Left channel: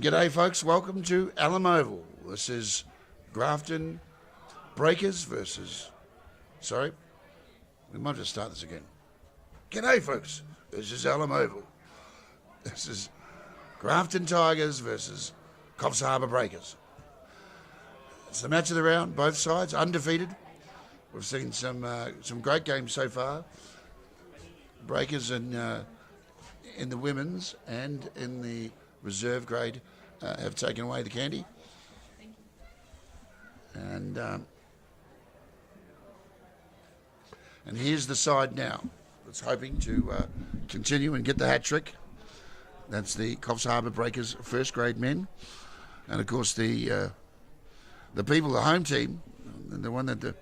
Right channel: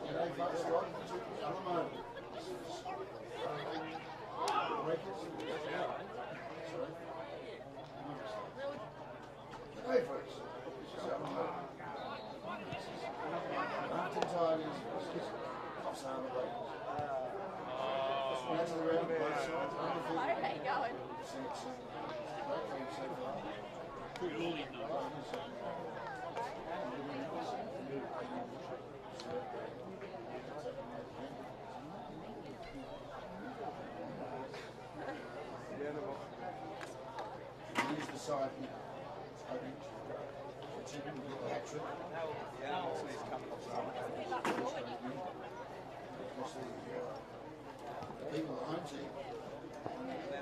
G'day folks, welcome to Alum Oval. This is Grafton Breakers versus... Sorry, we might just start this again. G'day folks, this is Alum Oval. This is Grafton Tigers versus Coffs Harbour Breakers. It's the match of the round, both sides undefeated. We've seen some great games so far. Breakers in the women's and in the reserve grade have taken away the candy. And here's the side now. It's hoping to continue and get the hat trick. That's the Coffs Harbour Breakers first grade men. And of course the people, the home team, the one that the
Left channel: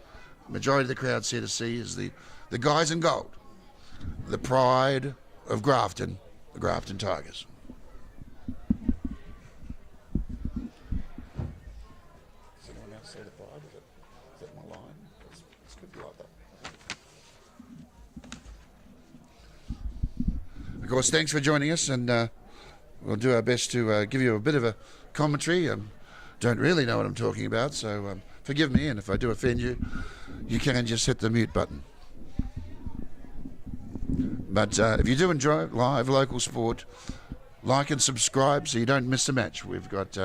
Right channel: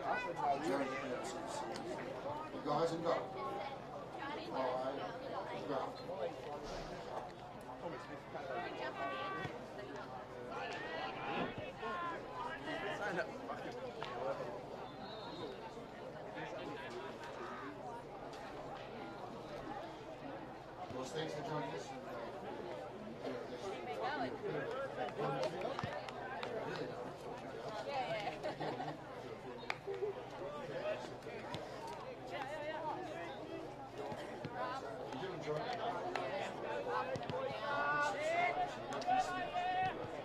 majority of the crowd's here to see is the guys in gold. The pride of Grafton, the Grafton Tigers. Of course, thanks for joining us, and we'll do our best to give you a bit of a commentary. Don't really know what I'm talking about, so forgive me, and if I do offend you, you can just hit the mute button. But if you do enjoy live local sport, like and subscribe so you don't miss a match. We've got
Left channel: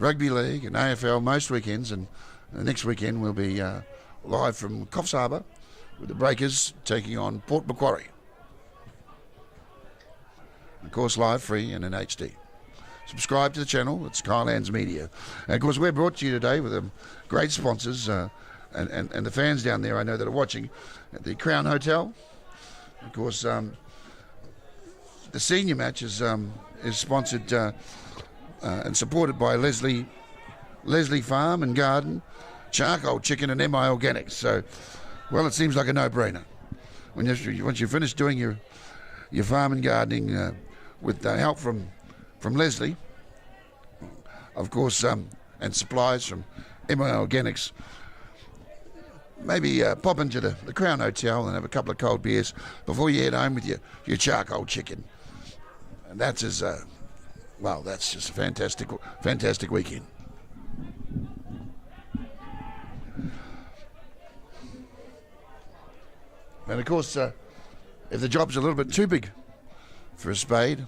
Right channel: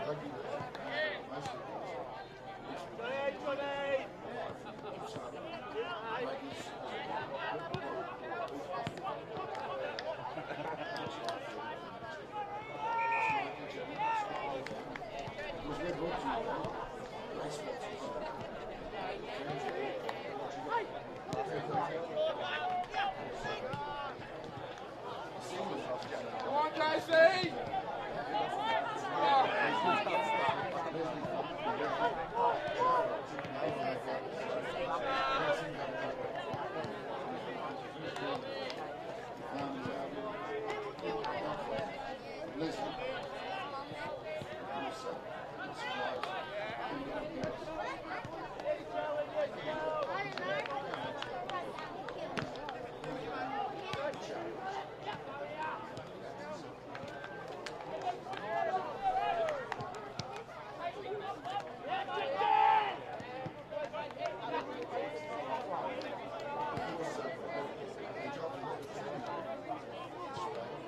rugby league and AFL most weekends, and the next weekend we'll be live from Coffs Harbour with the Breakers taking on Port Macquarie. Of course, live, free, and in HD. Subscribe to the channel. It's Kylands Media. And of course, we're brought to you today with great sponsors and the fans down there I know that are watching at the Crown Hotel. Of course, the senior match is sponsored and supported by Leslie Farm and Garden, Charcoal Chicken, and MI Organics. So, well, it seems like a no-brainer. Once you finish doing your farm and gardening with help from Leslie, of course, and supplies from MI Organics, maybe pop into the Crown Hotel and have a couple of cold beers before you head home with your charcoal chicken. And that's that's just a fantastic weekend. And of course, if the job's a little bit too big for a spade,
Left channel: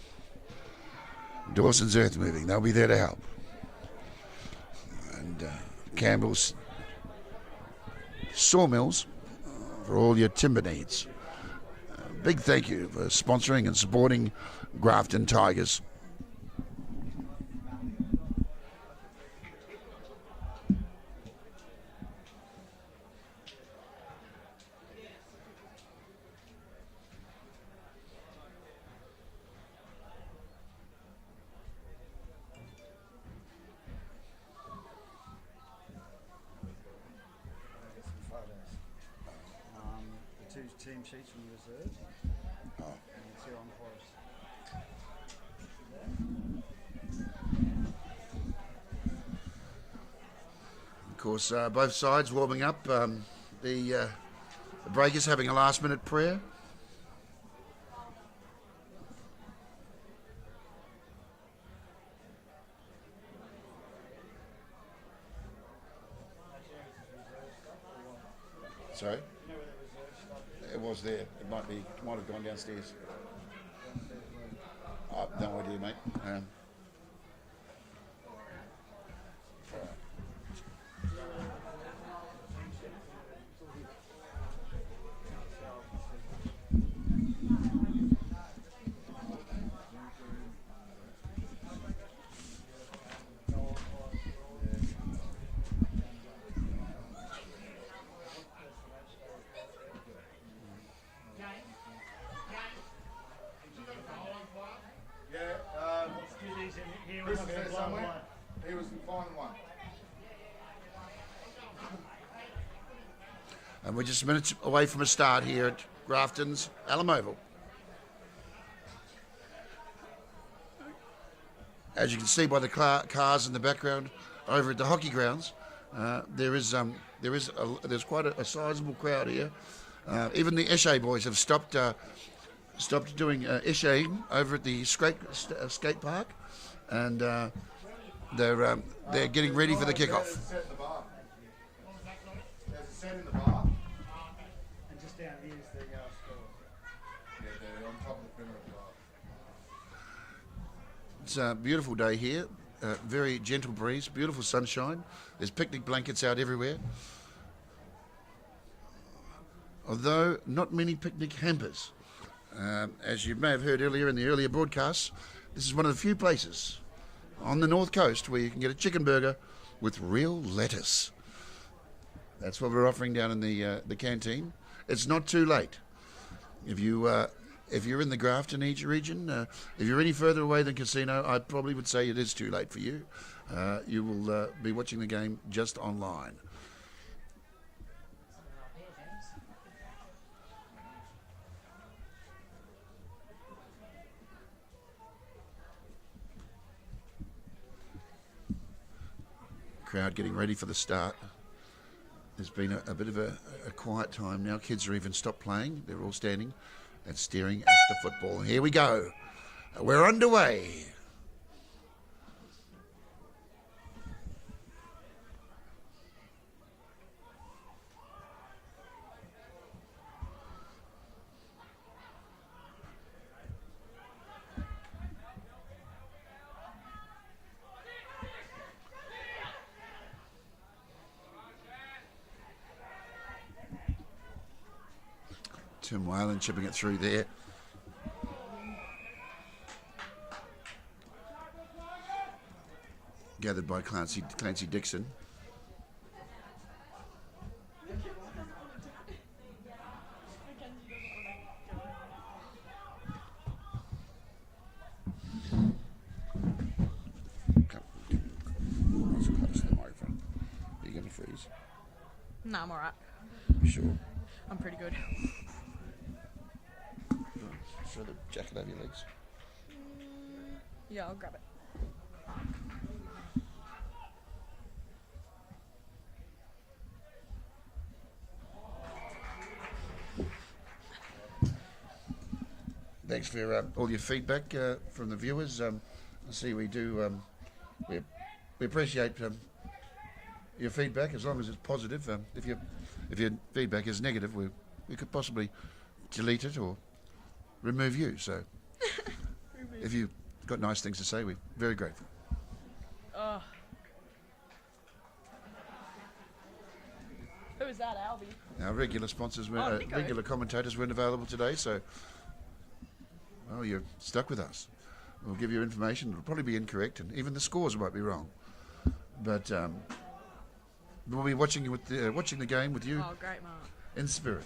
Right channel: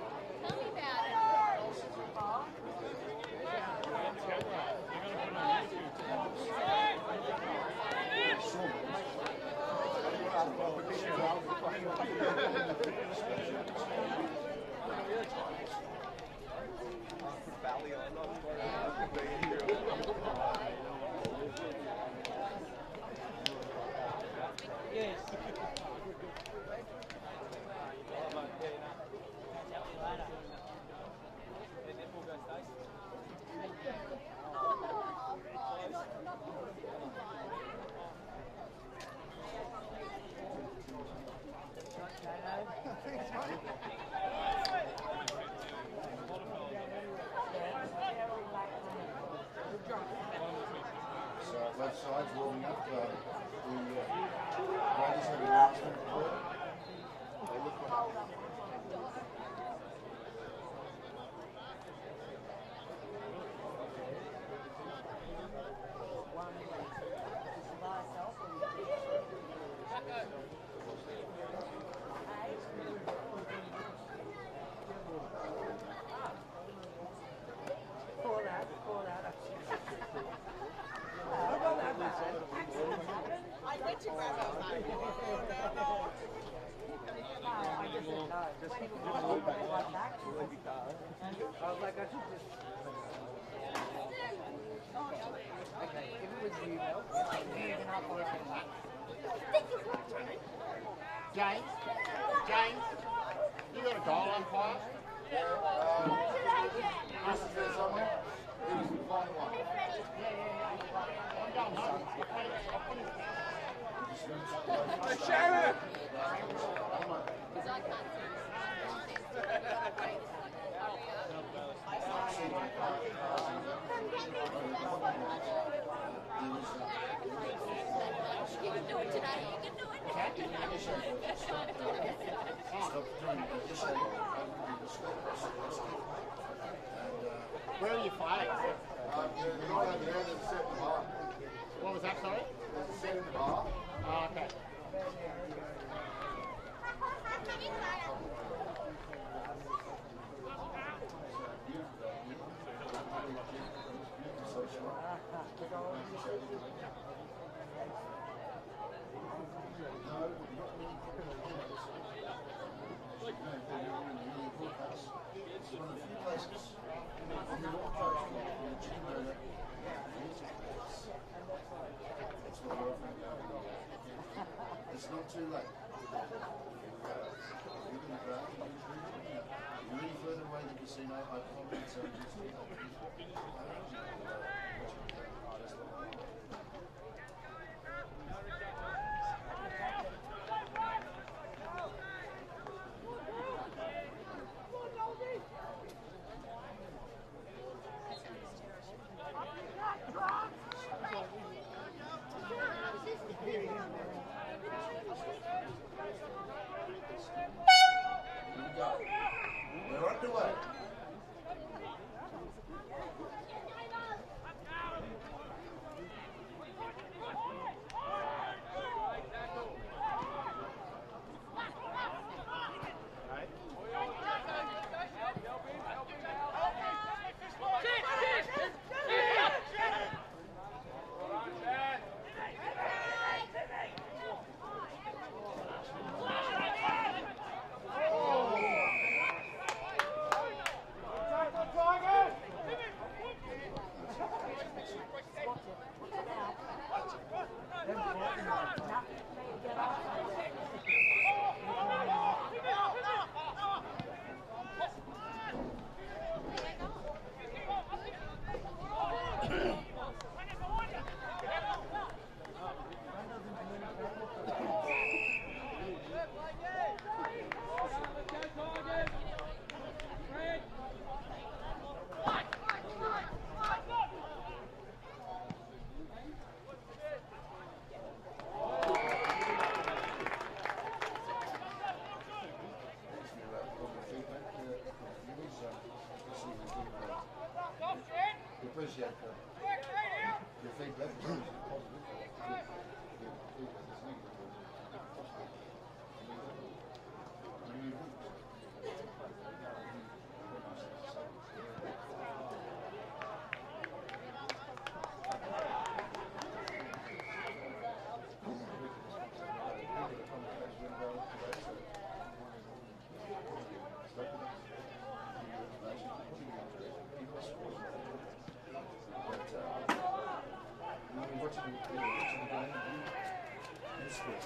Dawson's Earth Moving, they'll be there to help. And Campbell's Sawmills for all your timber needs. Big thank you for sponsoring and supporting Grafton Tigers. Of course, both sides warming up. The Breakers having a last-minute prayer. Sorry? It was there. It might have gone downstairs. Oh, no idea, mate. James, you got a goal on fire? Yeah, this is there somewhere. It was the final one. And we're just minutes away from a start here at Grafton's Alum Oval. As you can see by the cars in the background over at the hockey grounds, there's quite a sizable crowd here. Even the Eshe boys have stopped stopped doing ishaying over at the skate park, and they're getting ready for the kickoff. What was that, sorry? There's a set in the bar. Oh, okay. It's a beautiful day here, very gentle breeze, beautiful sunshine. There's picnic blankets out everywhere. Although not many picnic hampers. As you may have heard earlier in the earlier broadcasts, this is one of the few places on the north coast where you can get a chicken burger with real lettuce. That's what we're offering down in the canteen. It's not too late. If you're in the Grafton region, if you're any further away than Casino, I probably would say it is too late for you. You will be watching the game just online. Crowd getting ready for the start. There's been a bit of a quiet time now. Kids are even stopped playing. They're all standing and staring at the football. Here we go. We're underway. Tim Whalen chipping it through there. Gathered by Clancy Dixon. No, all right. Sure. I'm pretty good. Yeah, I'll go. Thanks for all your feedback from the viewers. You see, we do we appreciate your feedback as long as it's positive. If your feedback is negative, we could possibly delete it or remove you. So, if you've got nice things to say, we're very grateful. Who was that, Albie? Our regular sponsors, regular commentators weren't available today, so you're stuck with us. We'll give you information. It'll probably be incorrect, and even the scores might be wrong. But we'll be watching the game with you in spirit.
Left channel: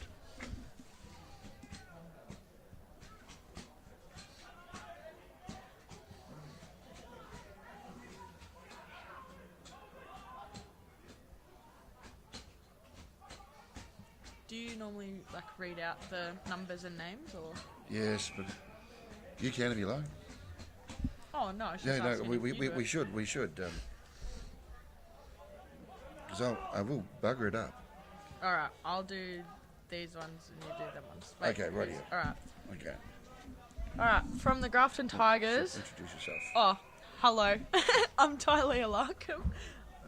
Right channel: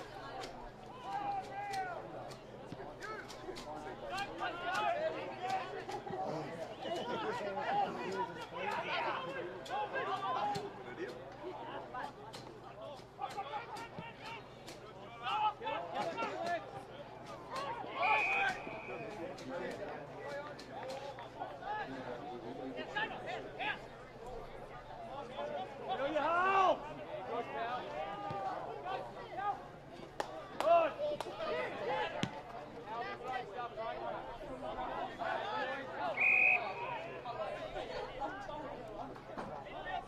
Do you normally read out the numbers and names? Or? Yes, but you can if you like. Oh, no. Yeah, no, we should. So I will bugger it up. All right, I'll do these ones. Okay, right. All right. Okay. All right, from the Grafton Tigers. Introduce yourself. Oh, hello. I'm Tyler Larkham.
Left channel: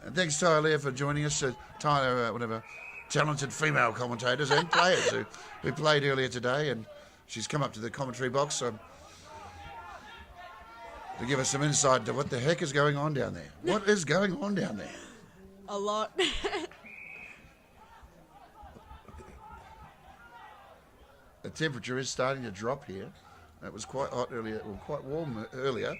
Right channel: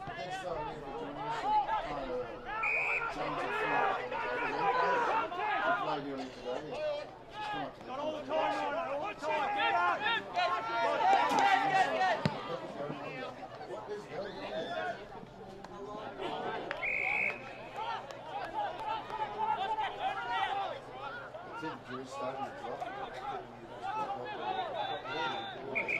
And thanks, Tyler, for joining us. Tyler, one of our talented female commentators and players who played earlier today, and she's come up to the commentary box to give us some insight into what the heck is going on down there. What is going on down there? A lot. The temperature is starting to drop here. It was quite hot earlier, or quite warm earlier.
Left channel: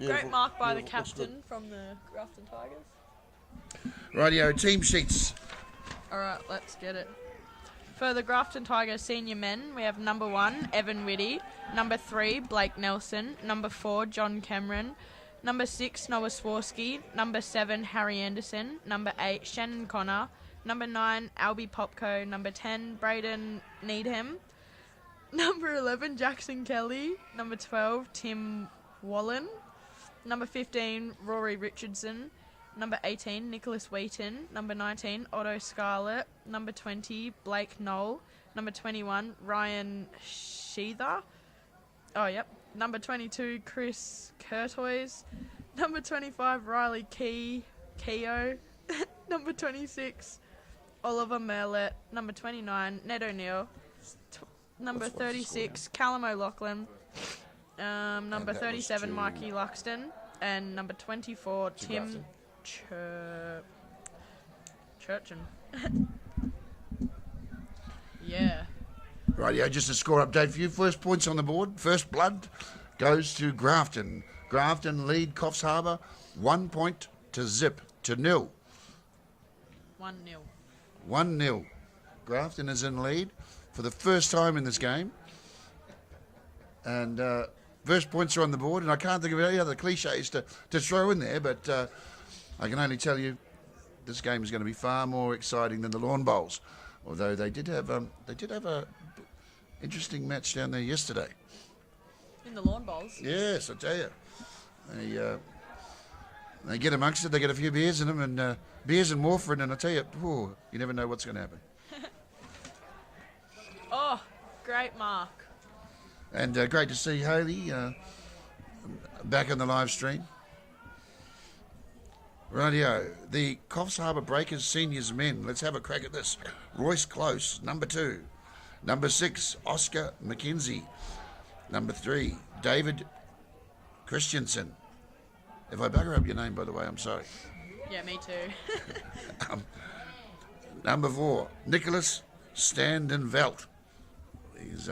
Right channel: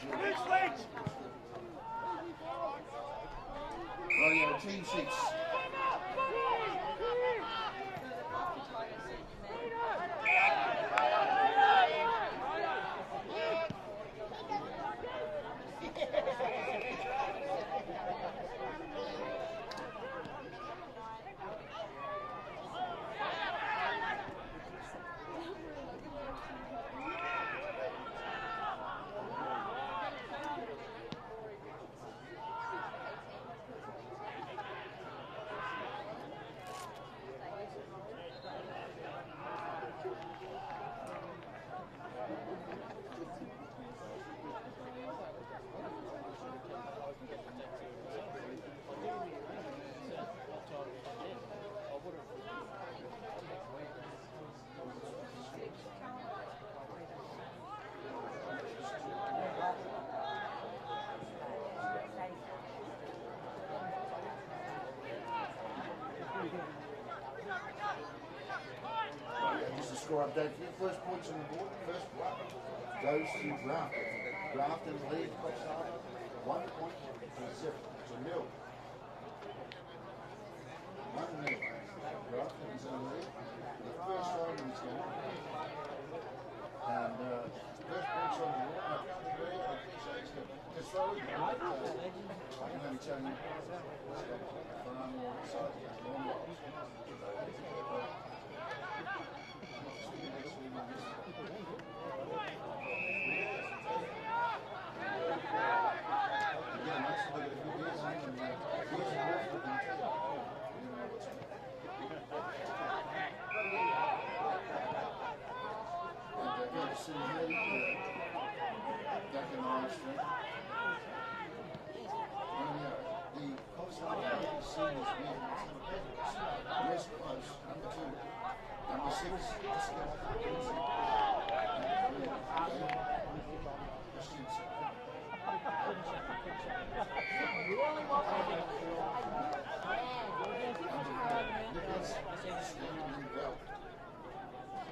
Great mark by the captain from the Grafton Tigers. Rightio, team sheets. Alright, let's get it. For the Grafton Tigers senior men, we have number 1, Evan Whitty. Number 3, Blake Nelson. Number 4, John Cameron. Number 6, Noah Swarsky. Number 7, Harry Anderson. Number 8, Shannon Connor. Number 9, Albie Popko. Number 10, Braden Needham. Number 11, Jackson Kelly. Number 12, Tim Wallen. Number 15, Rory Richardson. number 18, Nicholas Wheaton, number 19, Otto Scarlett, number 20, Blake Knoll, number 21, Ryan Sheether. Oh, yep. Number 22, Chris Curtois, number 25, Riley Keogh, number 26, Oliver Merlett, number 29, Ned O'Neill, number 36, Callum O'Loughlin, number 37, Mikey Luxton, and number 24, Tim Churchin. Yeah. Rightio, just a score update for you. First points on the board. First blood goes to Grafton. Grafton lead Coffs Harbour 1 point to 0. 1-0. 1-0. Grafton is in lead for the first time in this game. And first points are on the board. And I can't think of any other cliches to throw in there, but I can only tell you this game is going to be far more exciting than the Lawn Bowls. Although they did have a interesting match down there yesterday. In the Lawn Bowls? Yes, I tell you. They get amongst it, they get a few beers in them, and beers and warfarin, and I tell you, you never know what's going to happen. Oh, great mark. And great to see Haley back on the live stream. Rightio, the Coffs Harbour Breakers Seniors Men. Let's have a crack at this. Royce Close, number 2. Number 6, Oscar McKenzie. Number 3, David Christensen. If I bugger up your name, by the way, I'm sorry. Yeah, me too. Number 4, Nicholas Standenvelt. He's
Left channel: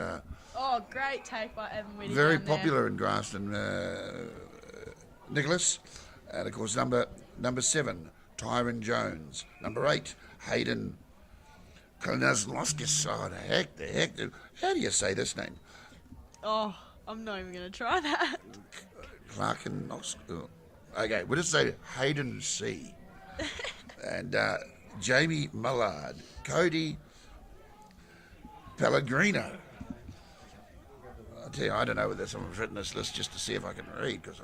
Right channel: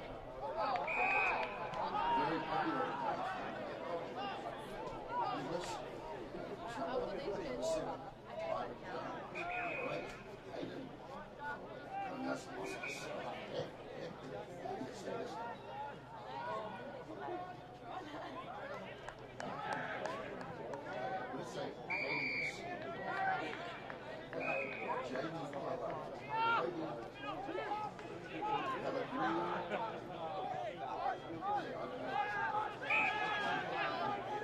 Oh, great take by Evan Whitty. very popular in Grafton, Nicholas. And of course, number 7, Tyron Jones. Number 8, Hayden Kalnazloskis. Oh, the heck. How do you say this name? Oh, I'm not even going to try that. Okay, we'll just say Hayden C. And Jamie Mullard. Cody Pellegrino. I tell you, I don't know whether someone's written this list just to see if I can read, because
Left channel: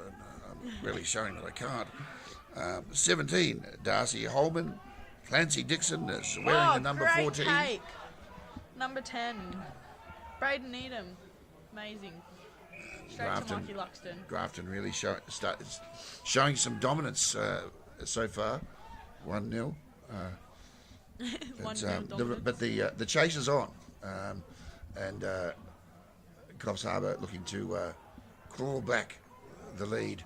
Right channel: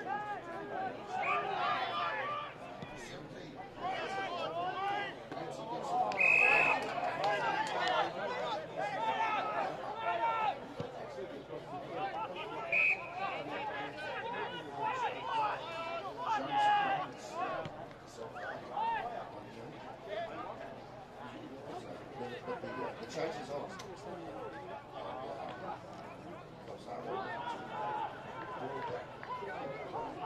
I'm really showing that I can't. 17, Darcy Holman. Clancy Dixon is wearing the number 14. Take. Number 10, Braden Needham. Amazing. Grafton really showing some dominance so far. 1-0. But the chase is on, and Coffs Harbour looking to claw back the lead,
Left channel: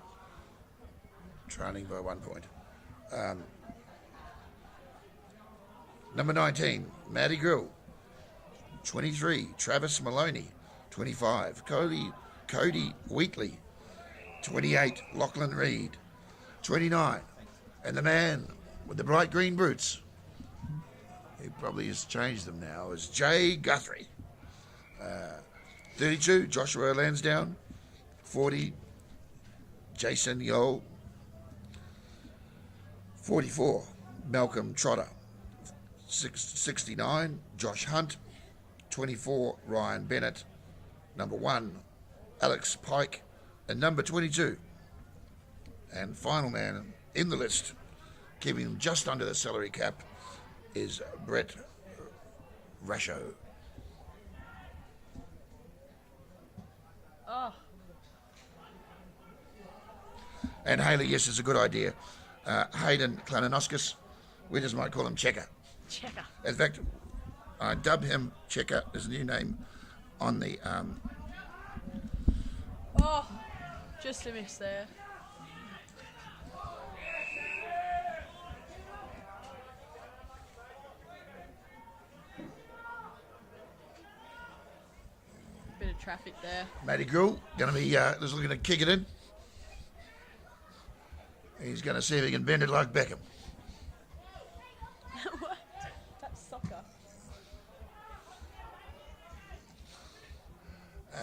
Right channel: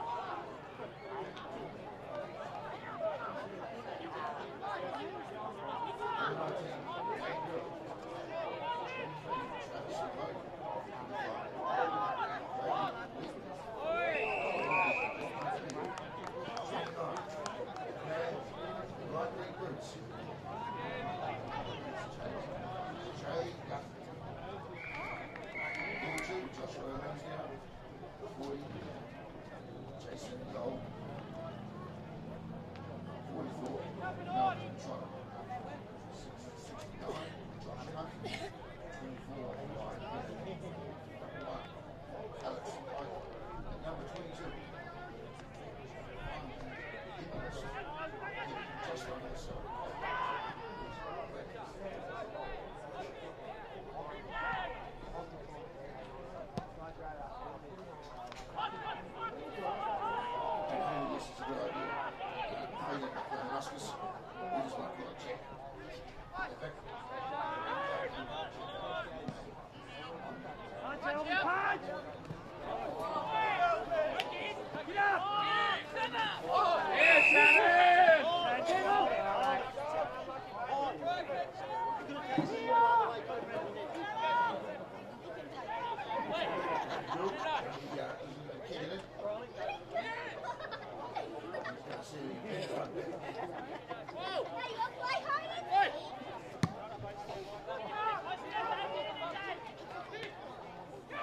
trailing by 1 point. Number 19, Matty Grill. 23, Travis Maloney. 25, Cody Wheatley. 28, Lachlan Reid. 29, and the man with the bright green boots, he probably has changed them now, is Jay Guthrie. 32, Joshua Lansdowne. 40, Jason Yo. 44, Malcolm Trotter. 69, Josh Hunt. 24, Ryan Bennett. Number 1, Alex Pike. And number 22, and final man in the list, keeping just under the salary cap, is Brett Rasho. Oh. And Haley, yes, it's a good idea. Hayden Klananoskas, we just might call him Checker. In fact, I dub him Checker, his new name, on the... Just to miss there. Bit of traffic there. Matty Gould going to be just looking to kick it in. He's going to see if he can bend it like Beckham.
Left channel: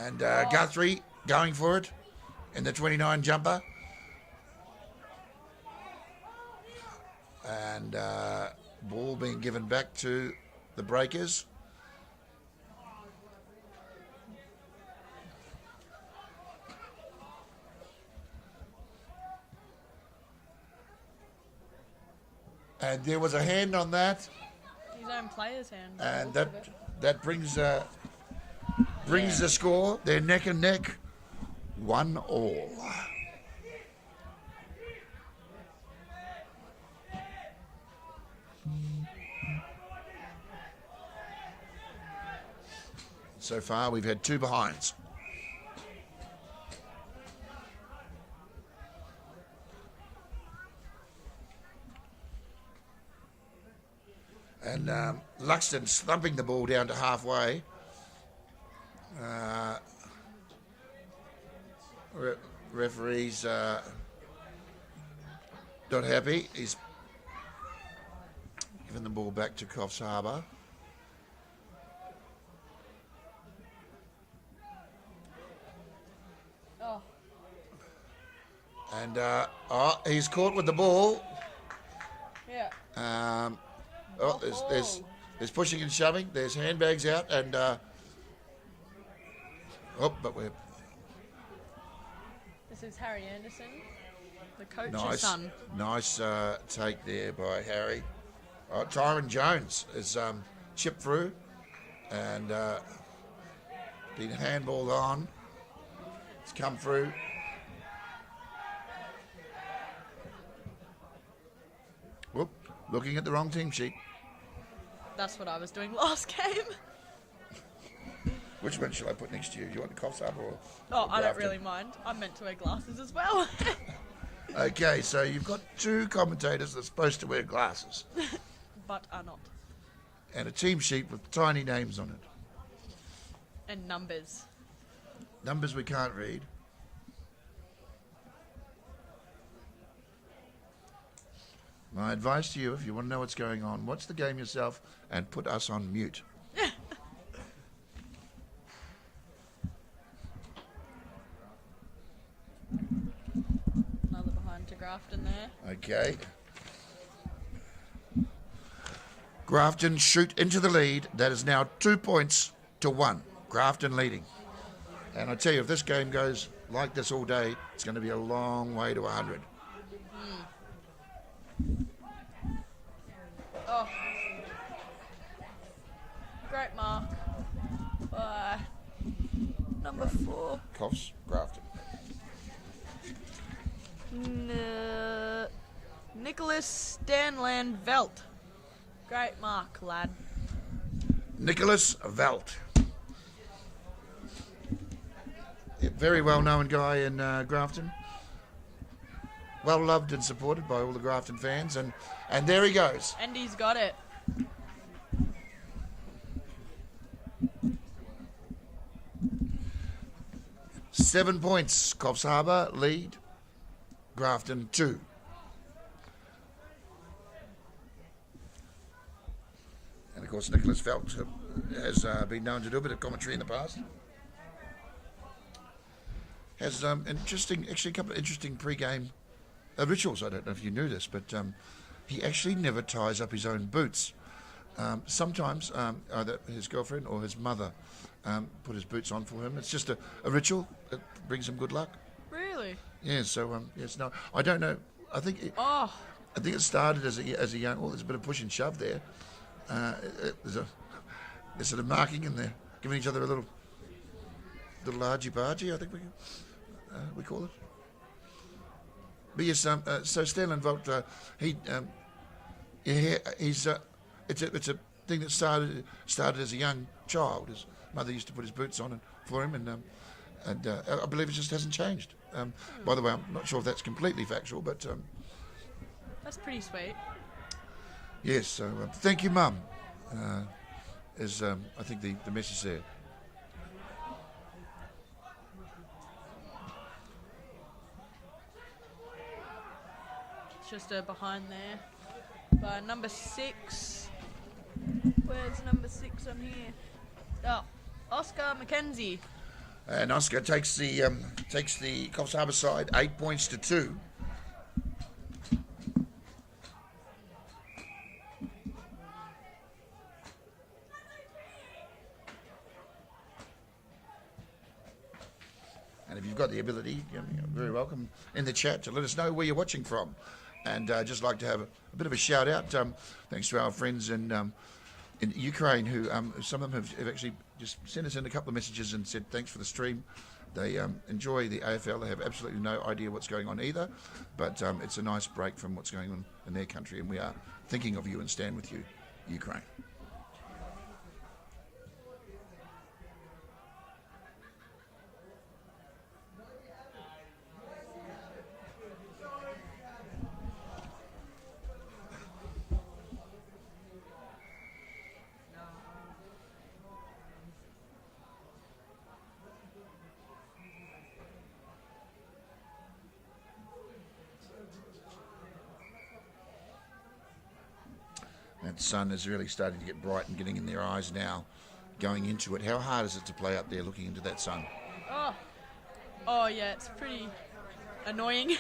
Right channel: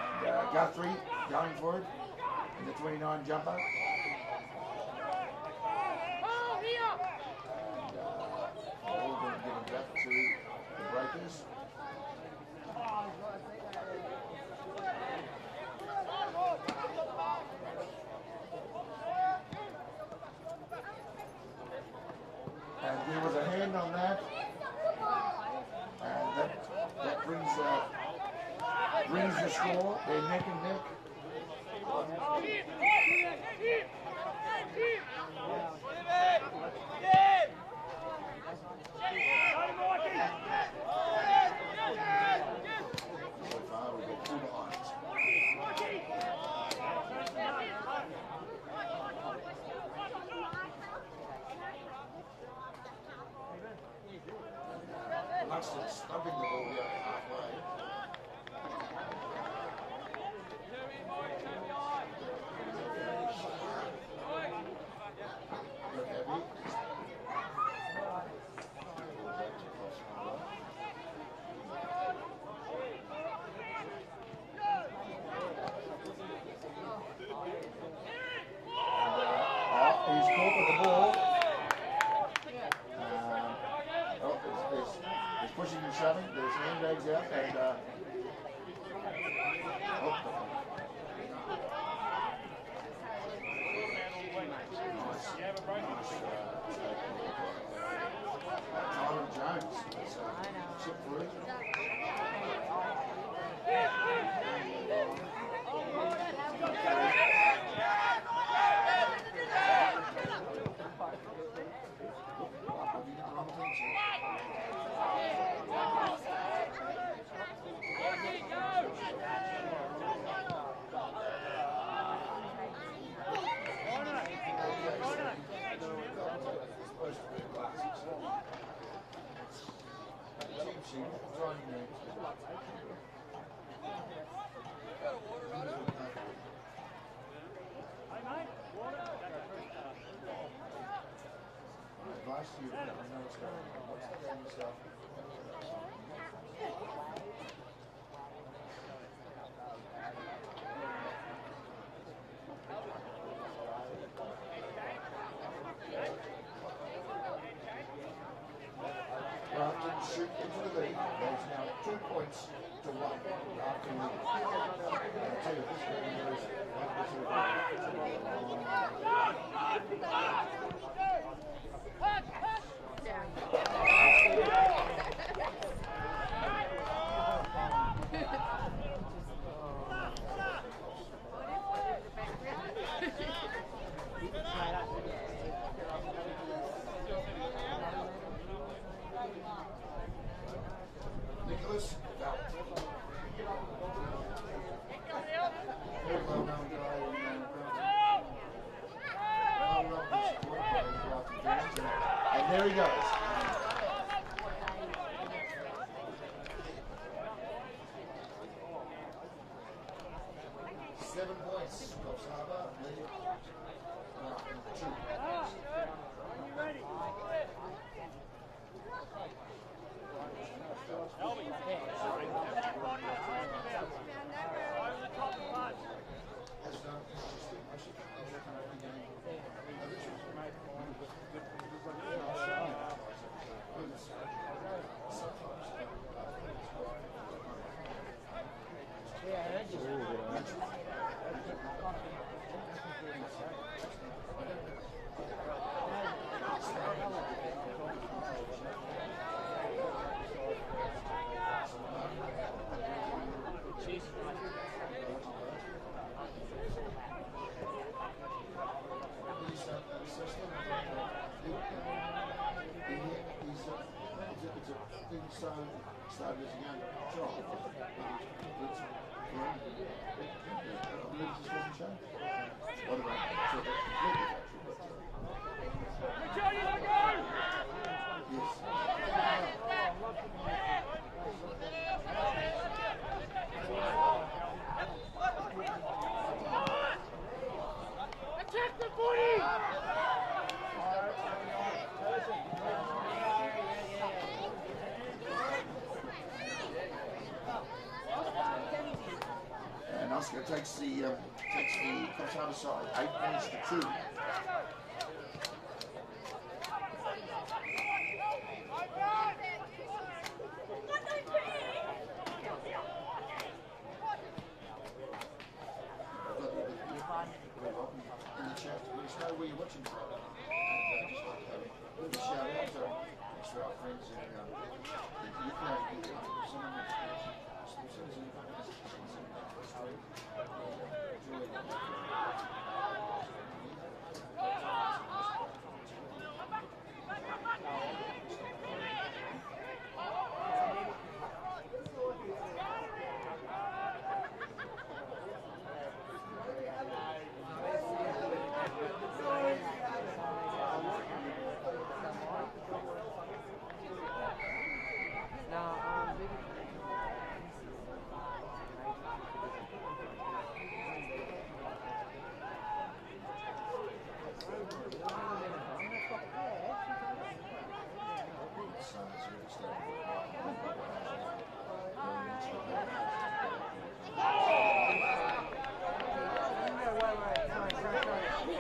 And Guthrie going for it in the 29 jumper. And ball being given back to the Breakers. And there was a hand on that, His own player's hand. and that brings the score. They're neck and neck, 1-1. So far, we've had 2 behinds. And Luxton's thumping the ball down to halfway. Referee's not happy. He's giving the ball back to Coffs Harbour. And he's caught with the ball. There's pushing and shoving. There's handbags out, and This is Harry Anderson, the coach's son. nice take there by Harry. Tyron Jones is chipped through and been handballed on. It's come through. Whoop, looking at the wrong team sheet. That's what I was doing last game. Which one should I put next to you? Do you want Coffs Harbour? Oh, I don't really mind. I'm meant to wear glasses as well. Okay, so you've got 2 commentators that are supposed to wear glasses But are not. and a team sheet with tiny names on it. And numbers. Numbers we can't read. My advice to you, if you want to know what's going on, watch the game yourself and put us on mute. Another home to Grafton there. Okay. Grafton shoot into the lead. That is now 2 points to 1. Grafton leading. And I tell you, if this game goes like this all day, it's going to be a long way to 100. Great mark. Number 4. Coffs, Grafton. Nicholas Stanland Velt. Great mark, lad. Nicholas Velt. Very well-known guy in Grafton. Well-loved and supported by all the Grafton fans. And there he goes. And he's got it. Seven points. Coffs Harbour lead. Grafton 2. And of course, Nicholas Velt has been known to do a bit of commentary in the past. Has actually a couple of interesting pre-game rituals. I don't know if you knew this, but he actually never ties up his own boots. Sometimes either his girlfriend or his mother put his boots on for him. It's just a ritual that brings him good luck. Really? Yeah, so it's not. I don't know. I think it started as a young. Well, there's a bit of push and shove there. They're sort of marking and they're giving each other a little argy-bargy, I think we call it. But yes, so Stanley Volt, he's it's a thing that started as a young child. His mother used to put his boots on for him, and I believe it just hasn't changed. By the way, I'm not sure if that's completely factual, but That's pretty sweet. yes. Thank you, Mum. Is I think the message there. It's just behind there. Number 6. Where's number 6 on here? Oh, Oscar McKenzie. And Oscar takes the Coffs Harbour side 8 points to 2. And if you've got the ability, you're very welcome in the chat to let us know where you're watching from. And just like to have a bit of a shout out. Thanks to our friends in Ukraine, who some of them have actually just sent us in a couple of messages and said thanks for the stream. They enjoy the AFL. They have absolutely no idea what's going on either, but it's a nice break from what's going on in their country, and we are thinking of you and stand with you, Ukraine. The sun is really starting to get bright and getting in their eyes now, going into it. How hard is it to play up there looking into that sun? Oh yeah, it's pretty annoying.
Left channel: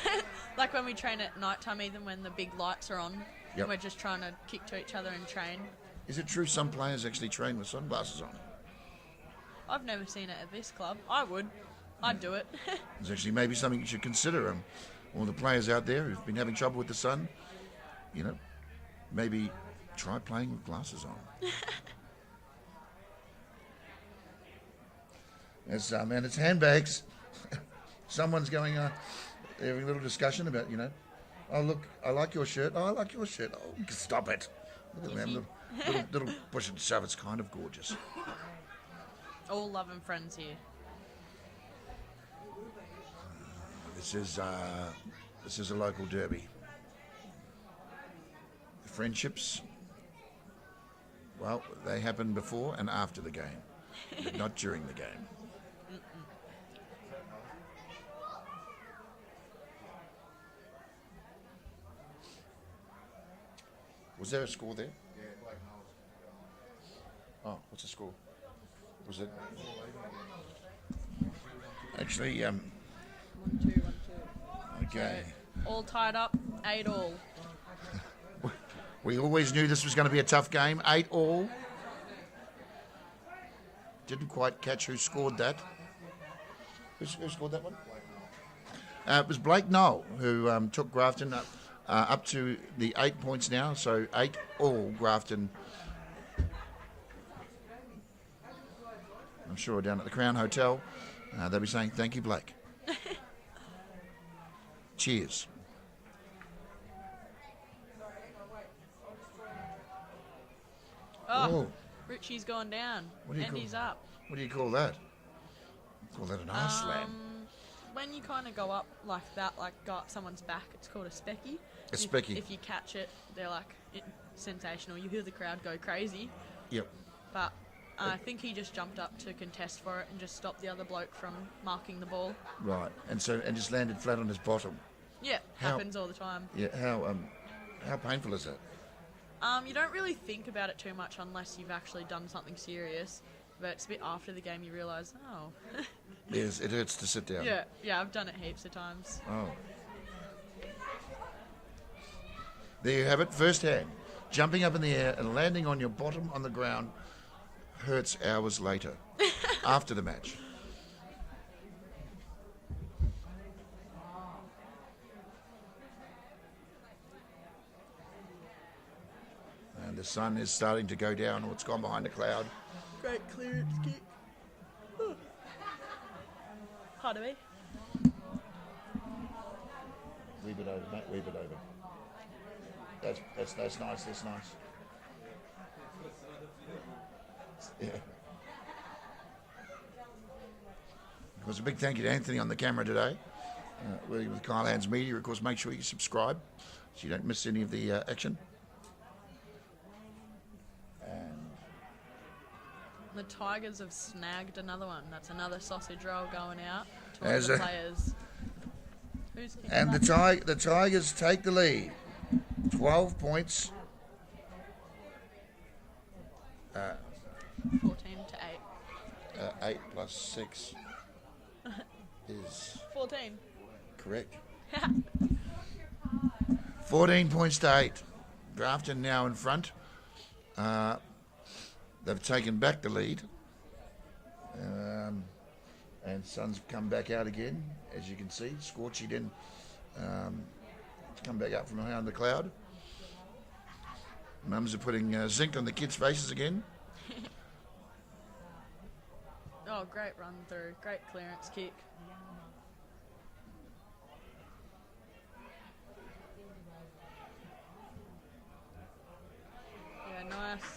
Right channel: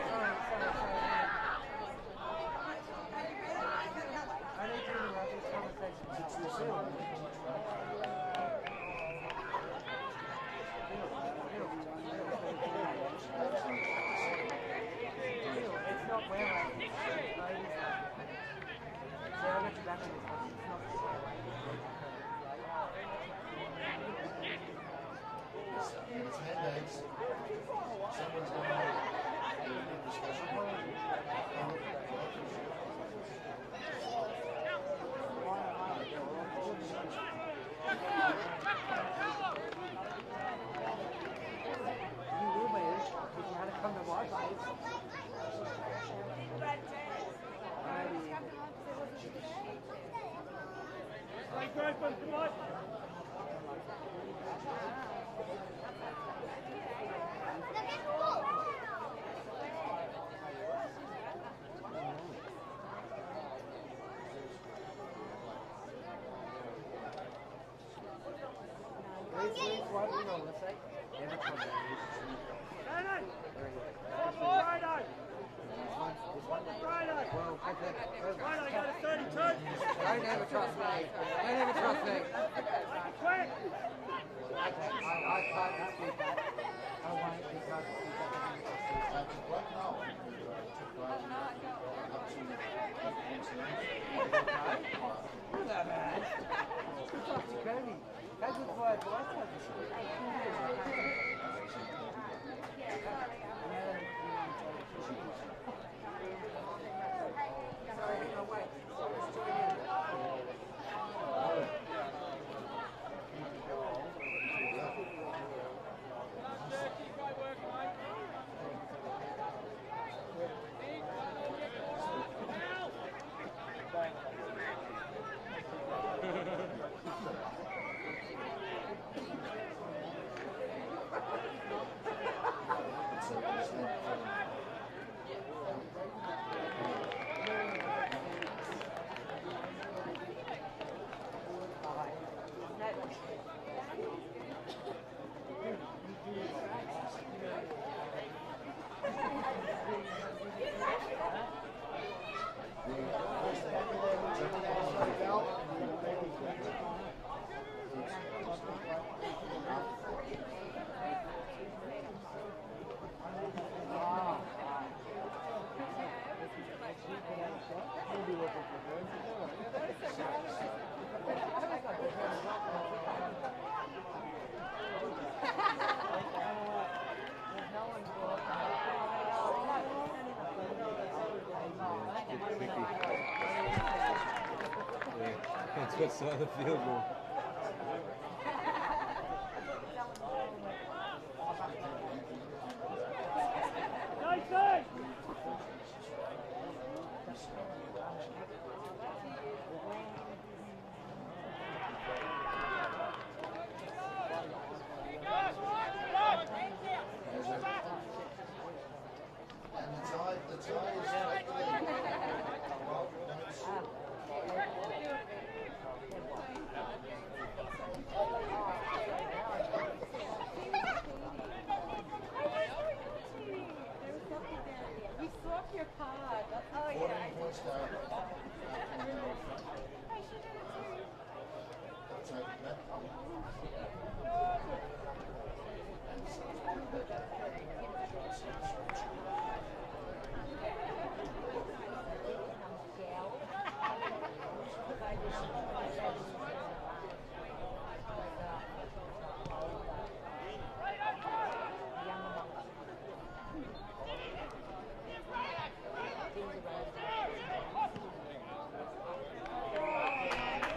Like when we train at night time, even when the big lights are on, Yep. we're just trying to kick to each other and train. Is it true some players actually train with sunglasses on? I've never seen it at this club. I would. I'd do it. It's actually maybe something you should consider. And all the players out there who've been having trouble with the sun, you know, maybe try playing with glasses on. And it's handbags. Someone's going on. They're having a little discussion about, you know, oh look, I like your shirt. Oh, I like your shirt. Oh, stop it. Little push it, shove. It's kind of gorgeous. All love and friends here. This is a local derby. Friendships, well, they happen before and after the game, but not during the game. Was there a score there? Oh, what's the score? Was it? Actually, okay. All tied up, 8-all. We always knew this was going to be a tough game. 8-all. Didn't quite catch who scored that. Who scored that? It was Blake Knoll who took Grafton up to the 8 points now. So 8-all Grafton. I'm sure down at the Crown Hotel, they'll be saying thank you, Blake. Cheers. Oh, Richie's gone down. Andy's up. What do you call that? Call that an arse slam. When you kind of go up like that, like go up someone's back, it's called a specky. A specky. If you catch it, they're like sensational. You hear the crowd go crazy. Yep. But I think he just jumped up to contest for it and just stopped the other bloke from marking the ball. Right. And just landed flat on his bottom. Yeah, happens all the time. Yeah. How painful is that? You don't really think about it too much unless you've actually done something serious. But it's a bit after the game you realise, oh. Yes, it hurts to sit down. Yeah, I've done it heaps of times. Oh. There you have it, first hand. Jumping up in the air and landing on your bottom on the ground hurts hours later, after the match. And the sun is starting to go down. It's gone behind a cloud. Great clearance. Part of it. That's nice. That's what's on the field goal. Well, it's a big thank you to Anthony on the camera today. We're in the Kyle Hands Media. Of course, make sure you subscribe so you don't miss any of the action. The Tigers have snagged another one. That's another sausage roll going out to As all a- the players. And the Tigers take the lead. 12 points. 14 to 8. 8 plus 6 is 14. correct. 14 points to 8. Grafton now in front. They've taken back the lead. And Suns come back out again, as you can see, scorching in come back up from around the cloud. Mums are putting zinc on the kids' faces again. Oh, great run through. Great clearance kick. Nice.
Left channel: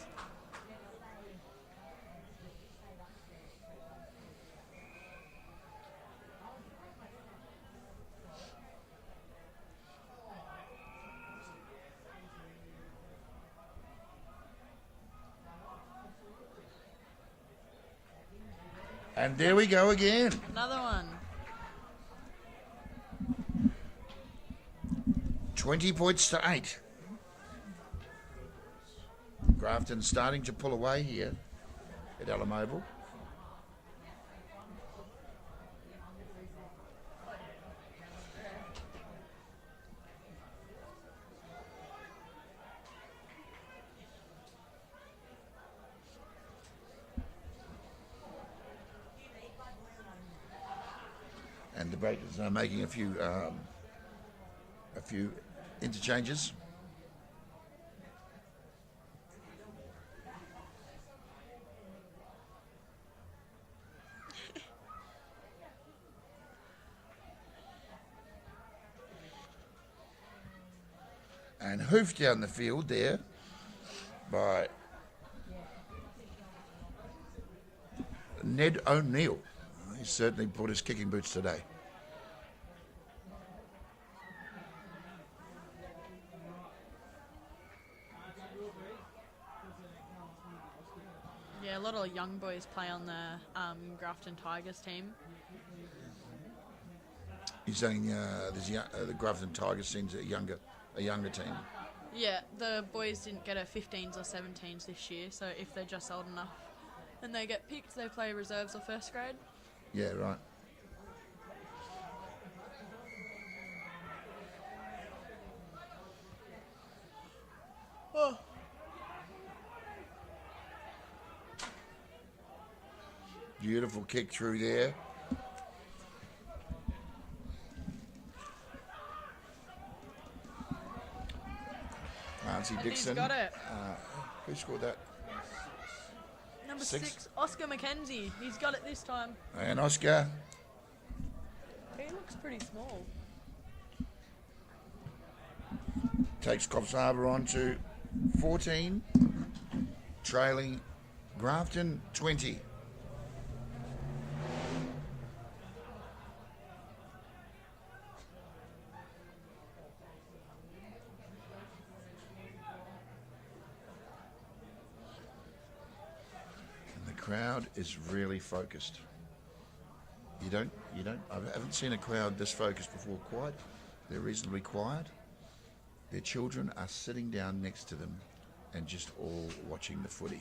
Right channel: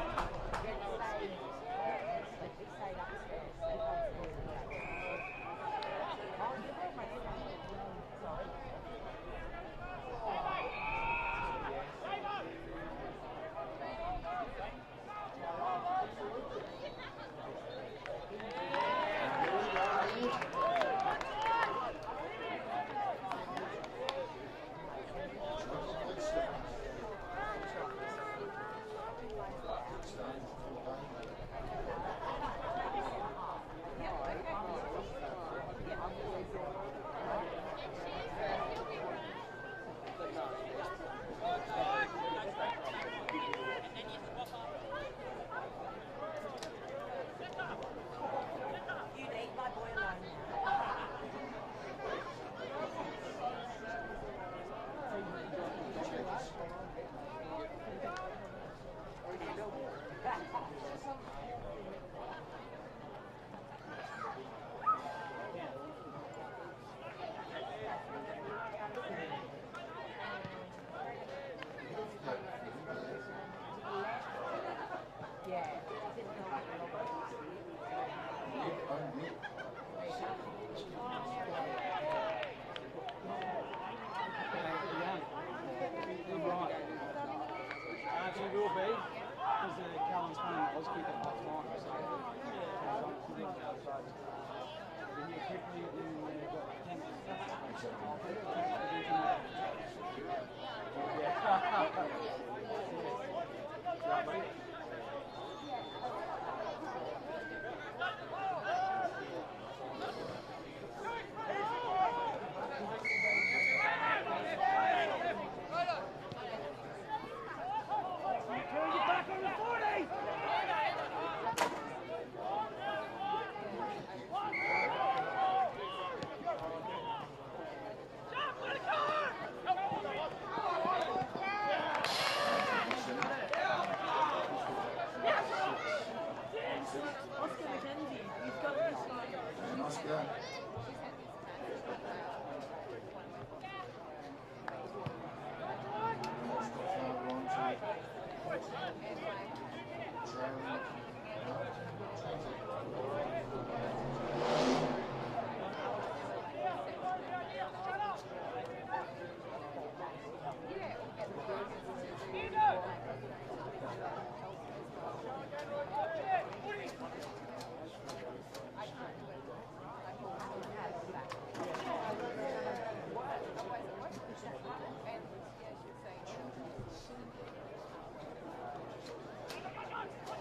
And there we go again. Another one. 20 points to 8. Grafton starting to pull away here at Alum Oval. And the Breakers are making a few interchanges. And hoofed down the field there by Ned O'Neill. He certainly put his kicking boots today. Yeah, a lot of young boys play on the Grafton Tigers team. He's saying the Grafton Tigers seems a younger team. Yeah, the boys didn't get a 15s or 17s this year, so if they're just old enough and they get picked, they play reserves or first grade. Yeah, right. Beautiful kick through there. Nancy Dixon. Got it. Who scored that? Number 6. 6, Oscar McKenzie. He's got it this time. And Oscar. It's pretty small. Takes Coffs Harbour on to 14, trailing Grafton 20. The crowd is really focused. I haven't seen a crowd this focused before quite. They're reasonably quiet. Their children are sitting down next to them and just all watching the footy.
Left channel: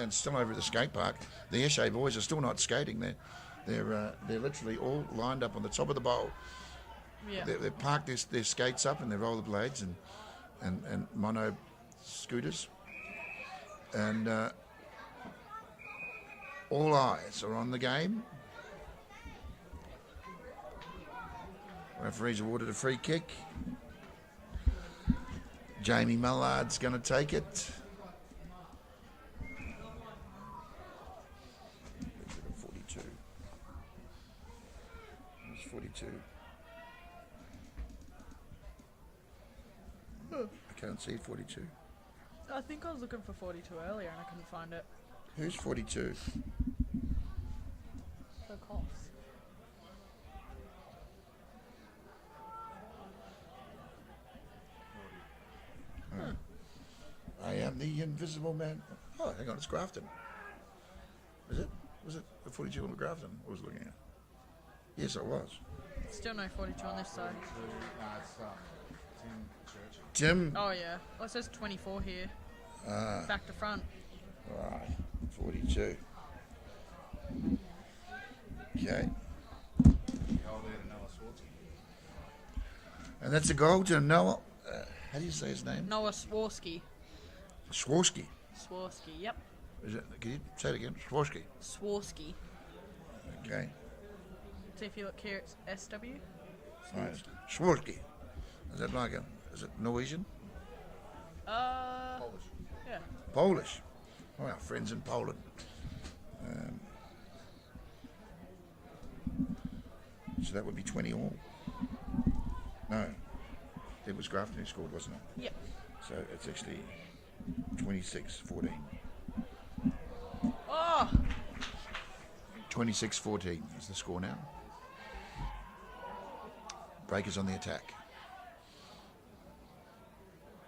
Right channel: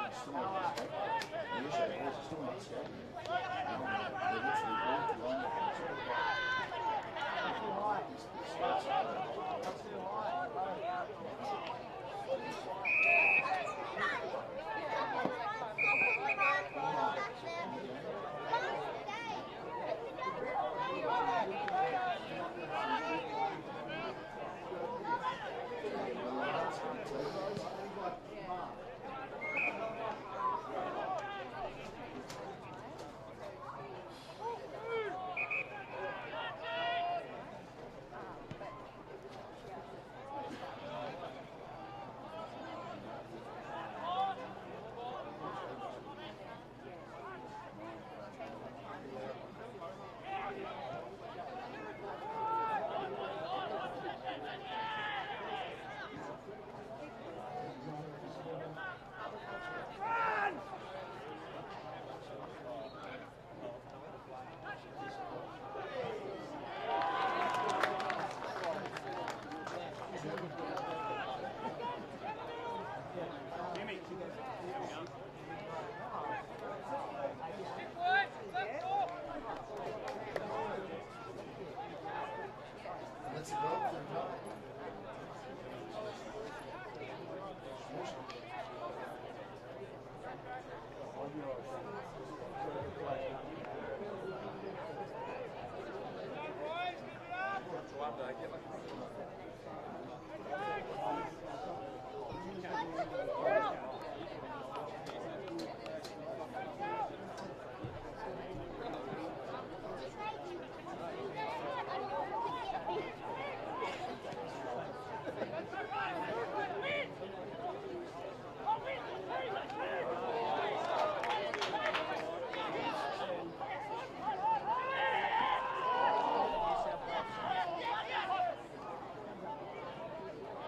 And still over at the skate park, the Eshe boys are still not skating. They're literally all lined up on the top of the bowl. Yeah. They park their skates up and their rollerblades and mono scooters. And all eyes are on the game. Referee's awarded a free kick. Jamie Mallard's going to take it. Can't see 42. I think I was looking for 42 earlier. I couldn't find it. Who's 42? I am the invisible man. Oh, hang on, it's Grafton. Was it 42 on Grafton? I was looking at. Yes, it was. Still no 42 on this team. Tim, Oh yeah, it says 24 here. Back to front. 42. Okay. And that's a goal to Noah. How do you say his name? Noah Swarsky. Swarsky. Swarsky, yep. Can you say it again? Swarsky. Swarsky. Okay. So if you look here, it's SW. Right. Schwartke. Is that like is it Norwegian? Polish. Right, friends in Poland. So that would be 20 all. No. It was Grafton who scored, wasn't it? Yep. So it's actually 26-14. Oh! 26-14 is the score now. Breakers on the attack.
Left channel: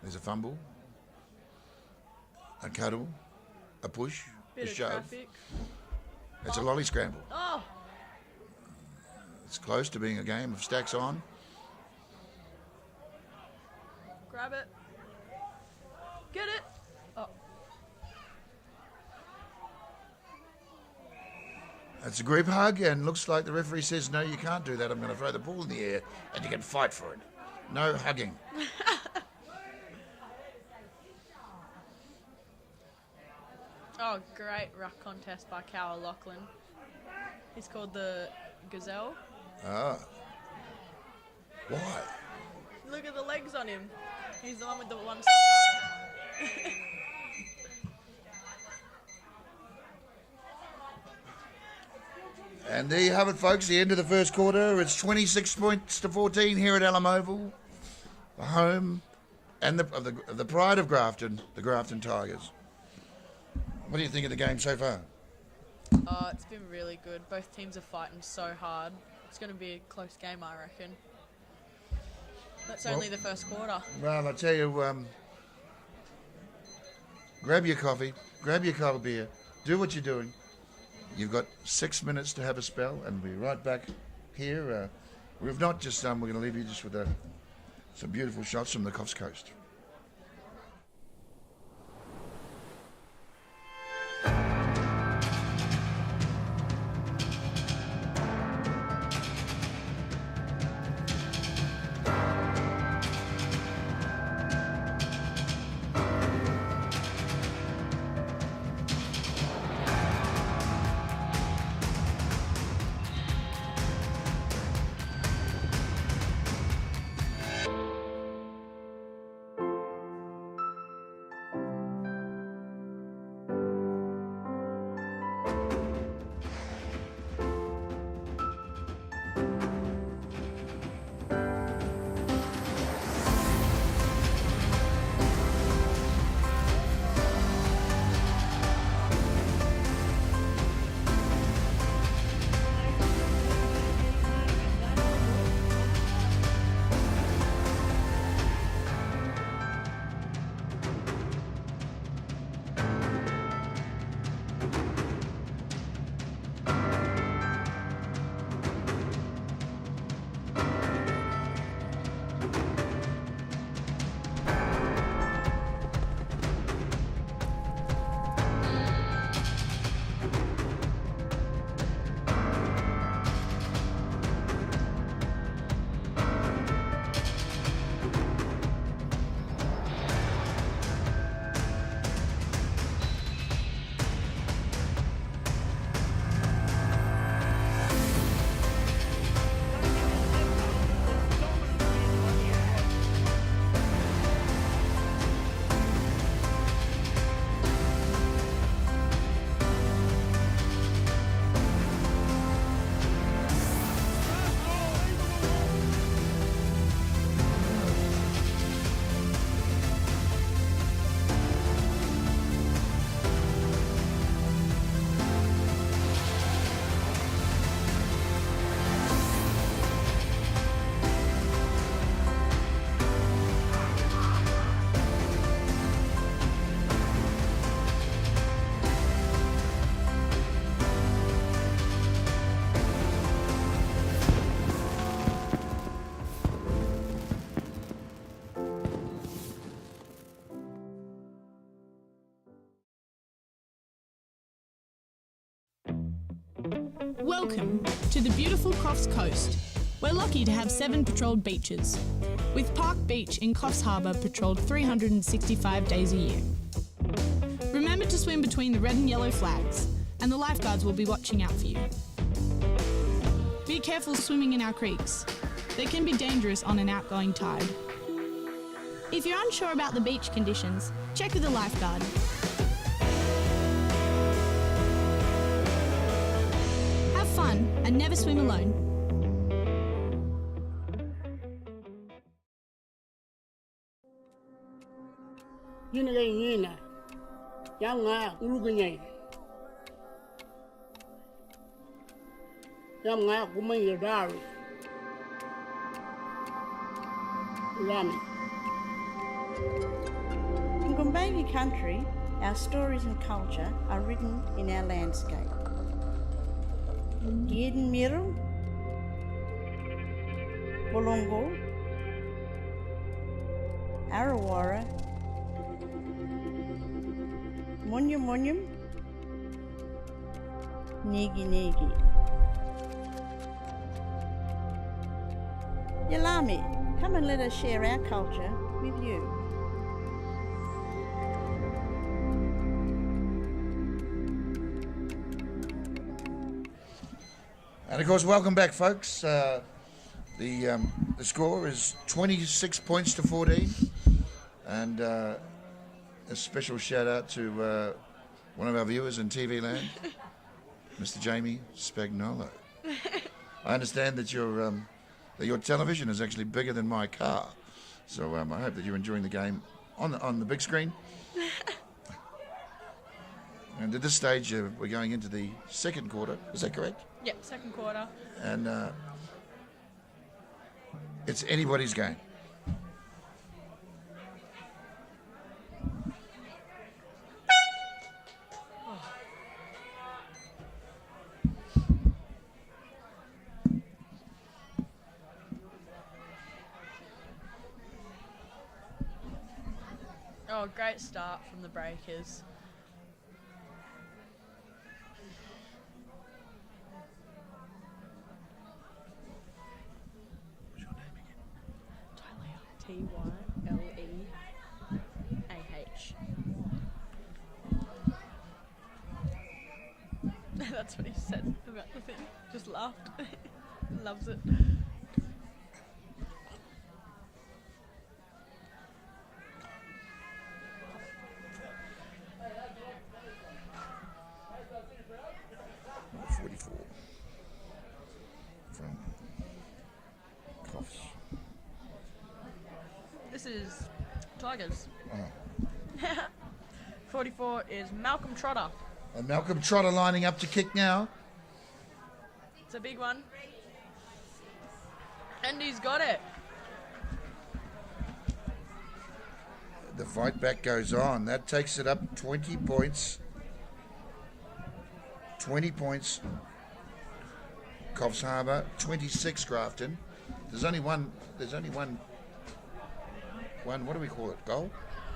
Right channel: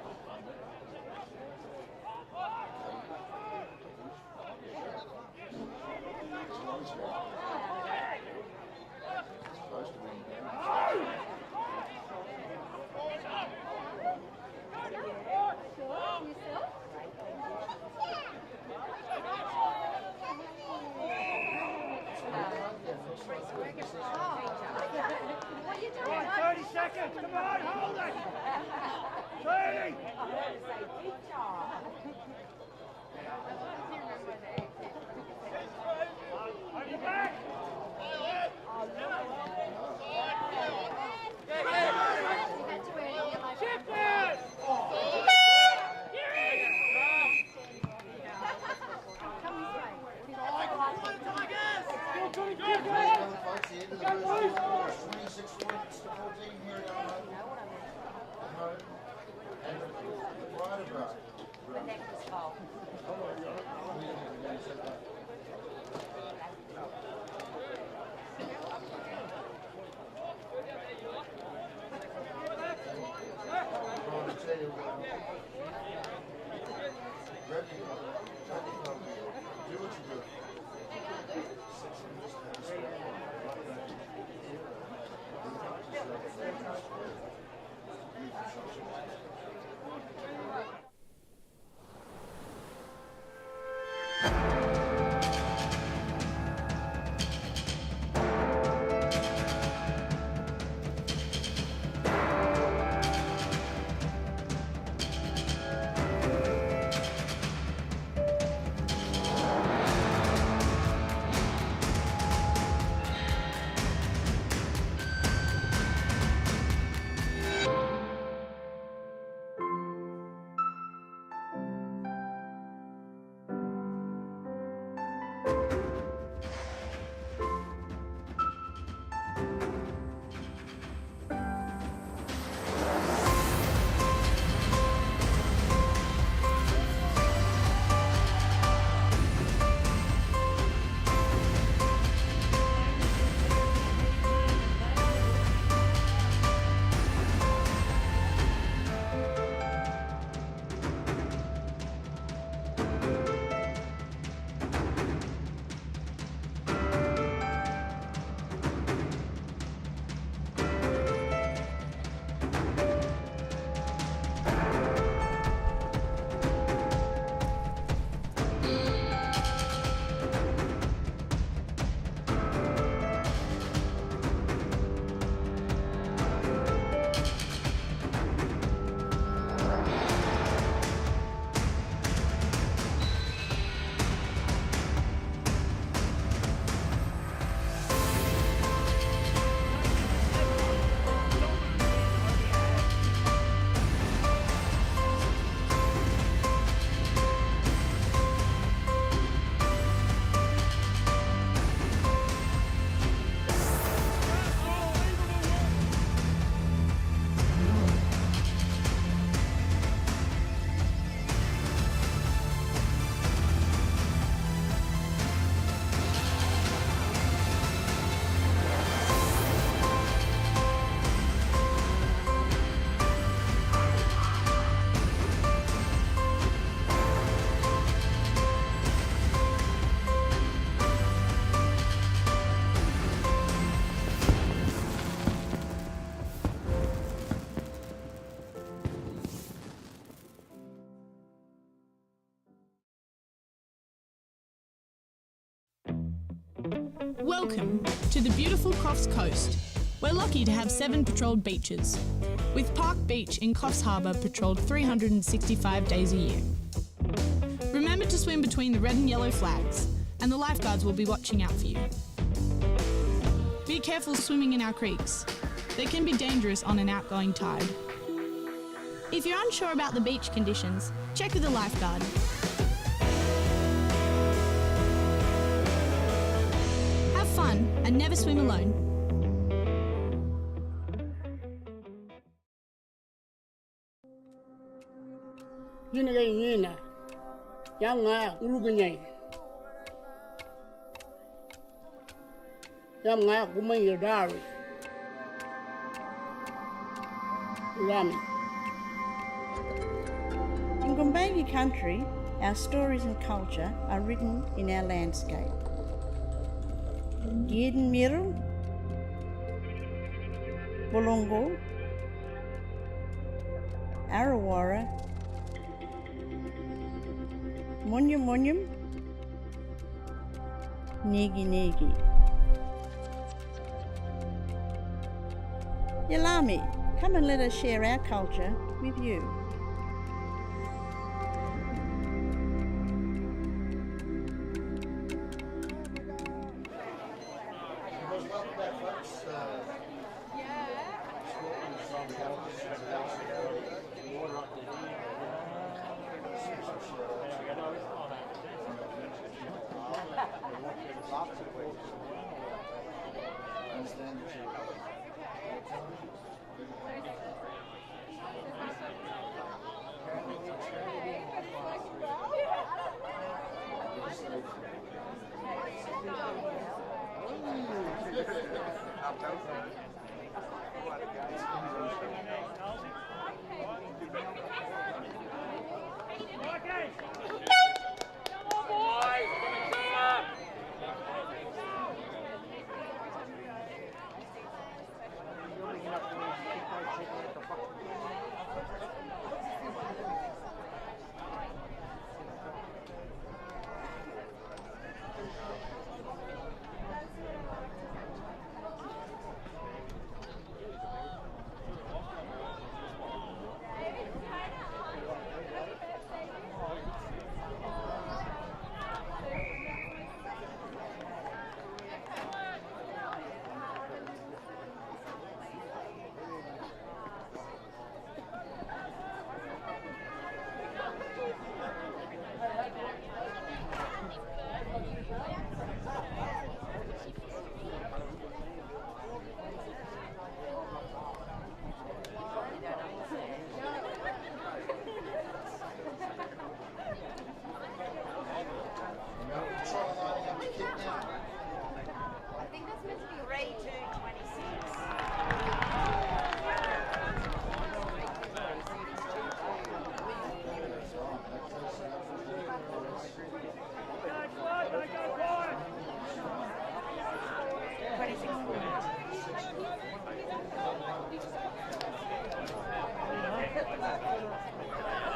There's a fumble. A cuddle. A push. A Bit of shove. traffic. It's a lolly scramble. Oh! It's close to being a game of stacks on. Grab it. Get it. Oh. That's a group hug, and looks like the referee says, no, you can't do that. I'm going to throw the ball in the air, and you can fight for it. No hugging. Oh, great rough contest by Cal Lachlan. He's called the Gazelle. Ah. Look at the legs on him. He's on the doors. And there you have it, folks, the end of the first quarter. It's 26 points to 14 here at Alum Oval. Home and the pride of Grafton, the Grafton Tigers. What do you think of the game so far? Oh, it's been really good. Both teams are fighting so hard. It's going to be a close game, I reckon. It's only the first quarter. Well, I tell you, grab your coffee, grab your cold beer, do what you're doing. You've got 6 minutes to have a spell, and we'll be right back here. We've not just done, we're going to leave you just with some beautiful shots from the Coffs Coast. Welcome to the beautiful Coffs Coast. We're lucky to have 7 patrolled beaches, with Park Beach in Coffs Harbour patrolled 365 days a year. Remember to swim between the red and yellow flags, and the lifeguards will be watching out for you. Be careful swimming in our creeks. They can be dangerous on an outgoing tide. If you're unsure about the beach conditions, check with a lifeguard. Have fun and never swim alone. Yina, Yanga, Uruguay. Yanga, woman, your diary. Rami. In Gumbayi country, our stories and culture are written in our landscape. Yidin Miru, Bulungu, Arawara, Munyum Munyum, Nigi Nigi. Yalami, come and let us share our culture with you. And of course, welcome back, folks. The score is 26 points to 14, and a special shout out to one of our viewers in TV land, Mr. Jamie Spagnola. I understand that your television is actually bigger than my car, so I hope that you're enjoying the game on the big screen. And at this stage, we're going into the second quarter. Is that correct? Yep, second quarter. And it's anybody's game. Oh, great start from the Breakers. That's what he said. Just laughed. Loves it. This is Tigers. 44 is Malcolm Trotter. And Malcolm Trotter lining up to kick now. It's a big one. And he's got it. The fight back goes on. That takes it up 20 points. 20 points. Coffs Harbour, 26 Grafton. There's only one, what do we call it? Goal?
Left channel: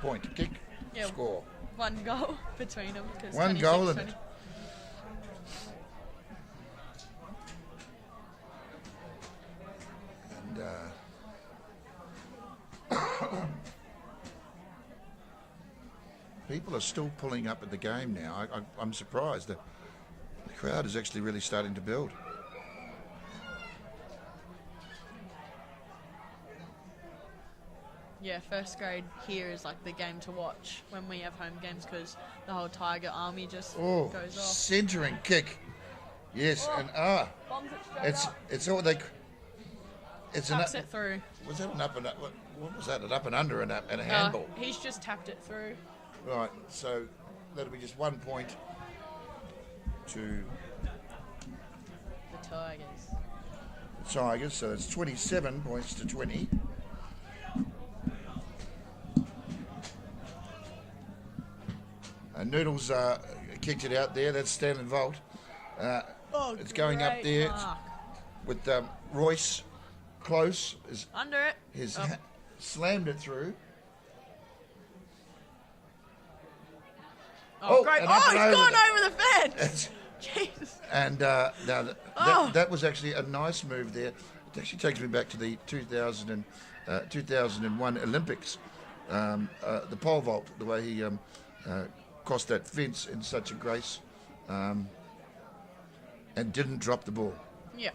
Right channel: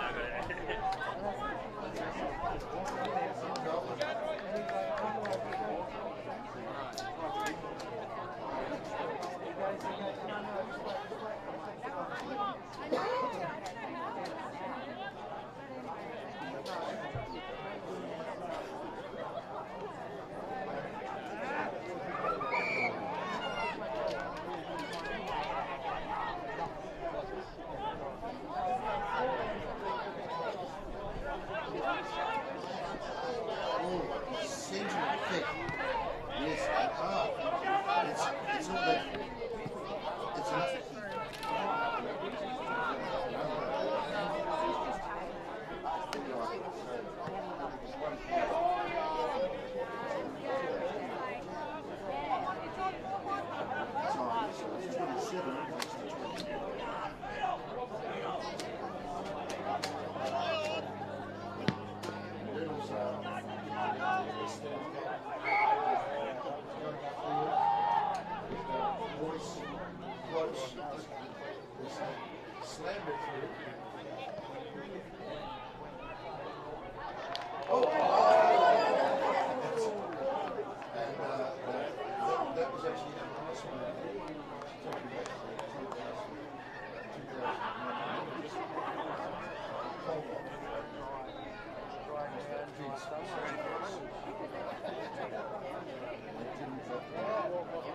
Point, kick, Yeah. score. One goal between them. There's One 26 goal and minutes. people are still pulling up at the game now. I'm surprised. The crowd is actually really starting to build. Yeah, first grade here is like the game to watch when we have home games because the whole Tiger army just Oh, goes centering kick. Yes, and it's all they. It's an taps it through. Was that an up and up? Was that an up and under and a handball? He's just tapped it through. Right, so that'll be just 1 point to Tigers, so it's 27 points to 20. And Noodles kicked it out there, that's Stanley Volt. It's going up there with Royce close. Under it. He's slammed it through. Oh, great. and Oh, up he's and gone over. over the fence. Jeez. And that was actually a nice move there. It actually takes me back to the 2001 Olympics. The pole vault, the way he crossed that fence in such a grace and didn't drop the ball. Yeah.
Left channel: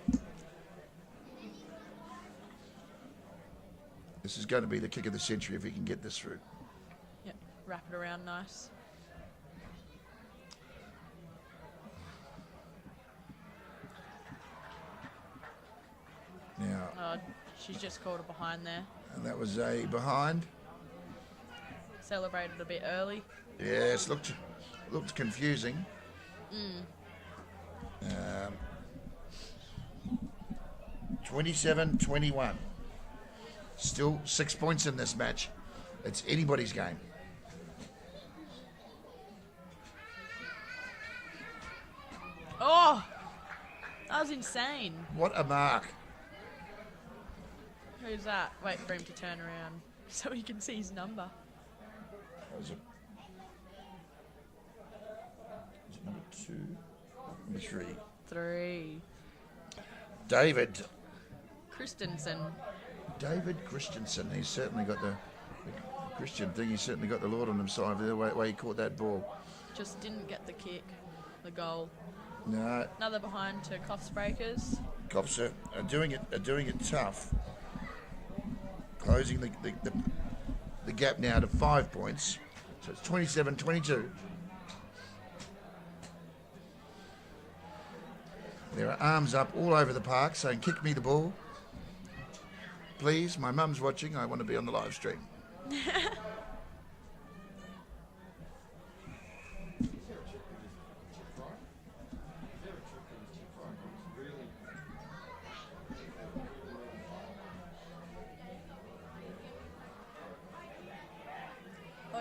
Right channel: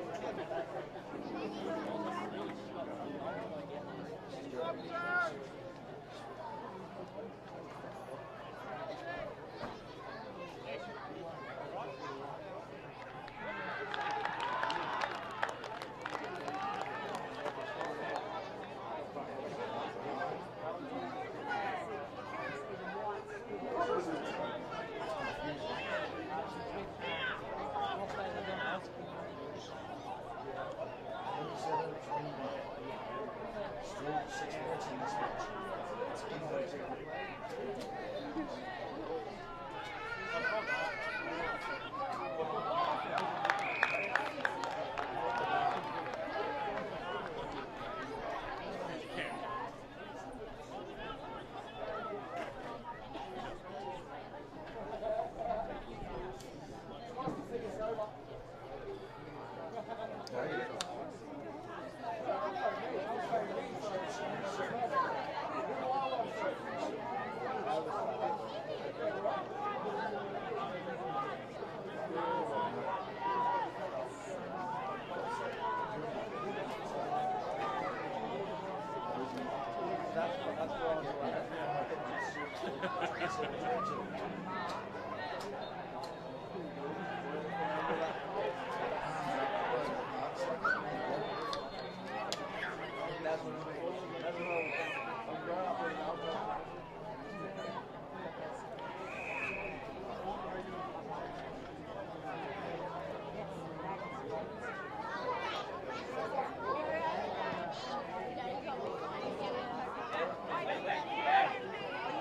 This is going to be the kick of the century if he can get this through. Yep, wrap it around nice. Yeah. She's just caught behind there. And that was a behind. Celebrated a bit early. Yes, looked confusing. 27-21. Still 6 points in this match. It's anybody's game. Oh! That was insane. What a mark. Who's that? Wait for him to turn around so he can see his number. Three. David Christensen. Christensen. He's certainly got the Christian thing. He's certainly got the Lord on his side there. The way he caught that ball. Just didn't get the kick, the goal. No, Another behind to Coffs Breakers. Coffs are doing it tough. Closing the gap now to 5 points. It's 27-22. There are arms up all over the park saying, "Kick me the ball. Please, my mum's watching. I want to be on the live stream." He's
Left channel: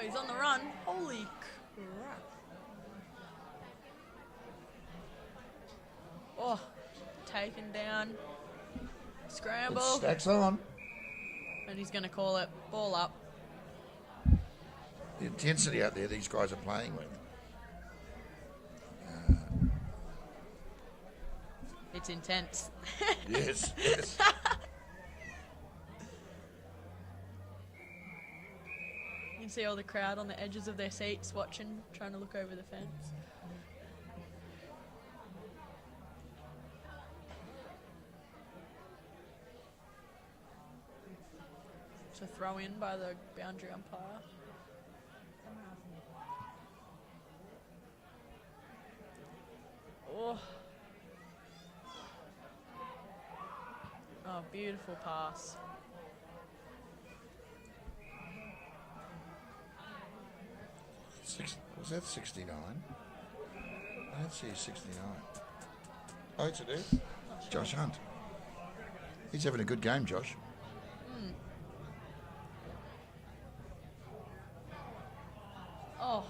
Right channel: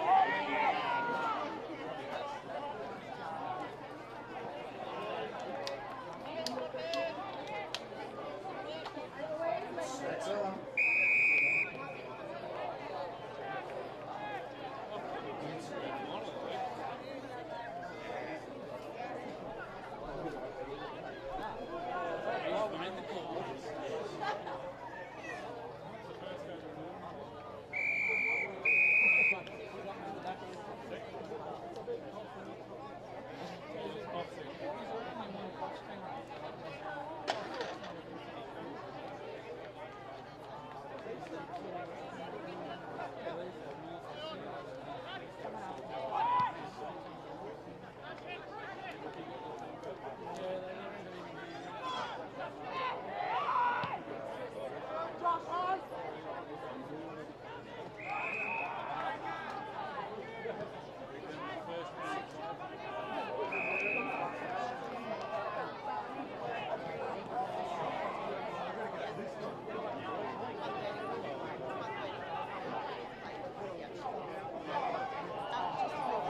on the run. Oh, taken down. Scramble. Stacks on. And he's going to call it. Ball up. The intensity out there these guys are playing. It's intense. Yes, yes. You see all the crowd on the edges of their seats watching, trying to look over the fence. It's a throw in by the boundary. Oh. Oh, beautiful pass. Is that 69? I don't see a 69. Oh, it's Josh Hunt. He's having a good game, Josh. Oh,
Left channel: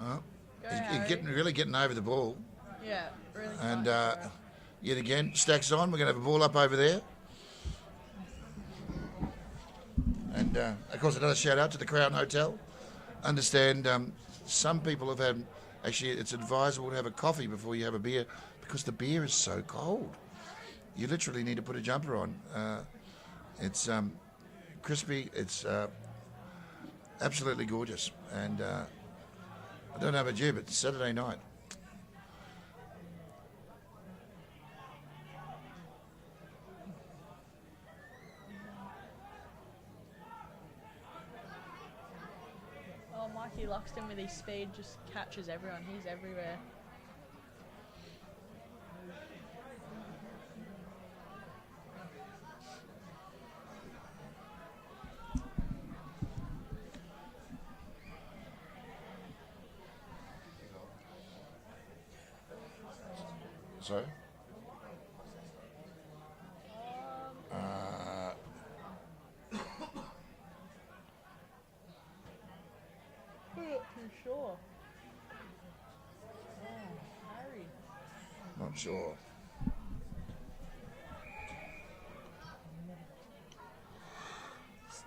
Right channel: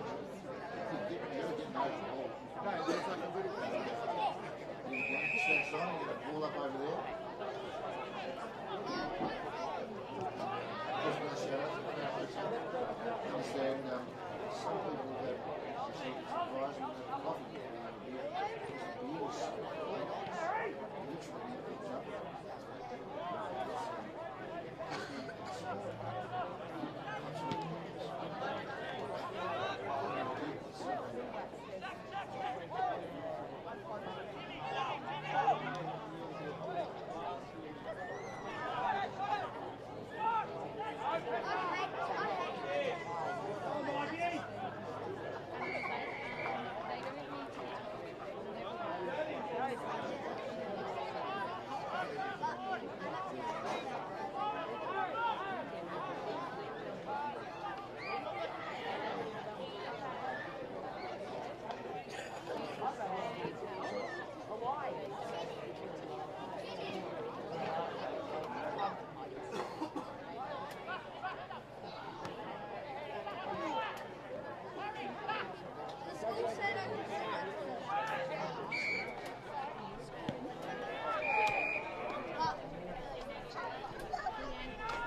Well, he's really getting over the ball. And yet again, stacks on. We're going to have a ball up over there. And of course, another shout out to the Crown Hotel. Understand some people have had, actually, it's advisable to have a coffee before you have a beer because the beer is so cold. You literally need to put a jumper on. It's crispy, it's absolutely gorgeous. And I don't know about you, but it's Saturday night. he lost him in his speed, just catches everyone. He's everywhere. So, not sure.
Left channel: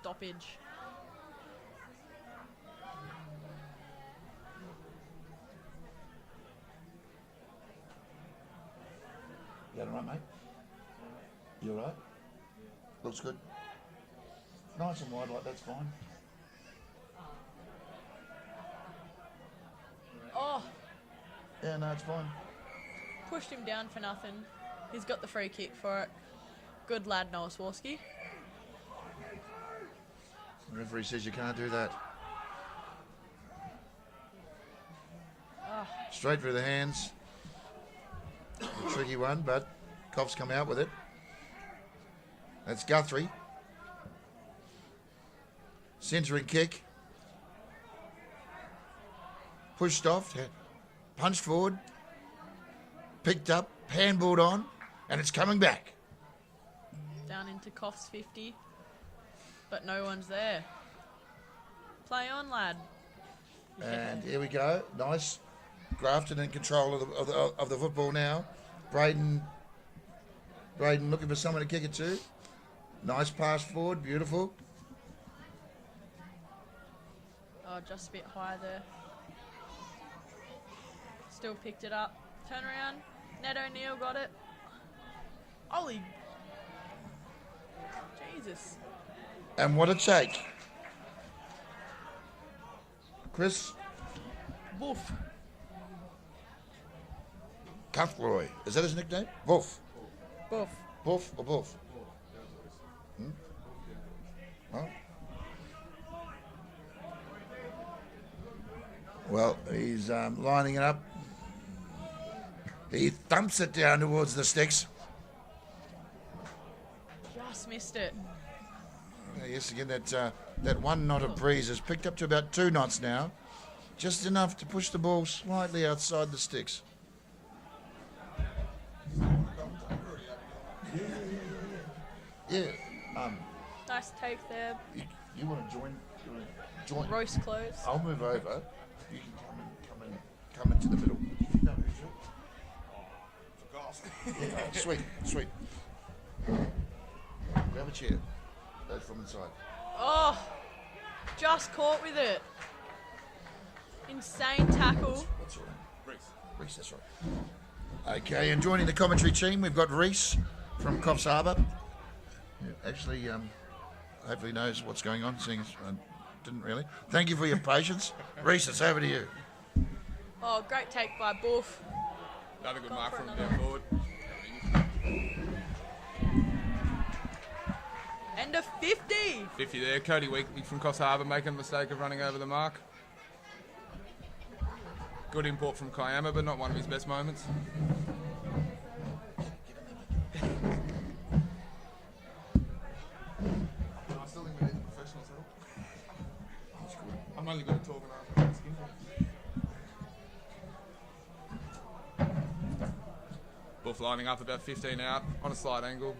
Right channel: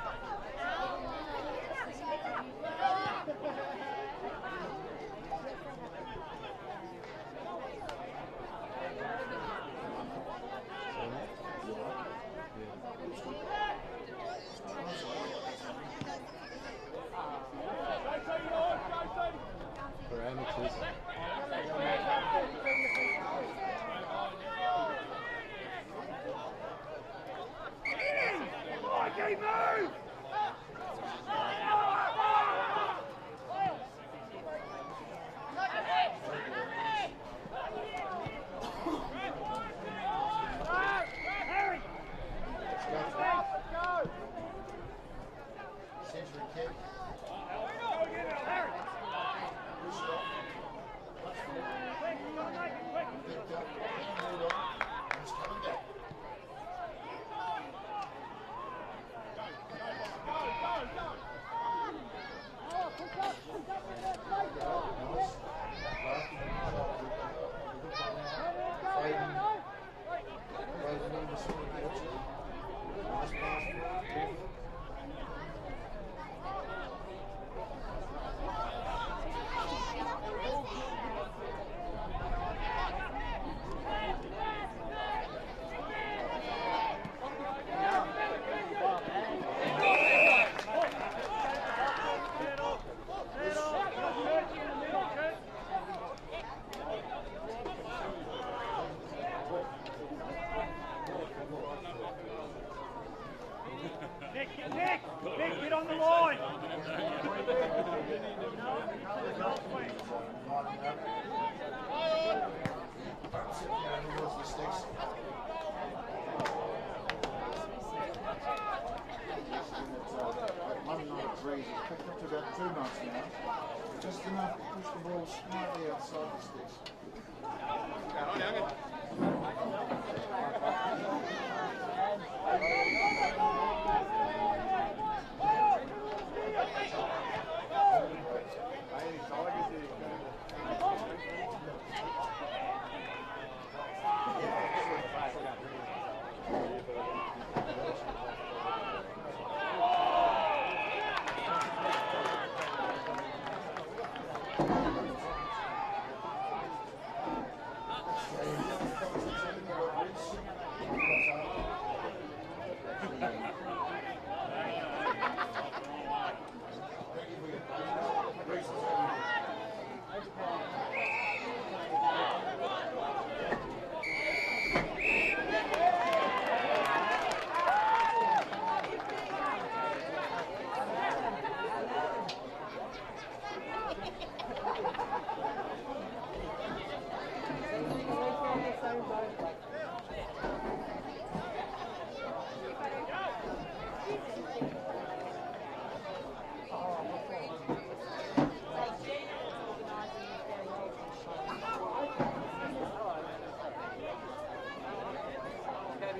Stoppage. You all right? Looks good. Nice and wide like that's fine. Parameters. Yeah, no, it's fine. Pushed him down for nothing. He's got the free kick for it. Good lad, Noah Swarsky. The referee says you can't do that. Straight through the hands. Tricky one, but Coffs come out with it. That's Guthrie. Centering kick. Pushed off. Punched forward. Picked up. Handballed on. And it's coming back. Down into Coffs 50. But no one's there. Play on, lad. And here we go. Nice. Grafton in control of the football now. Braden looking for someone to kick it to. Nice pass forward. Beautiful. Oh, just a bit quiet there. Still picked it up. Turn around. Ned O'Neill got it. Ollie. And what a take. Chris. Cuffroy. Is that his nickname? Boof. Boof. Boof or Boof? Get on the line. Well, he's lining it up. He thumps it down towards the sticks. Just missed it. Yes, again, that 1 knot of breeze has picked up to about 2 knots now. Just enough to push the ball slightly outside the sticks. Nice take there. Royce close. I'll move over. Sweet. Oh, just caught with it. Insane tackle. Okay, and joining the commentary team, we've got Reese from Coffs Harbour. Actually, hopefully knows what's going on, seeing didn't really. Thank you for your patience. Reese, it's over to you. Oh, great take by Boof. End of 50. 50 there. Cody Weekly from Coffs Harbour making a mistake of running over the mark. Good import from Kiama, but not one of his best moments. Wolf lining up about 15 out on a slight angle.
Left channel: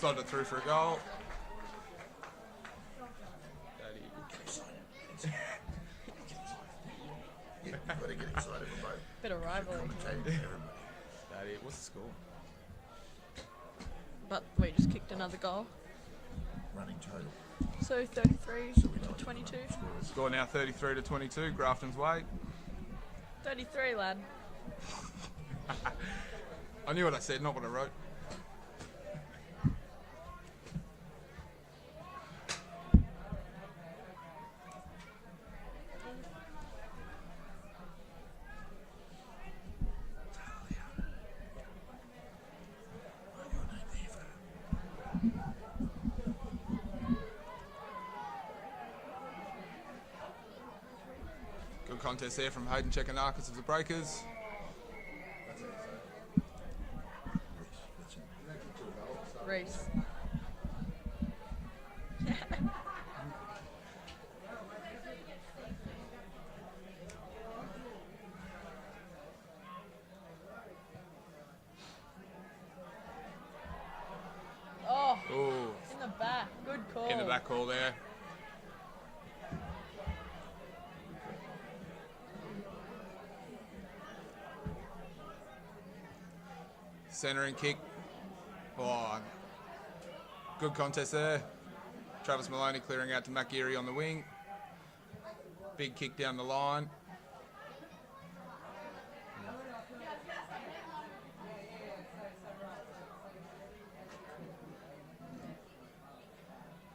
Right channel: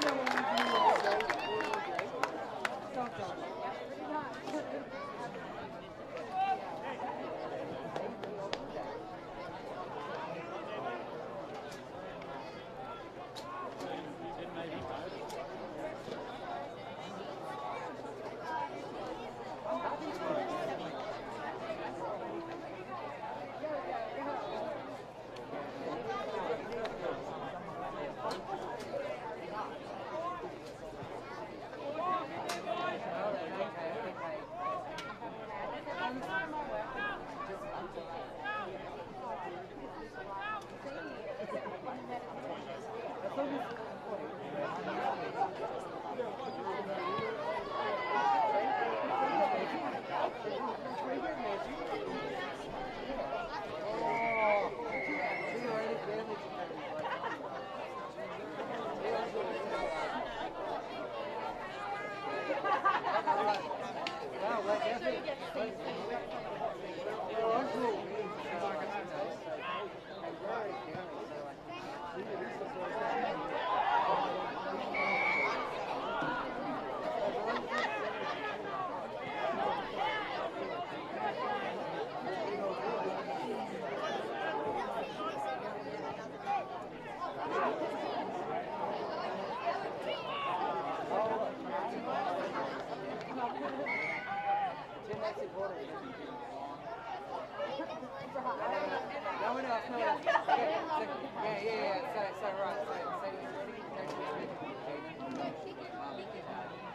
Slender through for a goal. Bit of rivalry. But we just kicked another goal. So 33 to 22. Score now 33 to 22, Grafton's way. 33, lad. I knew what I said, not what I wrote. Good contest there from Hayden Chekanakis of the Breakers. In the back ball there. Centering kick. Oh, good contest there. Travis Maloney clearing out to Mac Geary on the wing. Big kick down the line.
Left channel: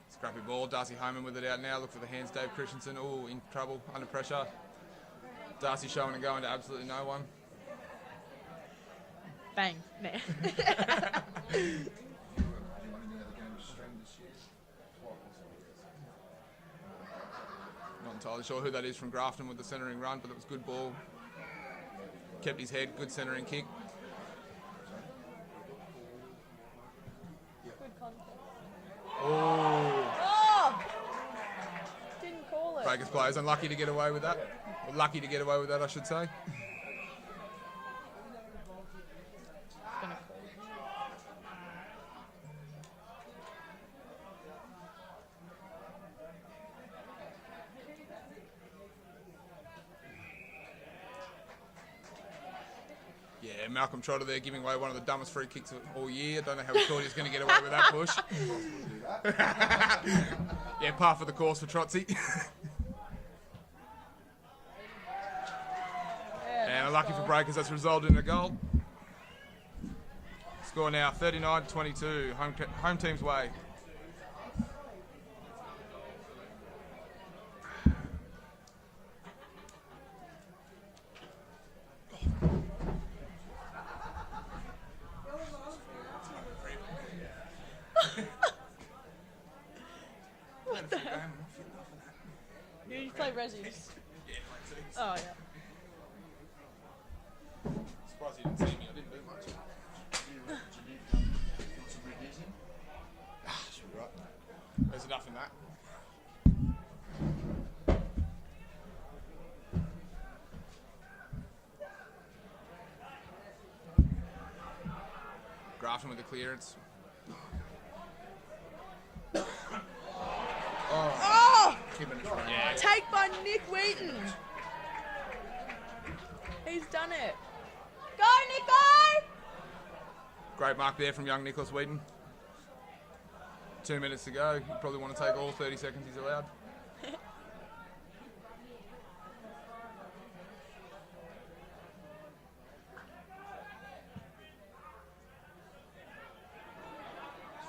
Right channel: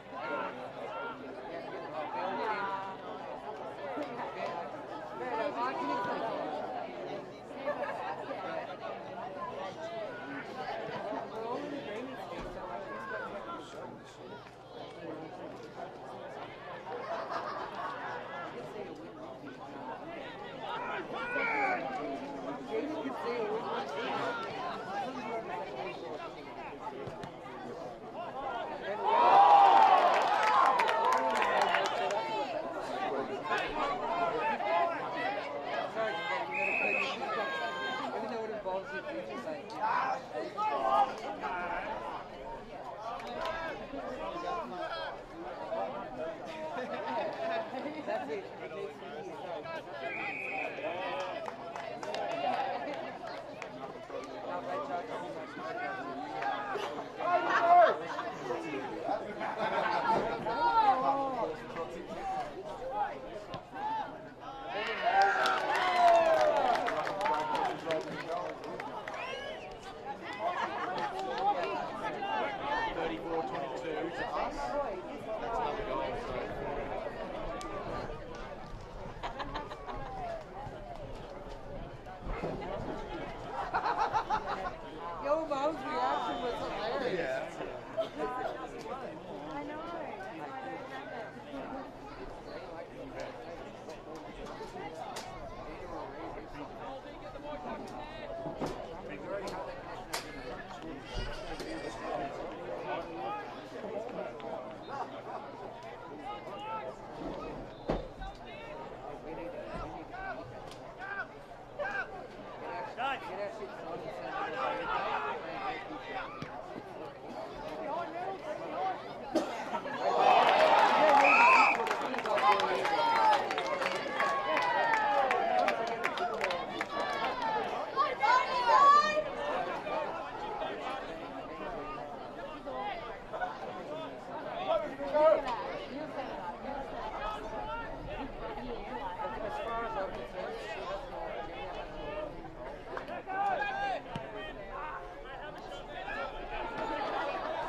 It's got the ball Darcy Homan with it out now. Looks at the hands. Dave Christensen, all in trouble, under pressure. Darcy showing going to absolutely no one. Bang. Not entirely sure who that is from Grafton with the centering run, but it's a good ball. Kept his head, good centering kick. Breakers players unlucky to get away with that. Lucky to get away with that, I should say. Yeah, Malcolm Trotter there giving away one of the dumbest free kicks all year. Don't know how he thought he was going to get away with that push. Yeah, par for the course for Trotsy. And lucky for Breakers, that's resulted in a goal. Score now 39-22, home team's way. Did you play Residence? Oh. There's enough of that. Grafton with the clearance. Take by Nick Wheaton. He's done it. Go, Nico! Great mark there from young Nicholas Wheaton. 2 minutes to go. Probably want to take all 30 seconds he's allowed.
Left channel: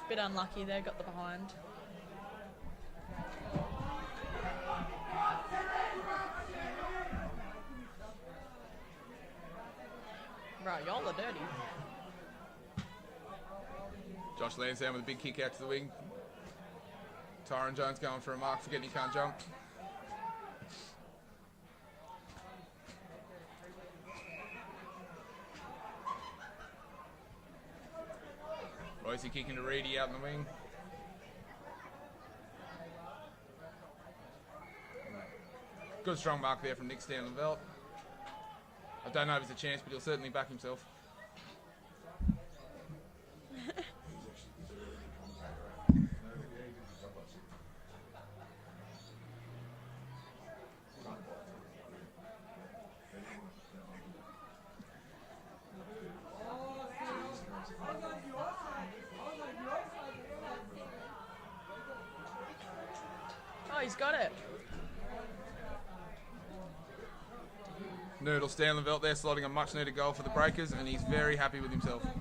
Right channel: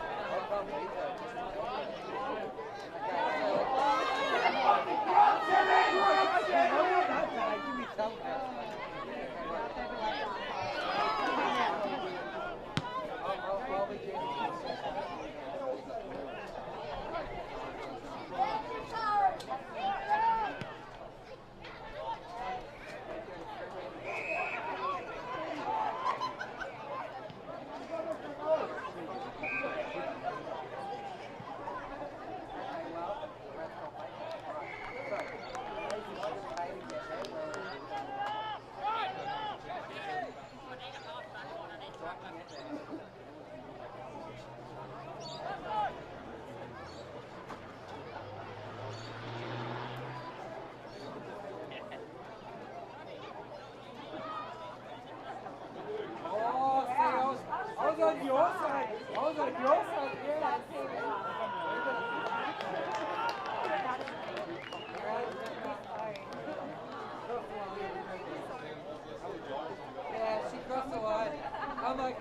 Bit unlucky there, got behind. Josh Lansdowne with a big kick out to the wing. Tyron Jones going for a mark. Forget he can't jump. Boise kicking Reedy out the wing. Good strong mark there from Nick Stowell-Bell. Don't know if it's a chance, but he'll certainly back himself. Oh, he's got it. Noodle Stanleyveld there slotting a much needed goal for the Breakers, and he's very happy with himself.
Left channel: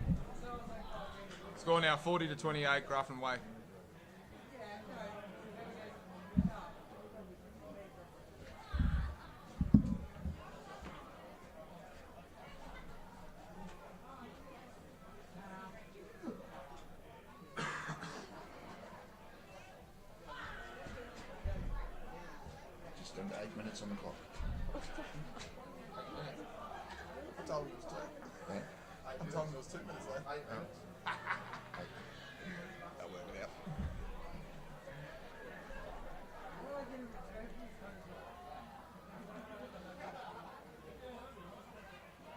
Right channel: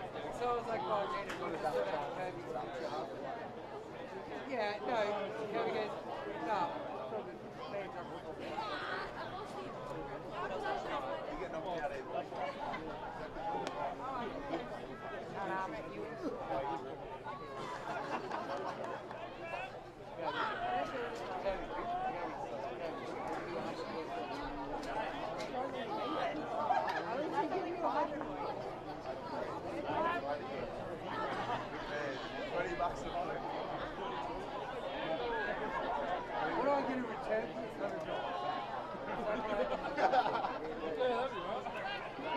Score now 40-28, Grafton way.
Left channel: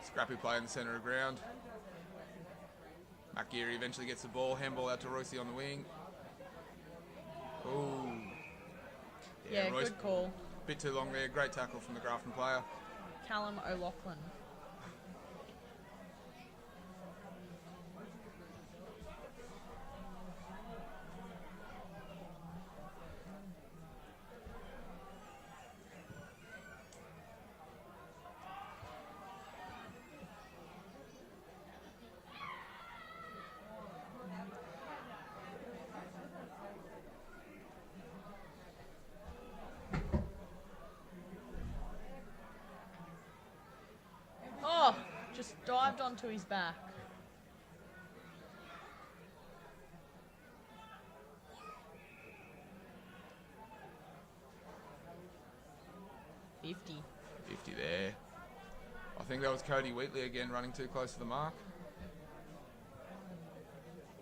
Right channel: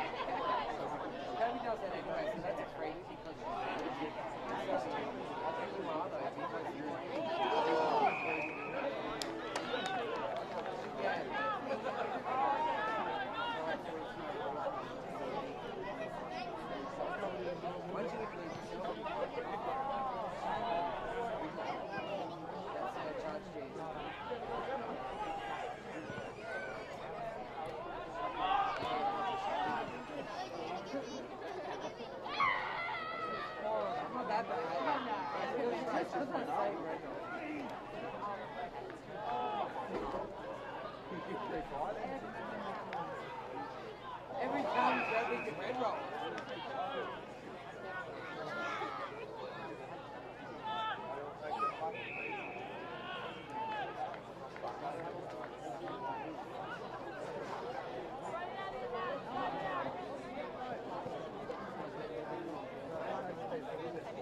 Scrappy play in the centre of ground. Akiri eventually gets the ball, handball out to Royce on the wing. Yeah, good call. A bit too long there, great tackle from the Grafton player. Callum O'Loughlin. Cody Wheatley again running too close to the mark.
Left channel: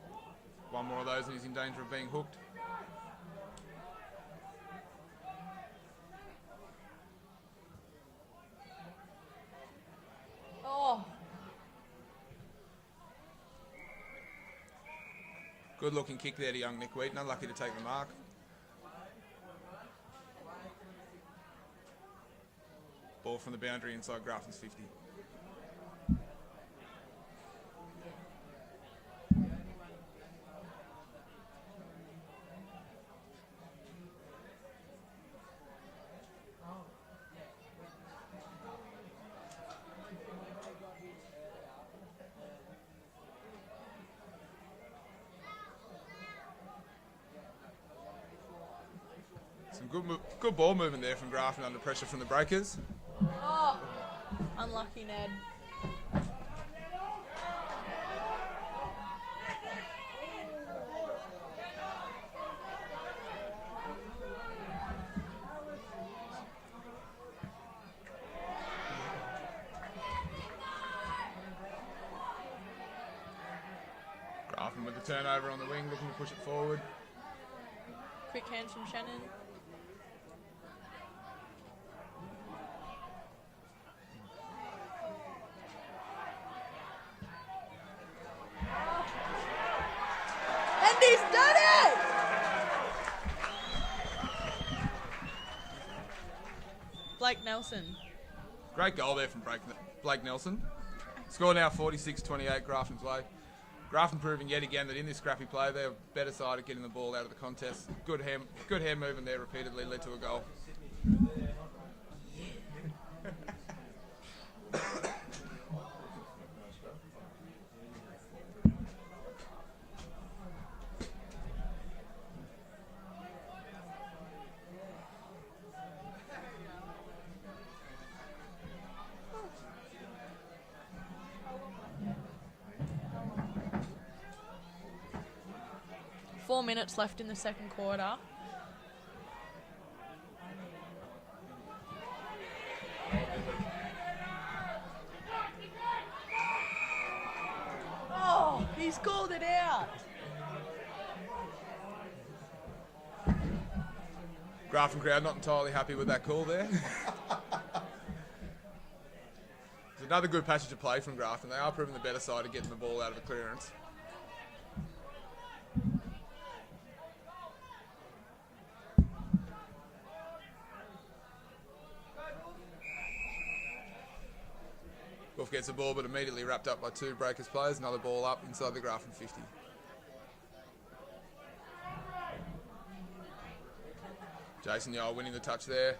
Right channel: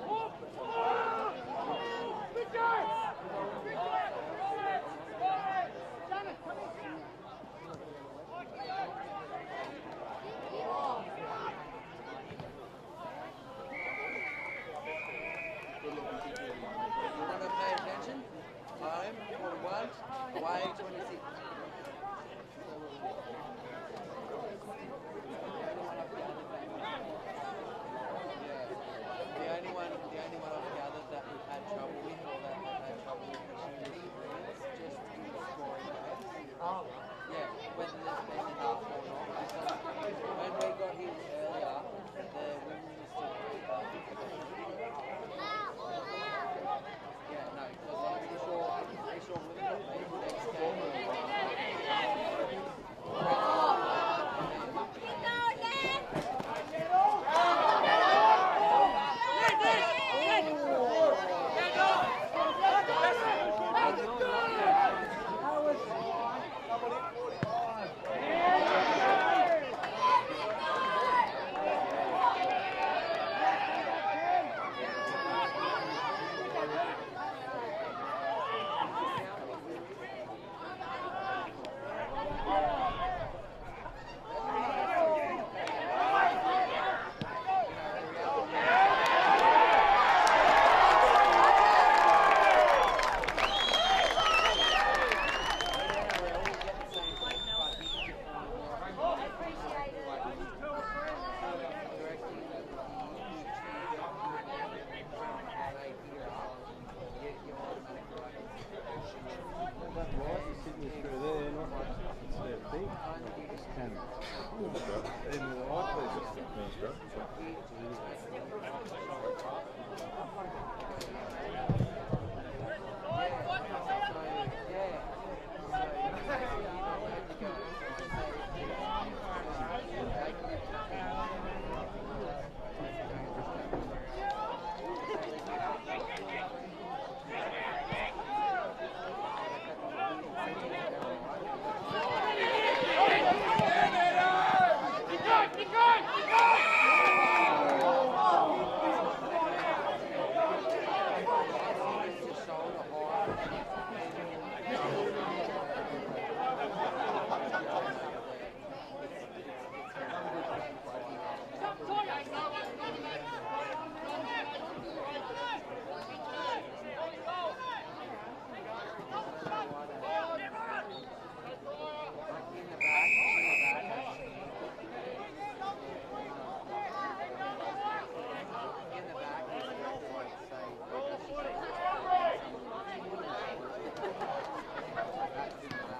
One of those and he's in danger of being hooked. Good looking kick there to young Nick Wheaton, lucky to take the mark. Ball from the boundary inside Grafton's 50. The only one I've gathered that we've had trouble with or that we've had trouble with is just in the scoring base. Yeah, whether there's been enough or not. Because when we got his earlier, the women was still Some good ball movement there from Grafton under pressure from the breakers. Unlucky there. Turnover on the wing, push it forward. Quick hands from Shannon. 46-28 Grafton play. Grafton proving yet again that in this scrappy play they're better side at getting the ball out of the contest. Good hand movement there repeatedly led to a goal. 4 minutes left in the second quarter. Oh, he's called it out. Grafton crowd not entirely happy with that call there. Another good passage of play from Grafton. They are probably the better side of getting the ball out of clearance. Coffs gets the ball but immediately wrapped up by two breakers players. Another ball up inside the Grafton 50. Jason Yole winning the touch there.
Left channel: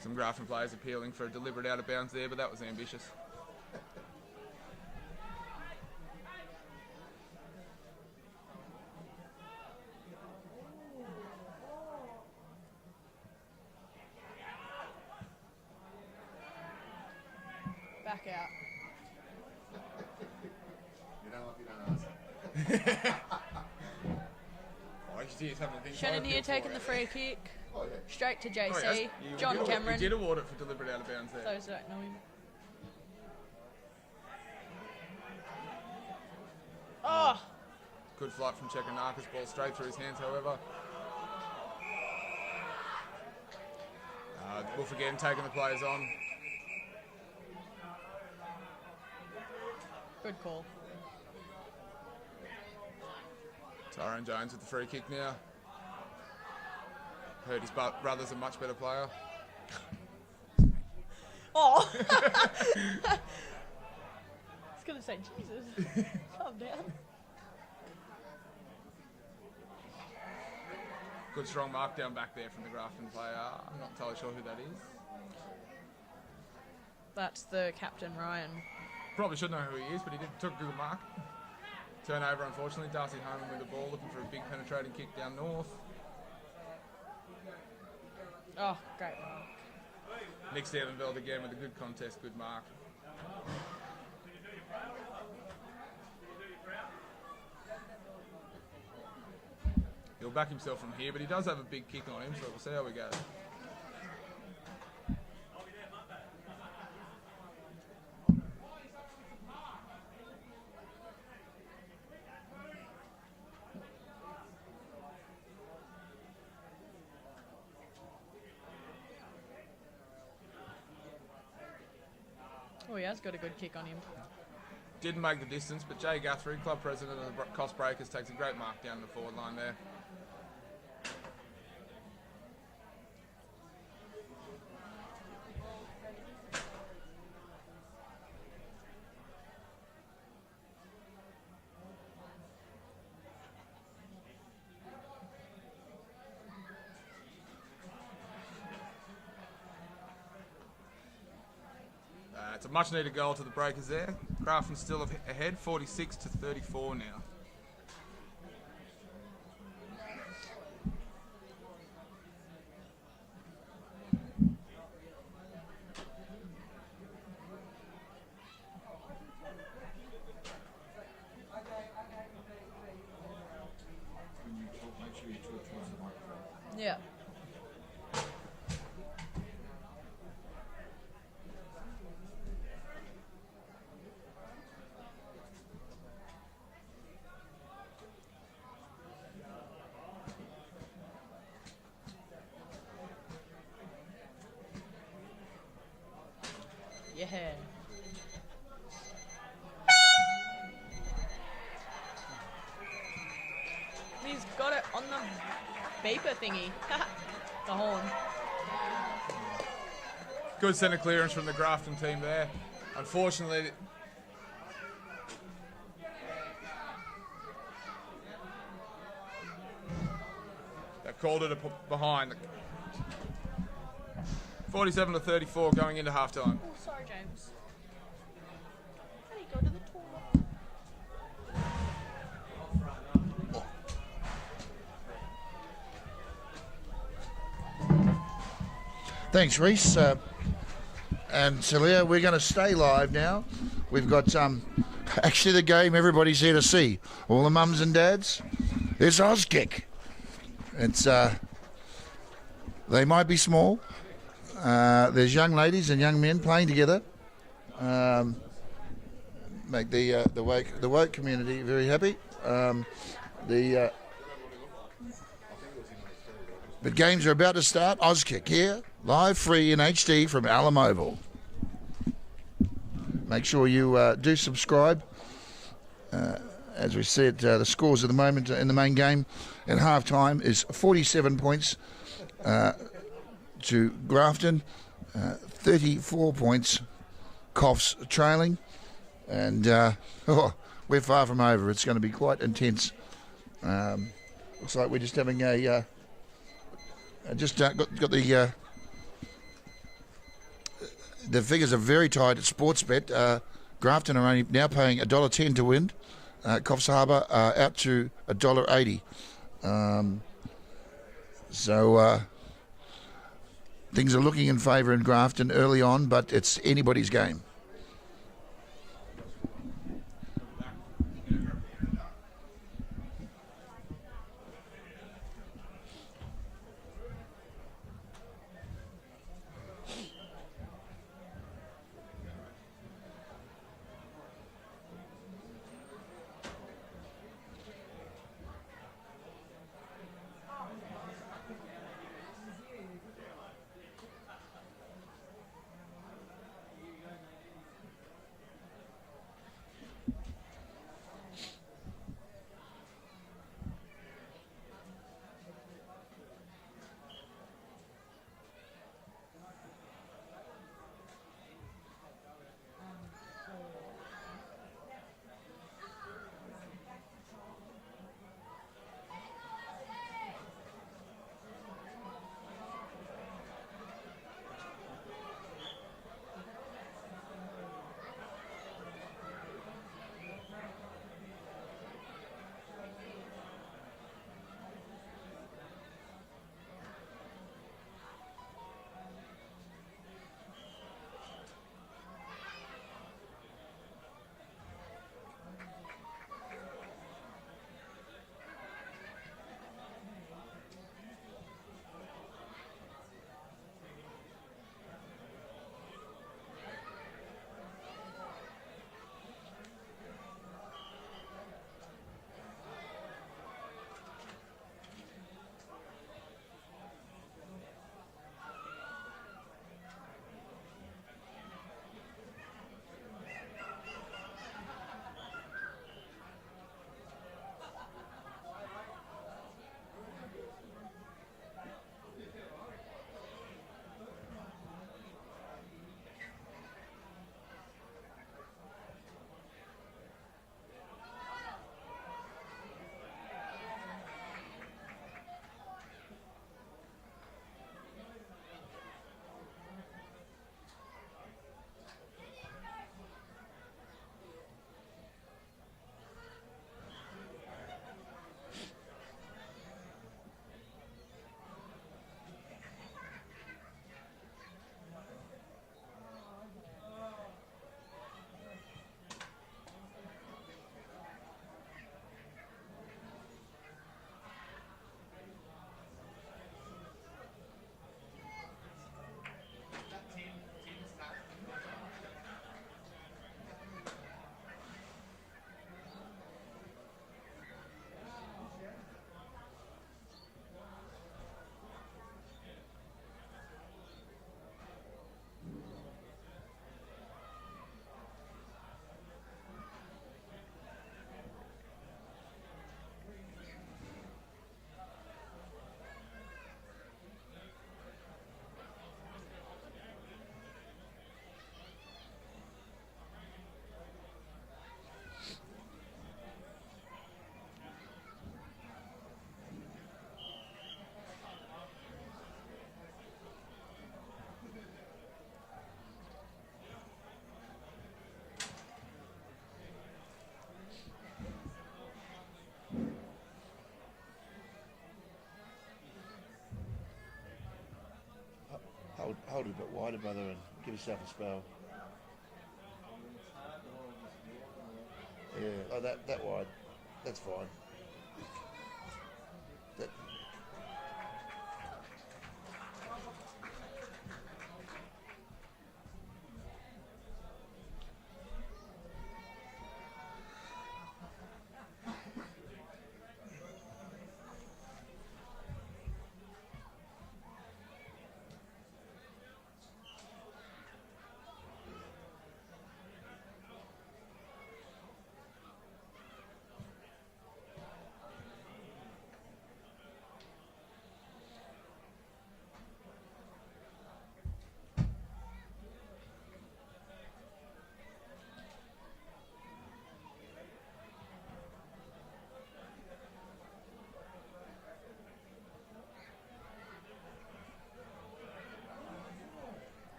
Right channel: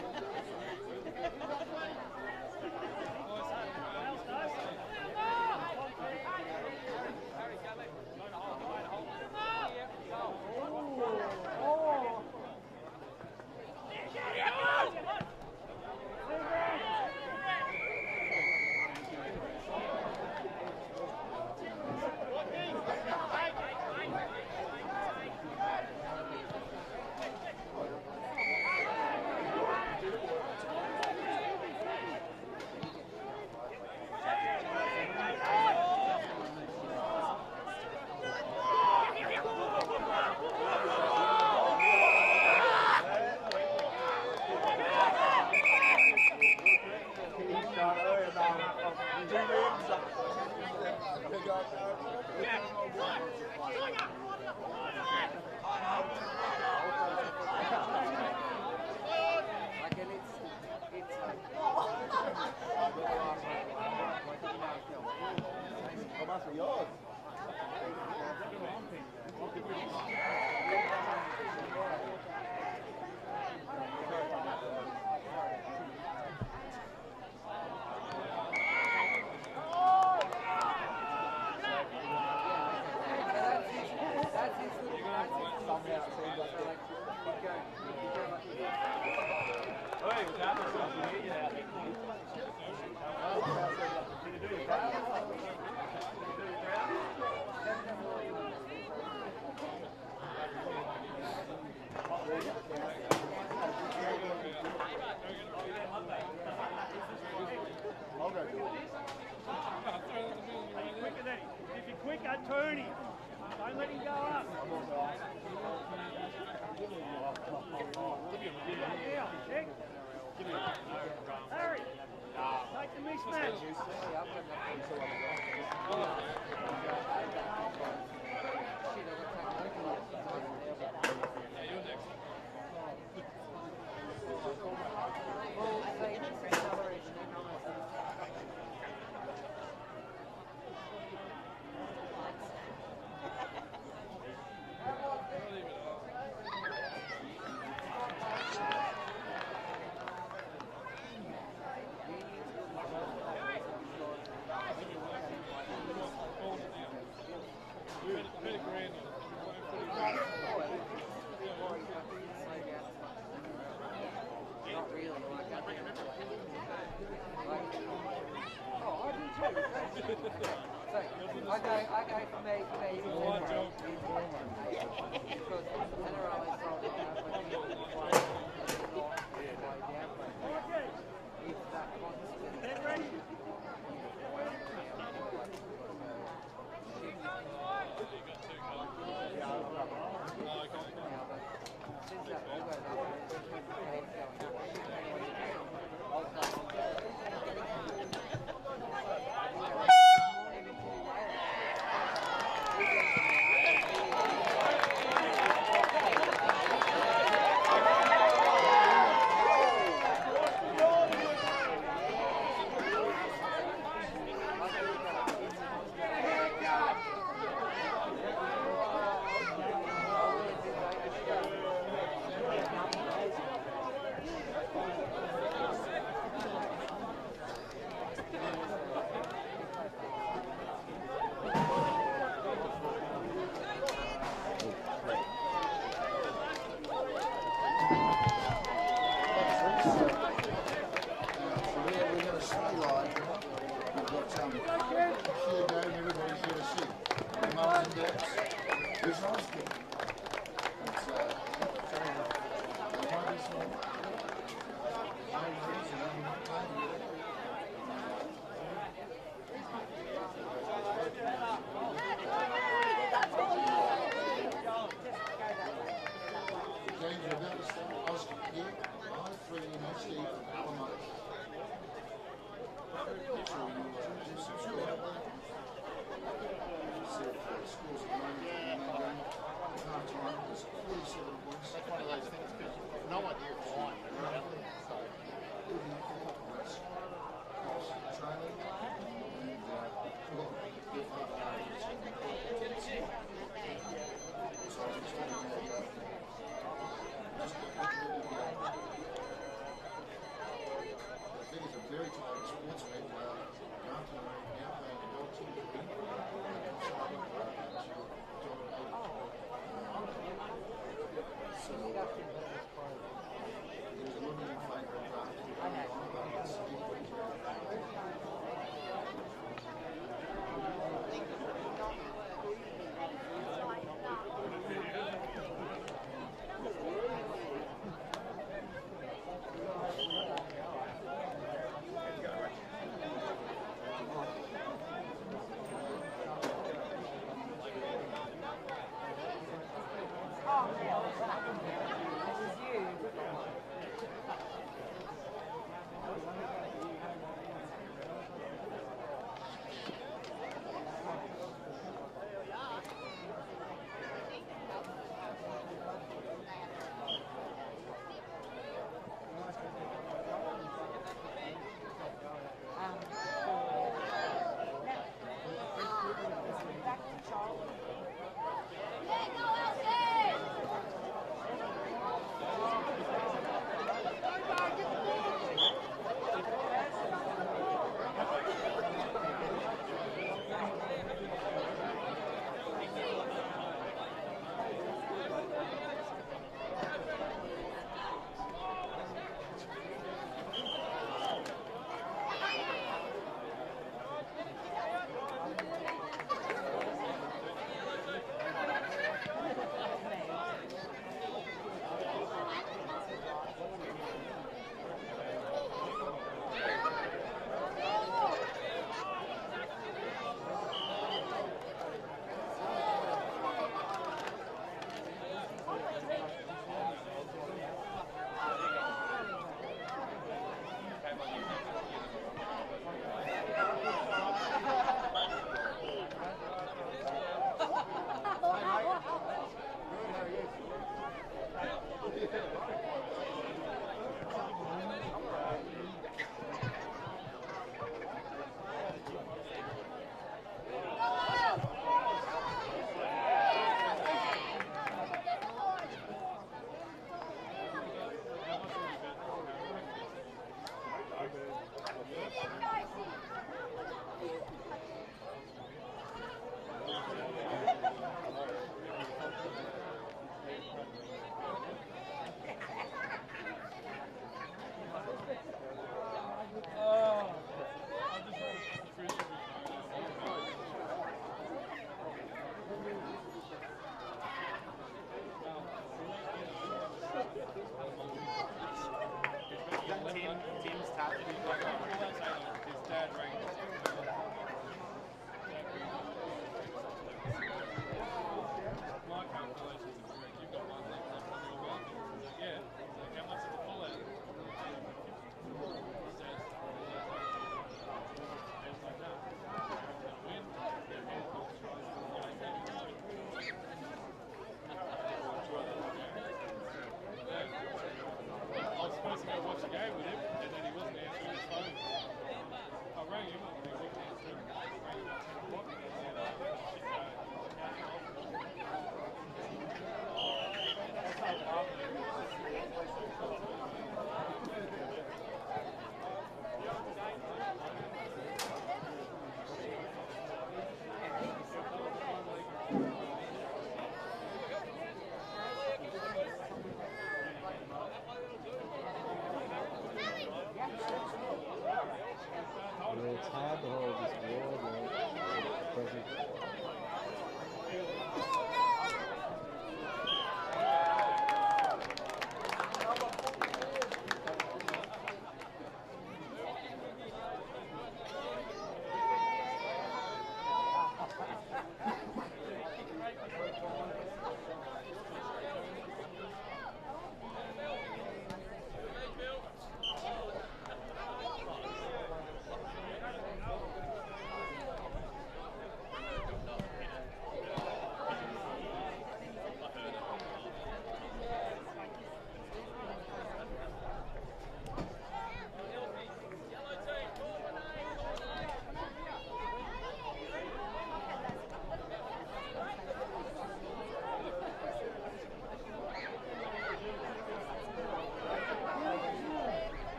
Some Grafton players appealing for a deliberate out of bounds there, but that was ambitious. Shannon here taking the free kick. Straight to JC. John Cameron. He did award it for deliberate out of bounds. Oh! Good flight from Trevor Marcus, but straight through his hands, however. Good for him taking the players on. Tyrone Jones with the free kick now. Heard his brother's a much better player. Oh! I was going to say Jesus. Good strong mark down back there from the Grafton player. I'm not entirely sure who that is. That's the captain, Ryan. Probably should know who he is, but he took a good mark. Turnover, unfortunately, down to the corner. Big penetrating kick down the wing. Nick's down another game with a good contest, good mark. Good back himself from here, but he does have a big kick on him, so there we go. If you're quicker, turn him. Don't let him go up. Oh, he has got a good kick on him. Didn't make the distance, but Jay Guthrie, club president of the Coffs Breakers, takes a great mark down the forward line there. It's a much needed goal to the Breakers there. Grafton still ahead, 46 to 34 now. Yeah. Good centre clearance from the Grafton team there. Unfortunately, they called it a behind. 47 to 34 going into half time. Thanks, Reese. And Celia, we're going to stay live now. We've got actually the game everybody's here to see. All the mums and dads. There's Auskick. It's they might be small. There's young ladies and young men playing together. Make the woke community very happy. The games are about to start. Auskick here, live free in HD from Alum Oval. Make sure you do subscribe. As we said, the scores at the moment in the main game at half time is 47 points to Grafton, 34 points, Coffs trailing, and we're far from over. It's going to be quite intense. Looks like we're just having a got the figures are very tight at Sportsbet. Grafton are only now paying $1.10 to win. Coffs Harbour out to $1.80. So things are looking in favour in Grafton early on, but it's anybody's game.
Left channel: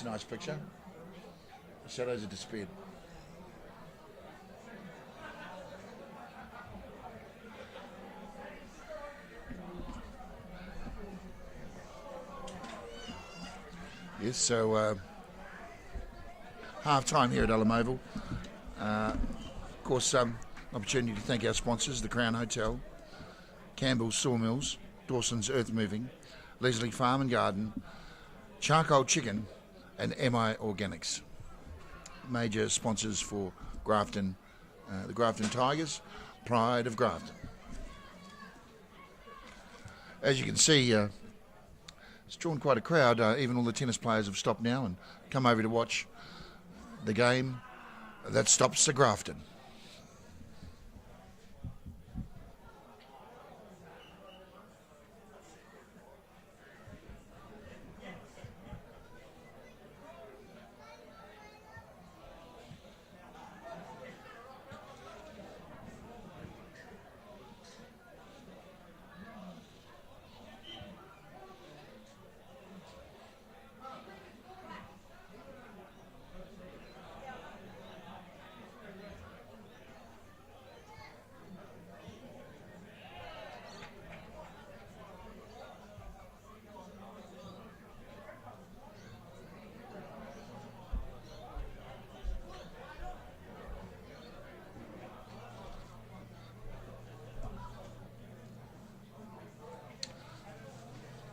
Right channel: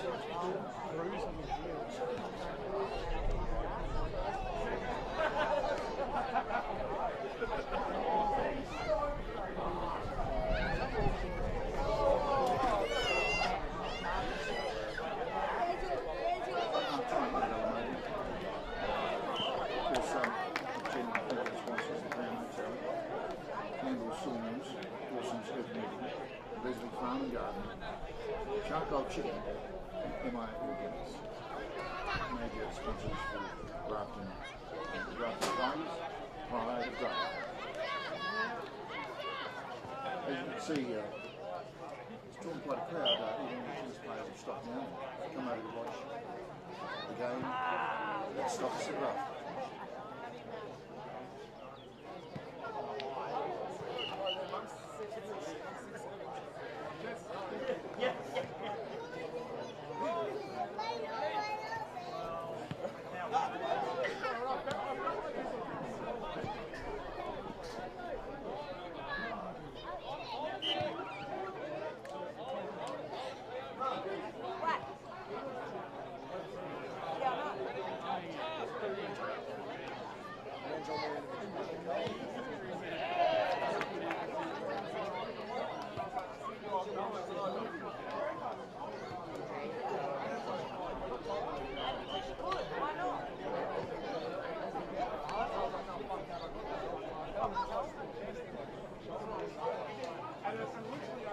That's a nice picture. Shadows have disappeared. Yes, so half time here at Elam Oval. Of course, opportunity to thank our sponsors, the Crown Hotel, Campbell's Sawmills, Dawson's Earth Moving, Leslie Farm and Garden, Charcoal Chicken, and MI Organics. Major sponsors for Grafton, the Grafton Tigers, pride of Grafton. As you can see, it's drawn quite a crowd. Even all the tennis players have stopped now and come over to watch the game that stops the Grafton.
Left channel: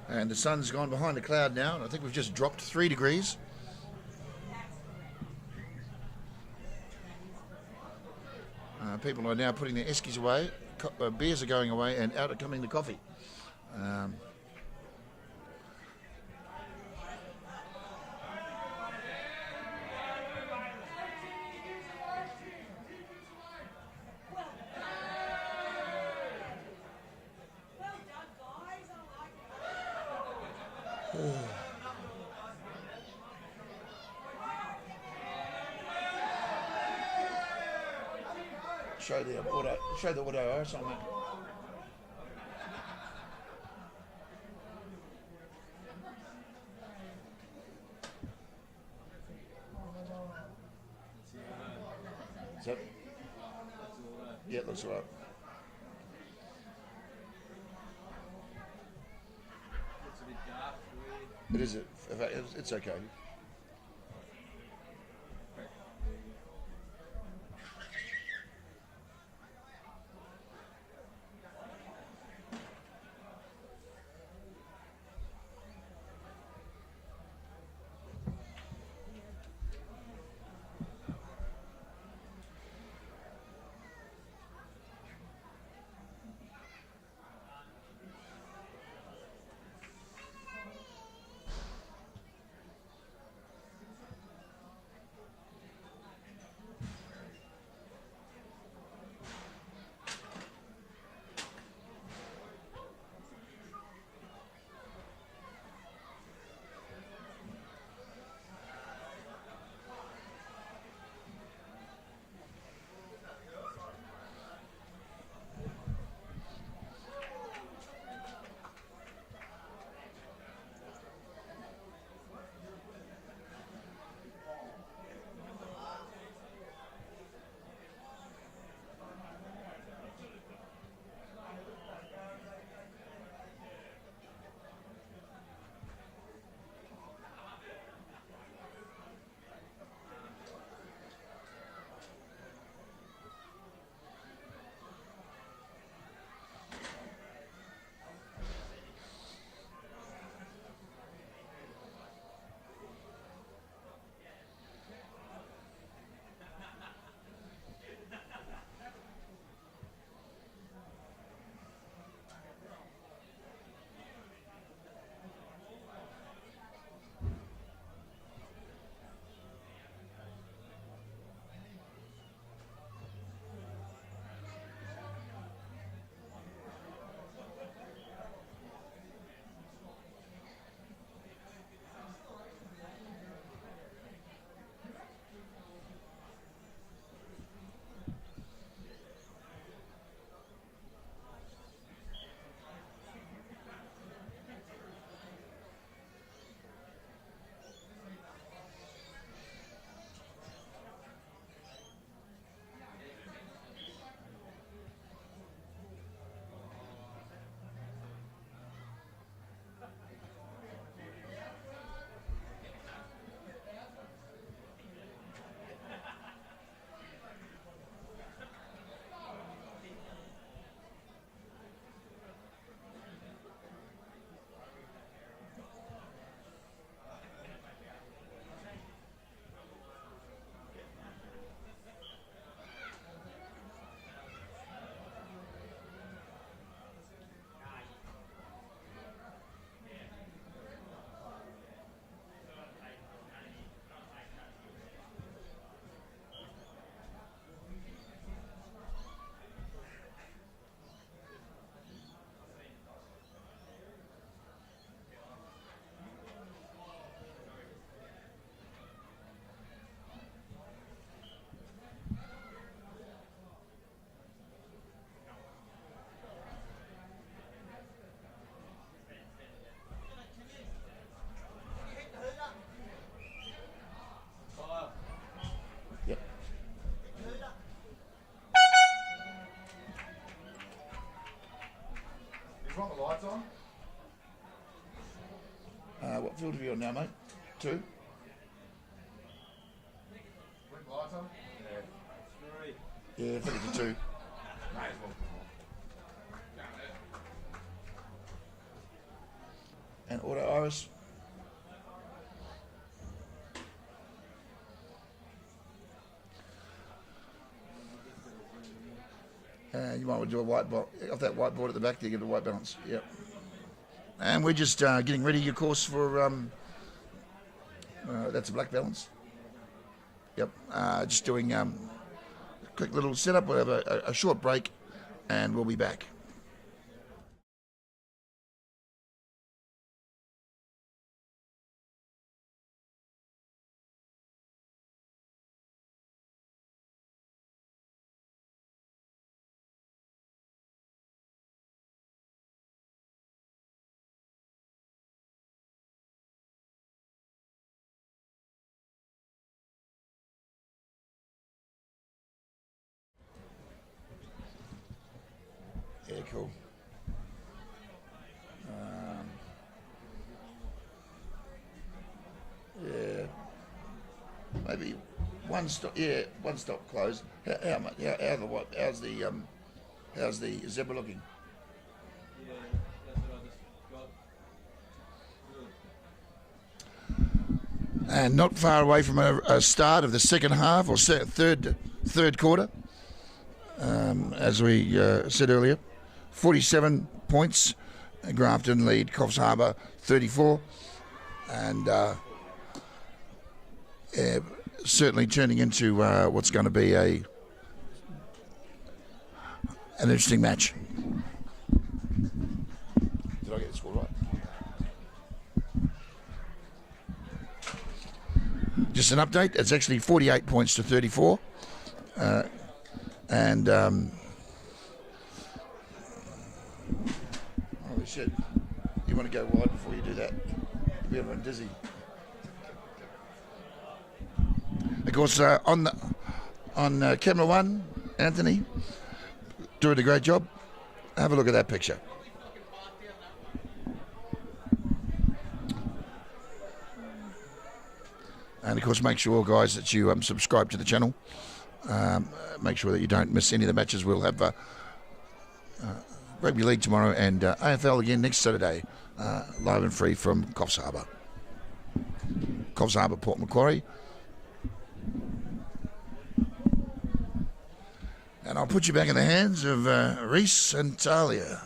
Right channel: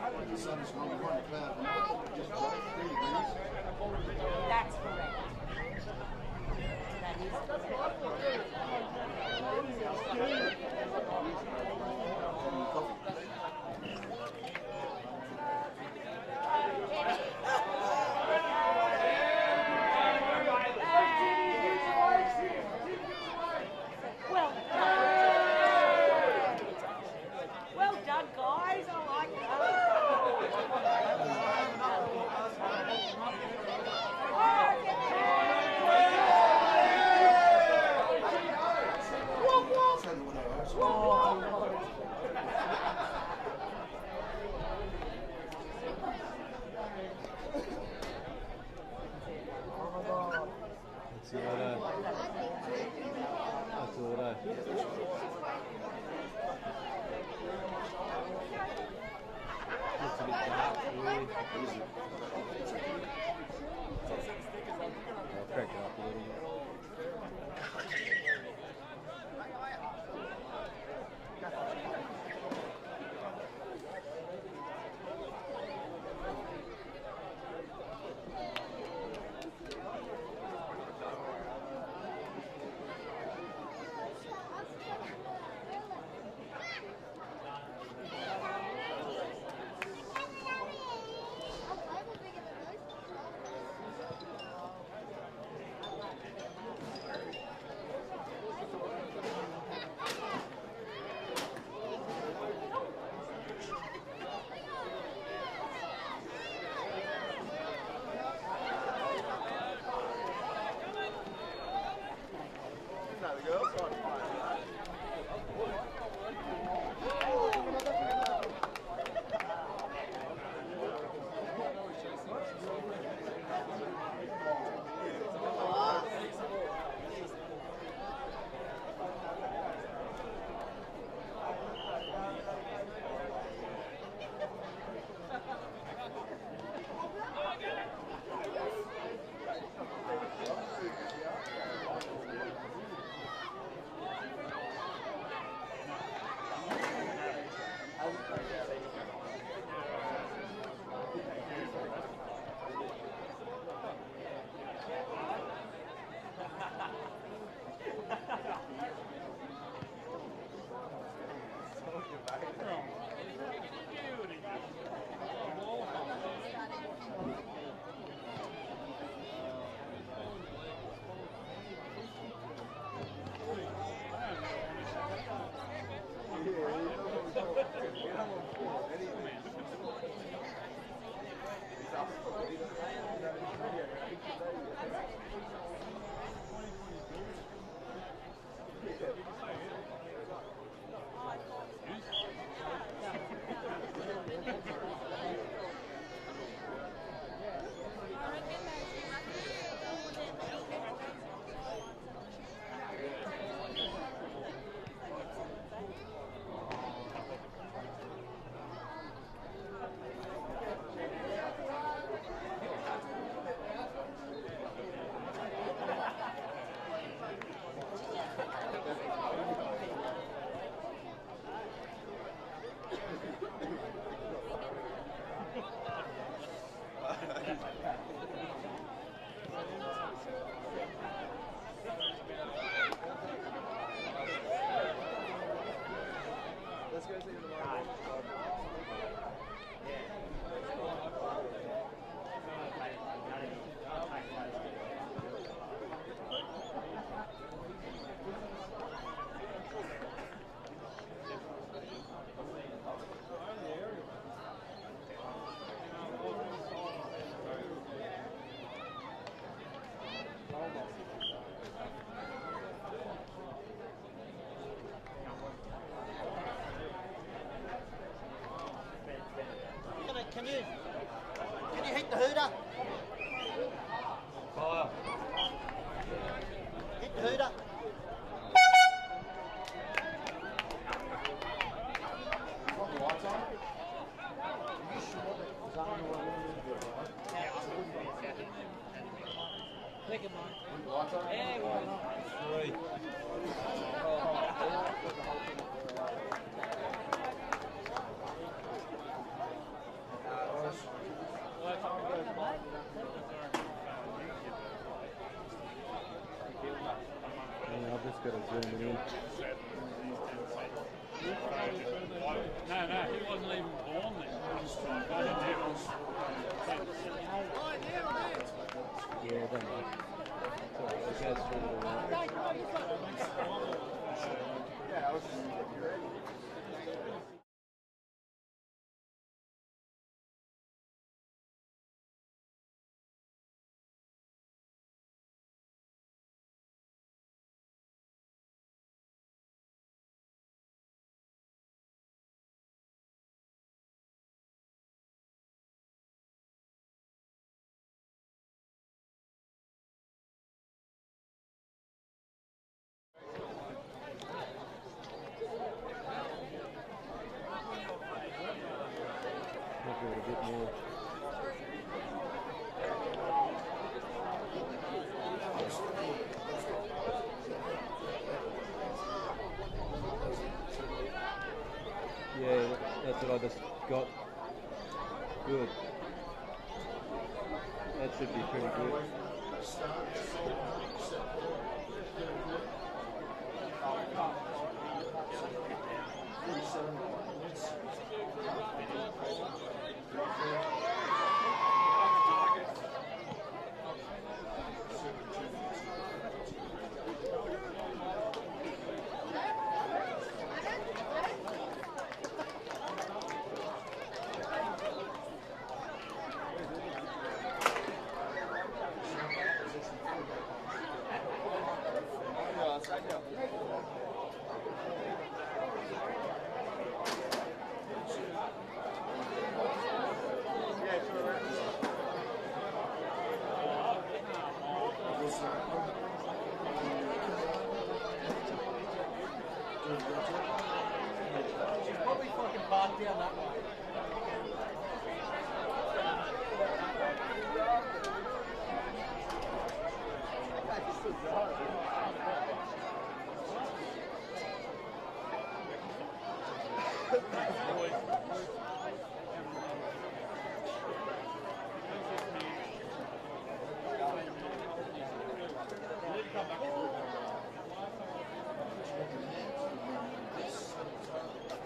And the sun's gone behind the cloud now. I think we've just dropped 3 degrees. People are now putting their eskies away. Beers are going away, and out are coming the coffee. Show the what I saw. Yeah, that's right. What is it? It's okay. I'll crank it up a little bit. Can you hit the hooter? Hit the hooter. Got the lights on? What field are we on now, mate? 2? Lights on? Yeah, I think it's 2. And auto iris. I've just got to zoom it in. You might want to do a white box. Off that whiteboard at the back there, get a white balance. Yep. And we're just getting ready, of course, for that's a black balance. Yep. Just doing quick little setup. We'll have a short break, and we'll be back. Maybe one stop closed. How's the zebra looking? Yeah, that's what I just got. Good. And not far away from a start of the second half or third quarter. As we said earlier, 47 points. Grafton lead Coffs Harbour 34, and certainly turning into what's going to be an interesting match. Just an update, it's actually 48 points to 34. Shit, you want to go wide before you do that? You're a bit dizzy. Of course, on camera 1, Anthony, doing a great job. Have a look at that picture. And of course, make sure, guys, that you subscribe to the channel. Make sure that you don't miss any of the matches. We'll have Rugby League tomorrow and AFL again next Saturday, live and free from Coffs Harbour. Coffs Harbour, Port Macquarie. And I'll put you back in the hands of Reese and Talia.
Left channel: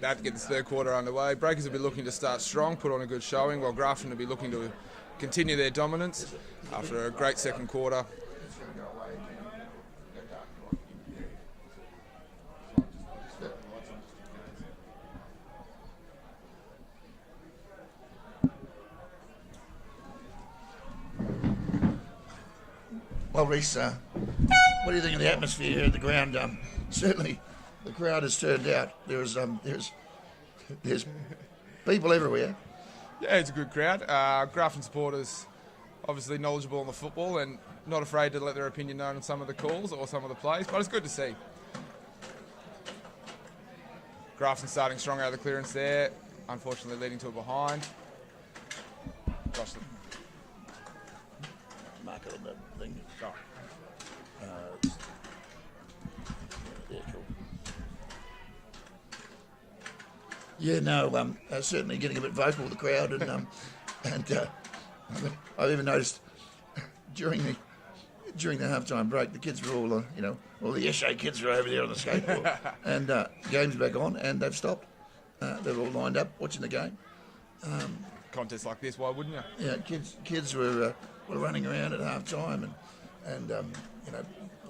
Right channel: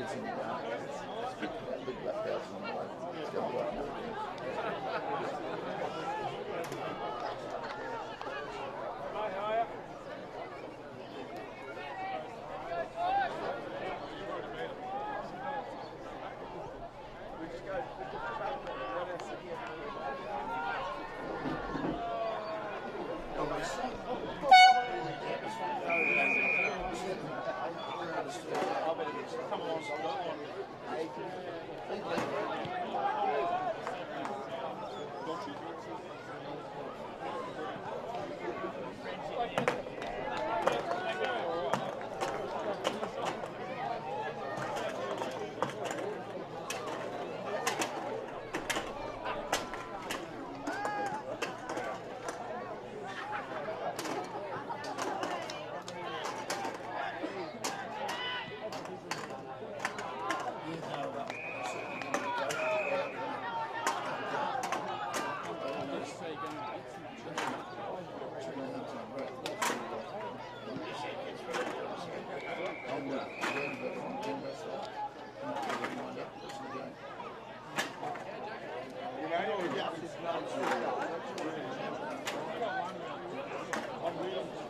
That gets the third quarter underway. Breakers will be looking to start strong, put on a good showing, while Grafton will be looking to continue their dominance after a great second quarter. Well, Reese, what do you think of the atmosphere here at the ground? Certainly, the crowd has turned out. There's people everywhere. Yeah, it's a good crowd. Grafton supporters obviously knowledgeable on the football and not afraid to let their opinion known on some of the calls or some of the plays, but it's good to see. Grafton starting strong out of the clearance there, unfortunately leading to it behind. Yeah, no, certainly getting a bit vocal with the crowd, and I even noticed during the halftime break, the kids were all, all the Eshe kids were over there on the skateboard, and the game's back on, and they've stopped. They're all lined up watching the game. Contests like this, why wouldn't they? Yeah, kids were running around at halftime and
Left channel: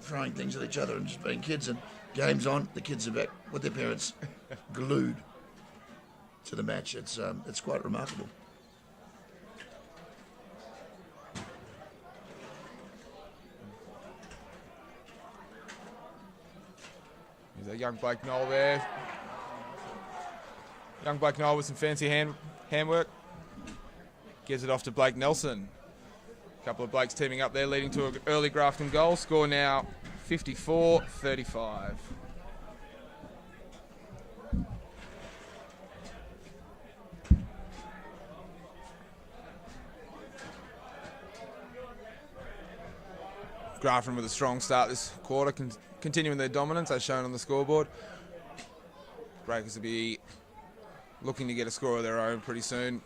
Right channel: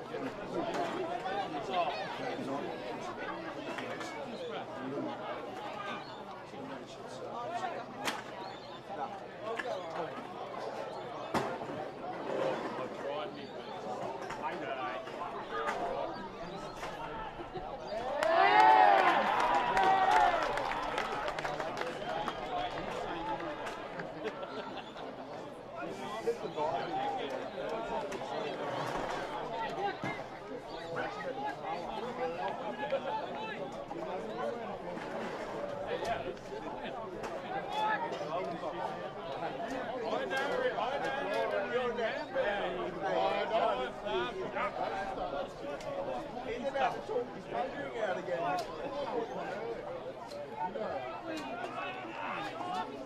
throwing things at each other and just being kids. And game's on, the kids are back with their parents, glued to the match. It's quite remarkable. There's a young Blake Knoll there. Young Blake Knoll with some fancy handwork. Gives it off to Blake Nelson. A couple of Blakes teaming up there, leading to an early Grafton goal. Score now 54-35. Grafton with a strong start this quarter, continuing their dominance as shown on the scoreboard. Breakers will be looking to get a score of their own pretty soon.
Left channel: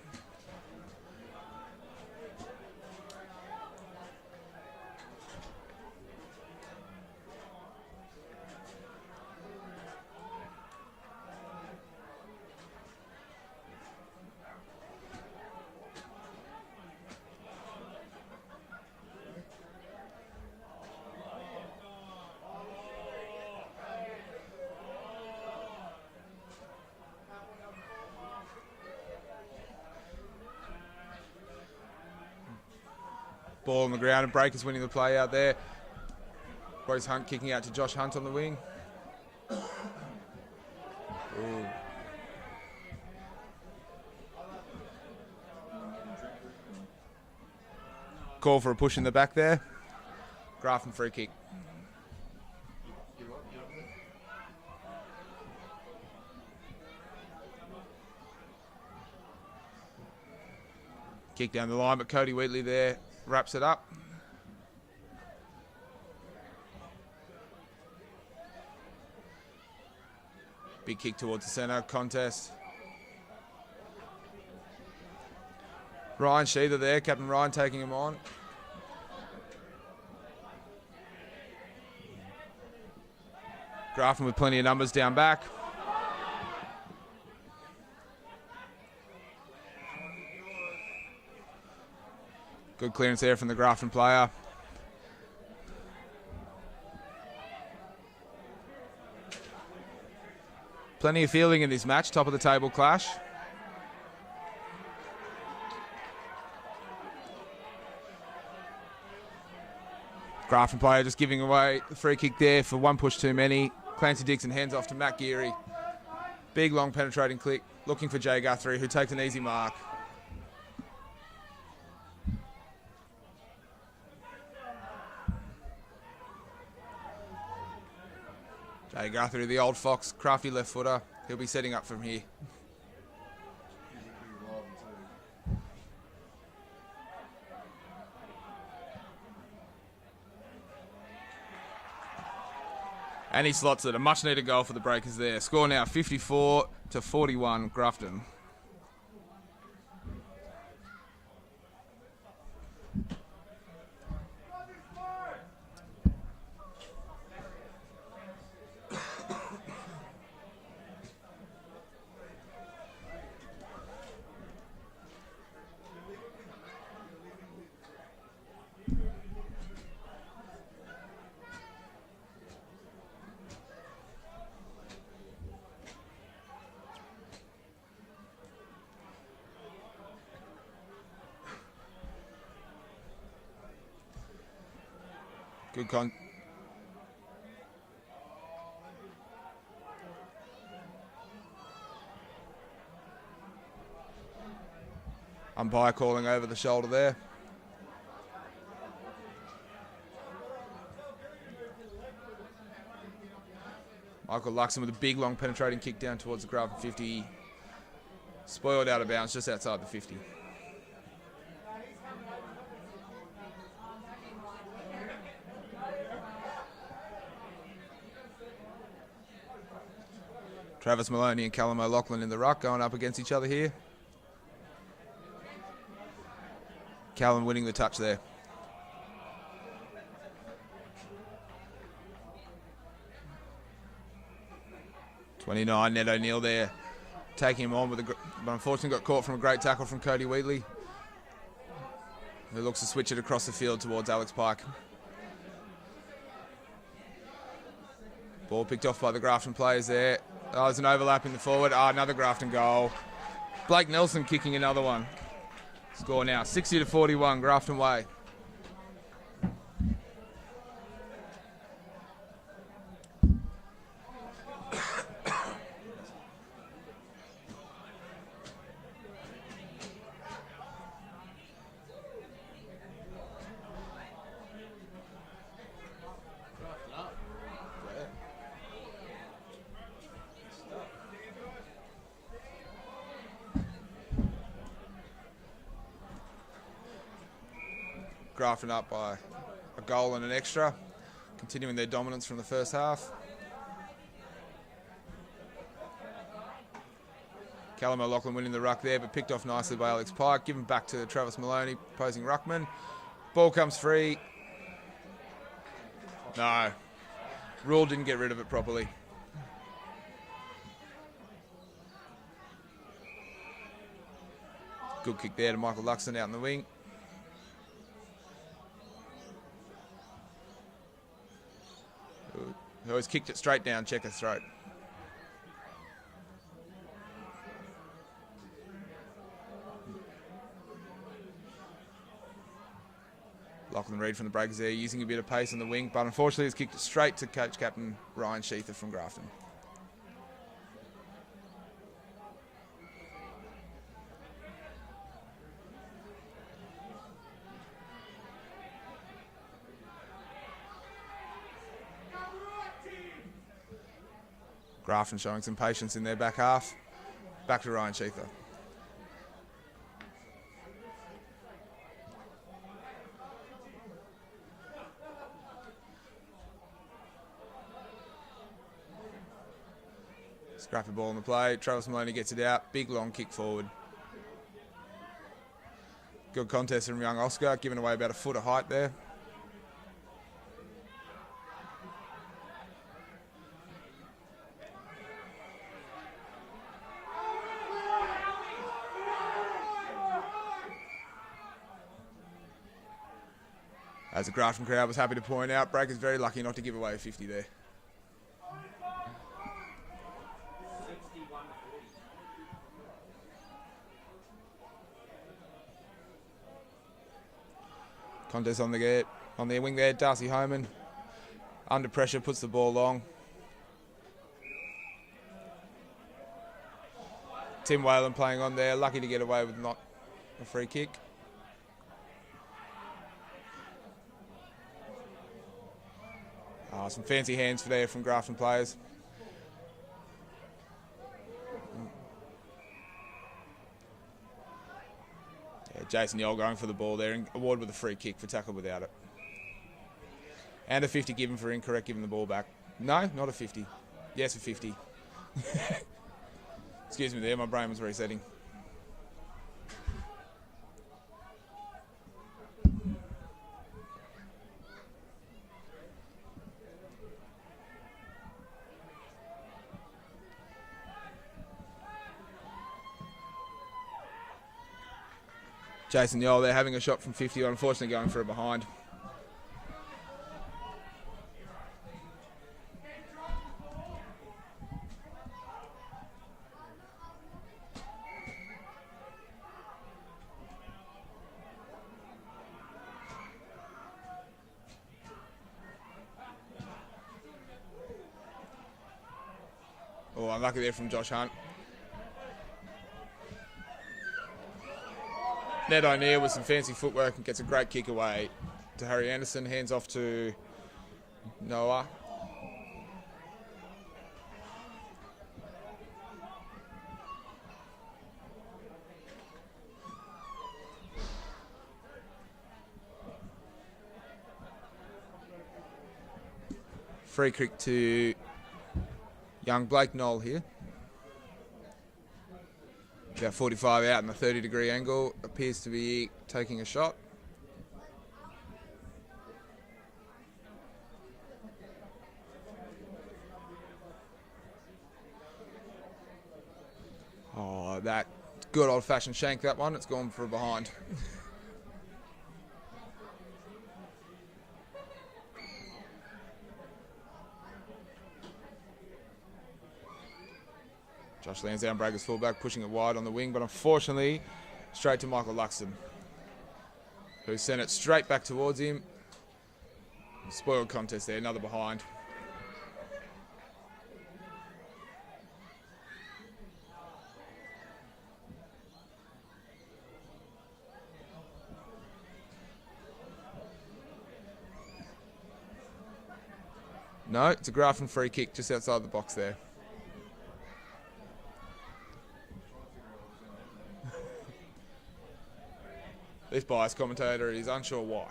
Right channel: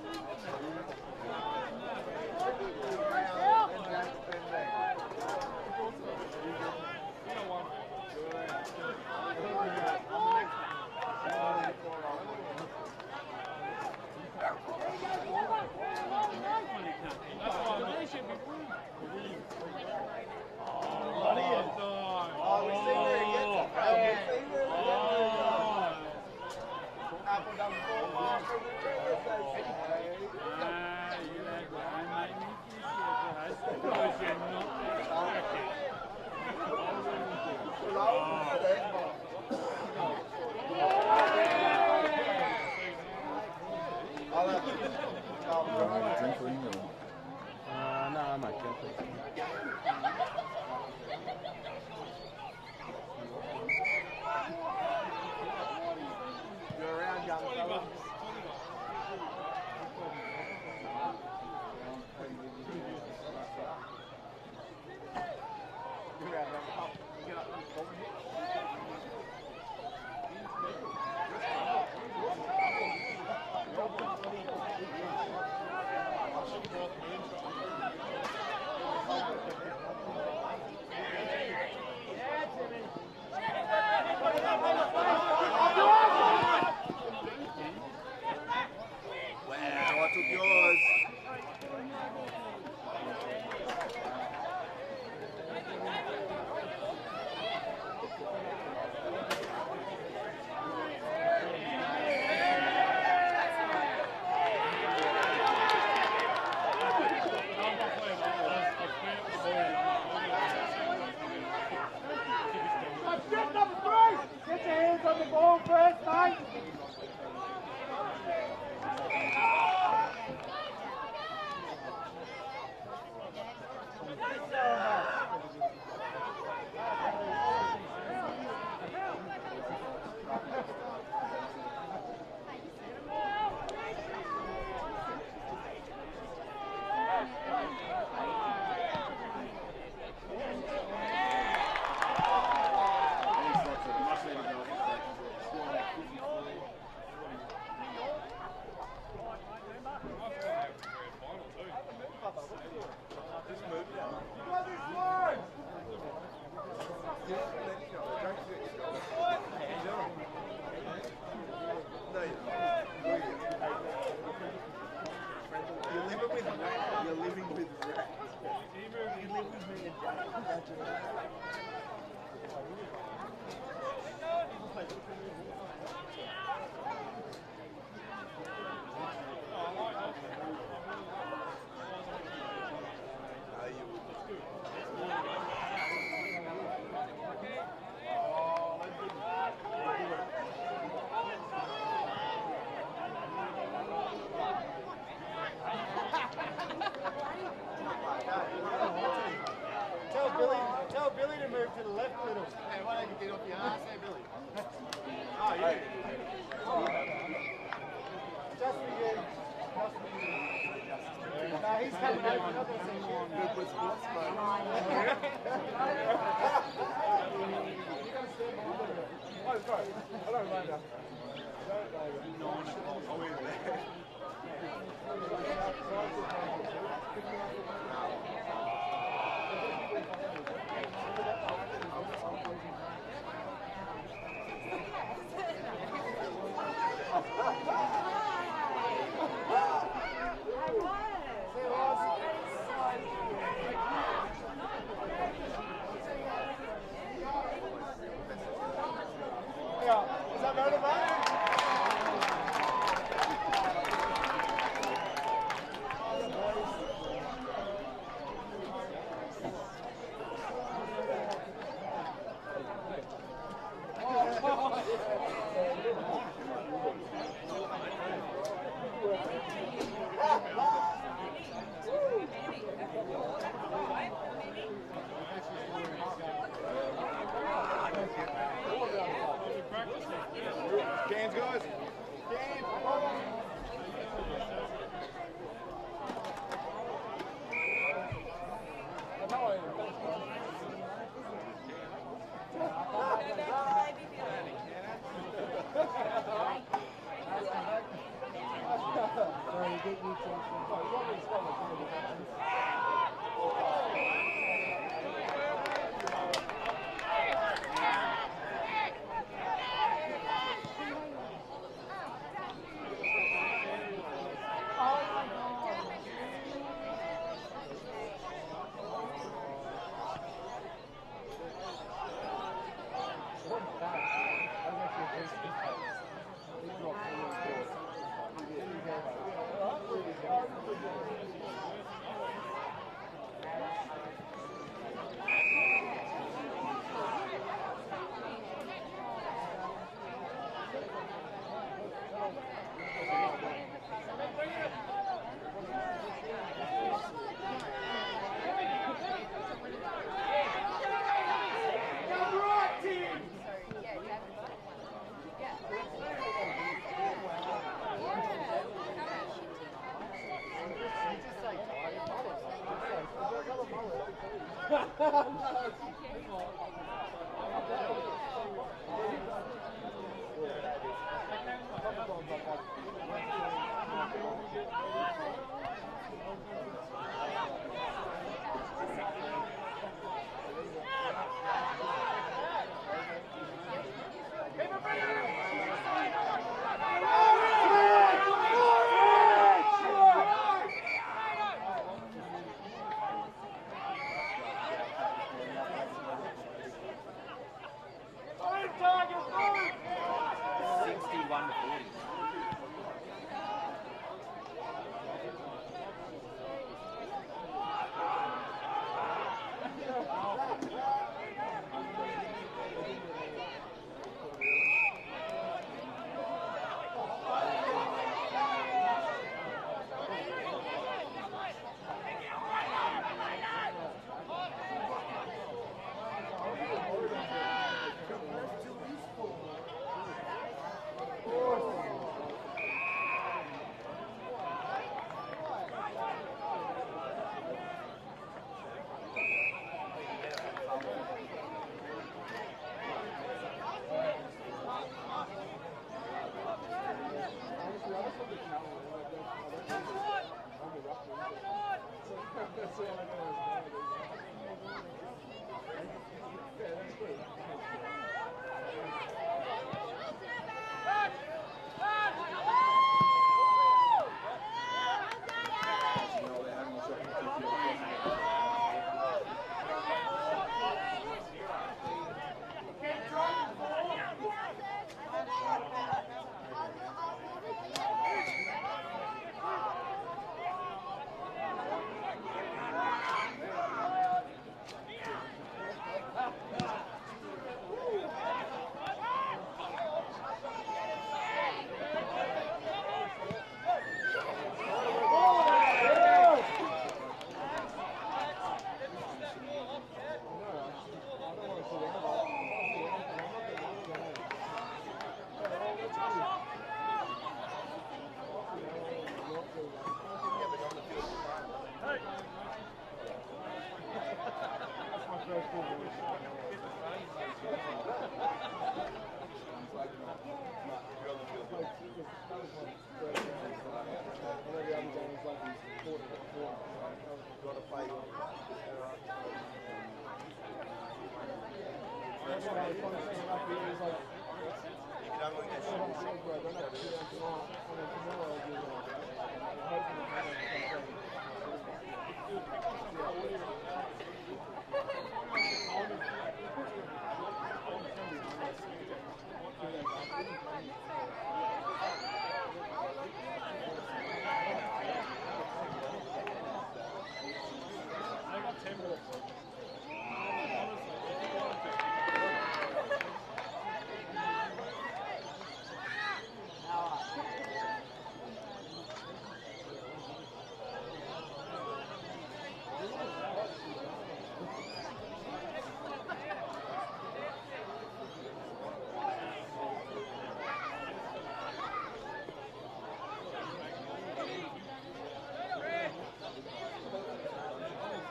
Ball on the ground and Breakers winning the play out there. Bruce Hunt kicking out to Josh Hunt on the wing. Call for a push in the back there. Grafton free kick. Kick down the line, but Cody Wheatley there wraps it up. Big kick towards the centre, contest. Ryan Sheether there, Captain Ryan taking him on. Grafton with plenty of numbers down back. Good clearance there from the Grafton player. Plenty of fielding in this match, top of the table clash. Grafton player just giving away the free kick there for one push too many. Clancy Dixon hands off to Matt Geary. Big long penetrating click, looking for Jay Guthrie, who takes an easy mark. Jay Guthrie, the old Fox, crafty left footer. He'll be setting up from here. And he slots it. A much needed goal for the Breakers there. Score now 54-41 Grafton. Good con. Umpire calling over the shoulder there. Tell Billy to move to the left a little. Hey, why don't you get off your ass? Hey, Billy. Michael Luxon with a big long penetrating kick down towards the Grafton 50. Spoiled out of bounds just outside the 50. He's coming over. Travis Maloney and Callum O'Loughlin in the ruck going up against each other here. Callum winning the touch there. (29) Ned O'Neill there, taking him on with but unfortunately got caught from a great tackle from Cody Wheatley. He looks to switch it across the field towards Alex Pike. Ball picked off by the Grafton players there. Oh, there's an overlap in the forward. Oh, another Grafton goal. Blake Nelson kicking another one. Score now 60-41, Grafton way. Grafton up by a goal and an extra, continuing their dominance from the first half. Callum O'Loughlin winning the ruck there, but picked off nicely by Alex Pike, given back to Travis Maloney, opposing ruckman. Ball comes free. No, Rule didn't get rid of it properly. Good kick there to Michael Luxon out in the wing. He always kicked it straight down Checker's throat. Lachlan Reid from the breakers there, using a bit of pace in the wing, but unfortunately he's kicked it straight to coach captain Ryan Sheether from Grafton. Grafton showing some patience in their back half. Back to Ryan Sheether. Scrappy ball in the play. Travis Maloney gets it out. Big long kick forward. Good contest from young Oscar, giving away about a foot of height there. As the Grafton crowd was happy to point out, Breaker's very lucky not to give away a 50 there. Contest on the wing there, Darcy Homan. Under pressure, puts the ball long. Tim Whalen playing on there, lucky to get away with not a free kick. Some fancy hands there from Grafton players. Jason Yell going for the ball there and awarded with a free kick for tackle without it. And a 50 given for incorrect giving the ball back. No, not a 50. Yes, a 50. Excuse me there, my brain was resetting. Jason Yole there having a shot from 50, unfortunately going for a behind. Oh, unlucky there from Josh Hunt. Ned O'Neill with some fancy footwork and gets a great kick away to Harry Anderson. Hands off to Noah. Free kick to Young Blake Knoll here. About 45 out in the 30-degree angle. Appears to be taking a shot. Oh, that good old-fashioned shank, that one. It's gone for behind. Josh Lansdowne, Breakers fullback, pushing it wide on the wing, but unfortunately, straight to Michael Luxon, who sent it straight back towards him. Spoiled contest there, another behind. No, it's a Grafton free kick just outside the box there. This biased commentator is unsure why.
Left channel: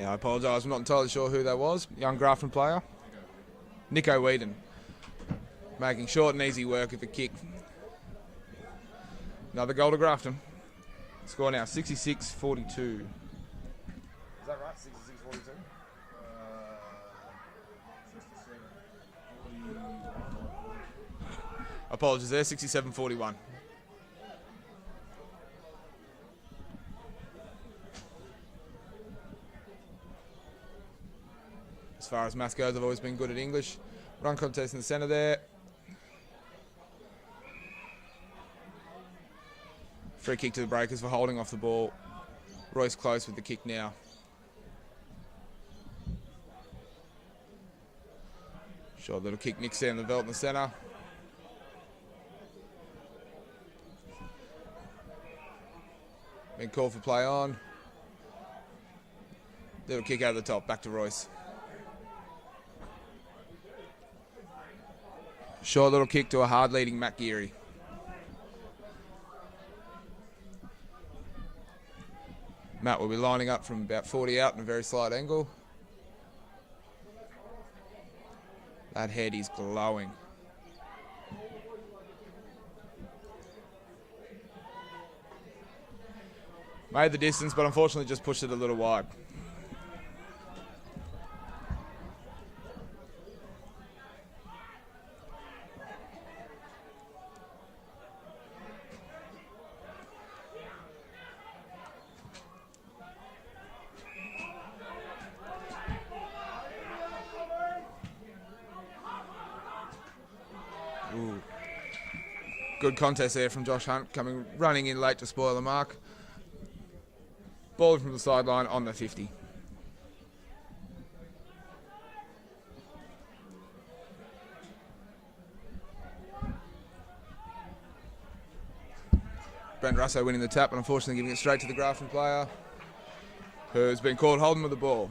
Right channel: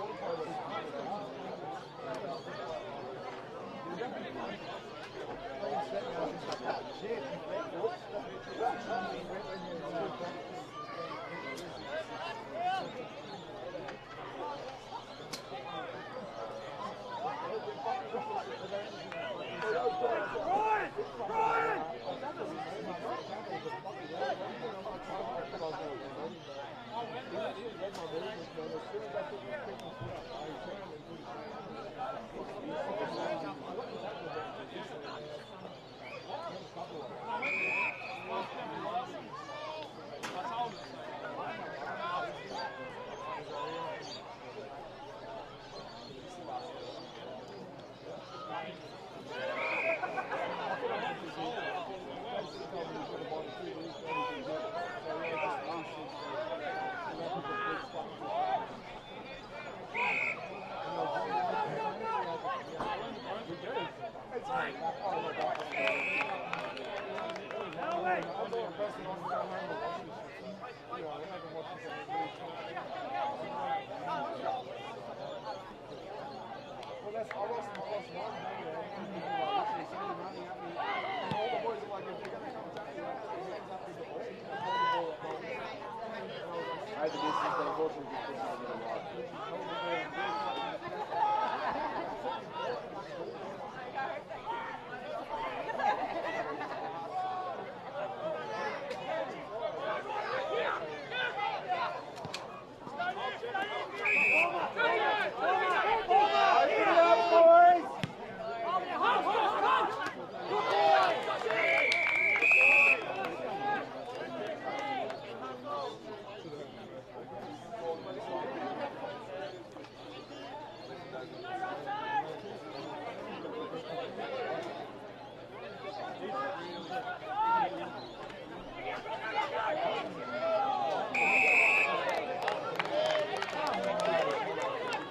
I apologise, I'm not entirely sure who that was. Young Grafton player. Nico Whedon. Making short and easy work at the kick. Another goal to Grafton. Score now 66-42. Apologies there, 67-41. As far as maths goes, I've always been good at English. Run contest in the centre there. Free kick to the Breakers for holding off the ball. Royce close with the kick now. Short little kick nicks down the belt in the centre. Then call for play on. Little kick over the top, back to Royce. Short little kick to a hard leading Matt Geary. Matt will be lining up from about 40 out in a very slight angle. That head is glowing. Made the distance, but unfortunately just pushed it a little wide. Good contest there from Josh Hunt, running in late to spoil the mark. Ball from the sideline on the 50. Brent Russo winning the tap, unfortunately giving it straight to the Grafton player, who's been caught holding of the ball.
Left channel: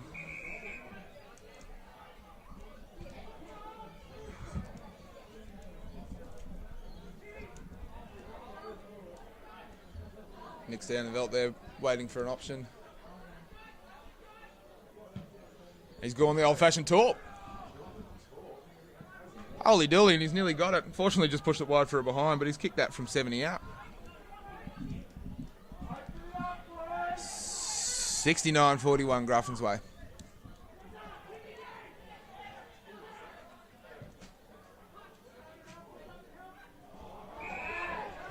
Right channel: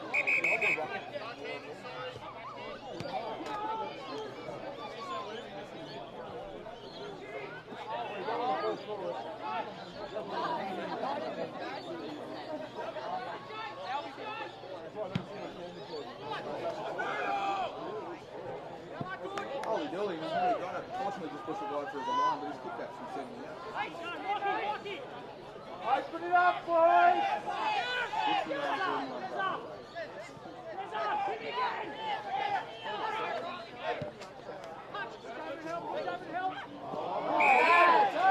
Nicks down the belt there, waiting for an option. He's going the old-fashioned talk. Holy dooly, and he's nearly got it. Fortunately, just pushed it wide for a behind, but he's kicked that from 70 out. 69-41 Grafton's way.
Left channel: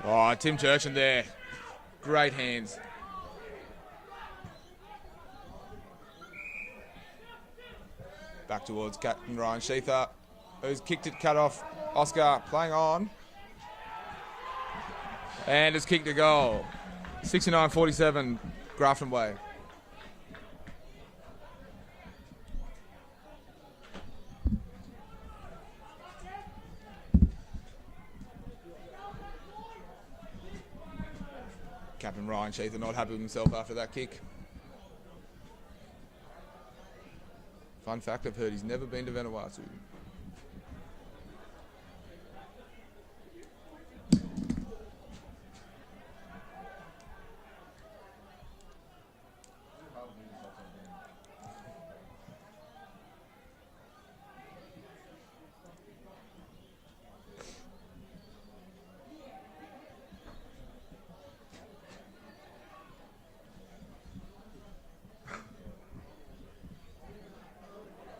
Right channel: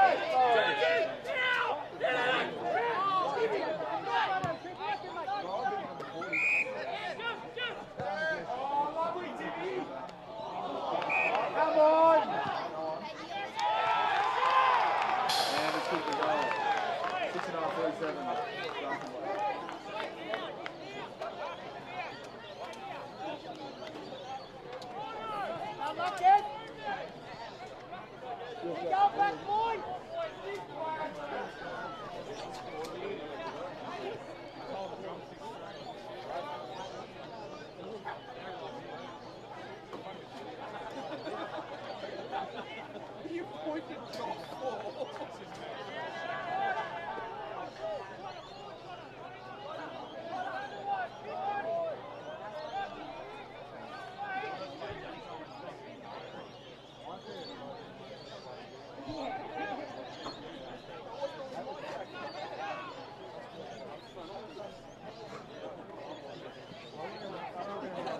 Oh, Tim Turchin there. Great hands. Back towards Captain Ryan Sheether, who's kicked it, cut off. Oscar playing on. And has kicked a goal. 69-47 Grafton way. Captain Ryan Sheether not happy with himself after that kick. Fun fact, I've heard he's never been to Vanuatu.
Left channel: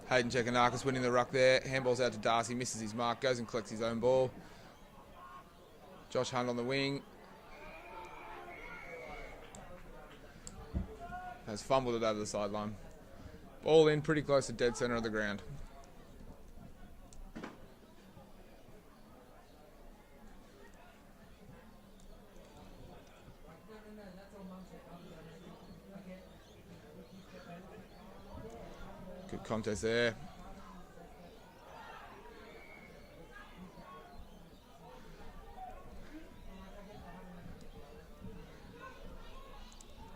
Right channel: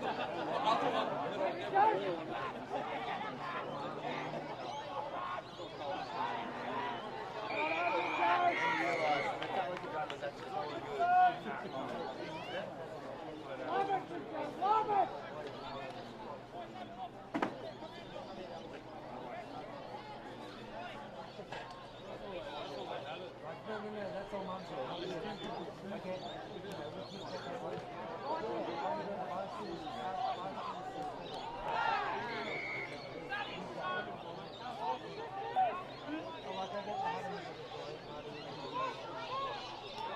Hayden Chekanakis winning the ruck there. Handball's out to Darcy, misses his mark, goes and collects his own ball. Josh Hunt on the wing. Has fumbled it over the sideline. Ball in pretty close to dead centre of the ground. Good contest there.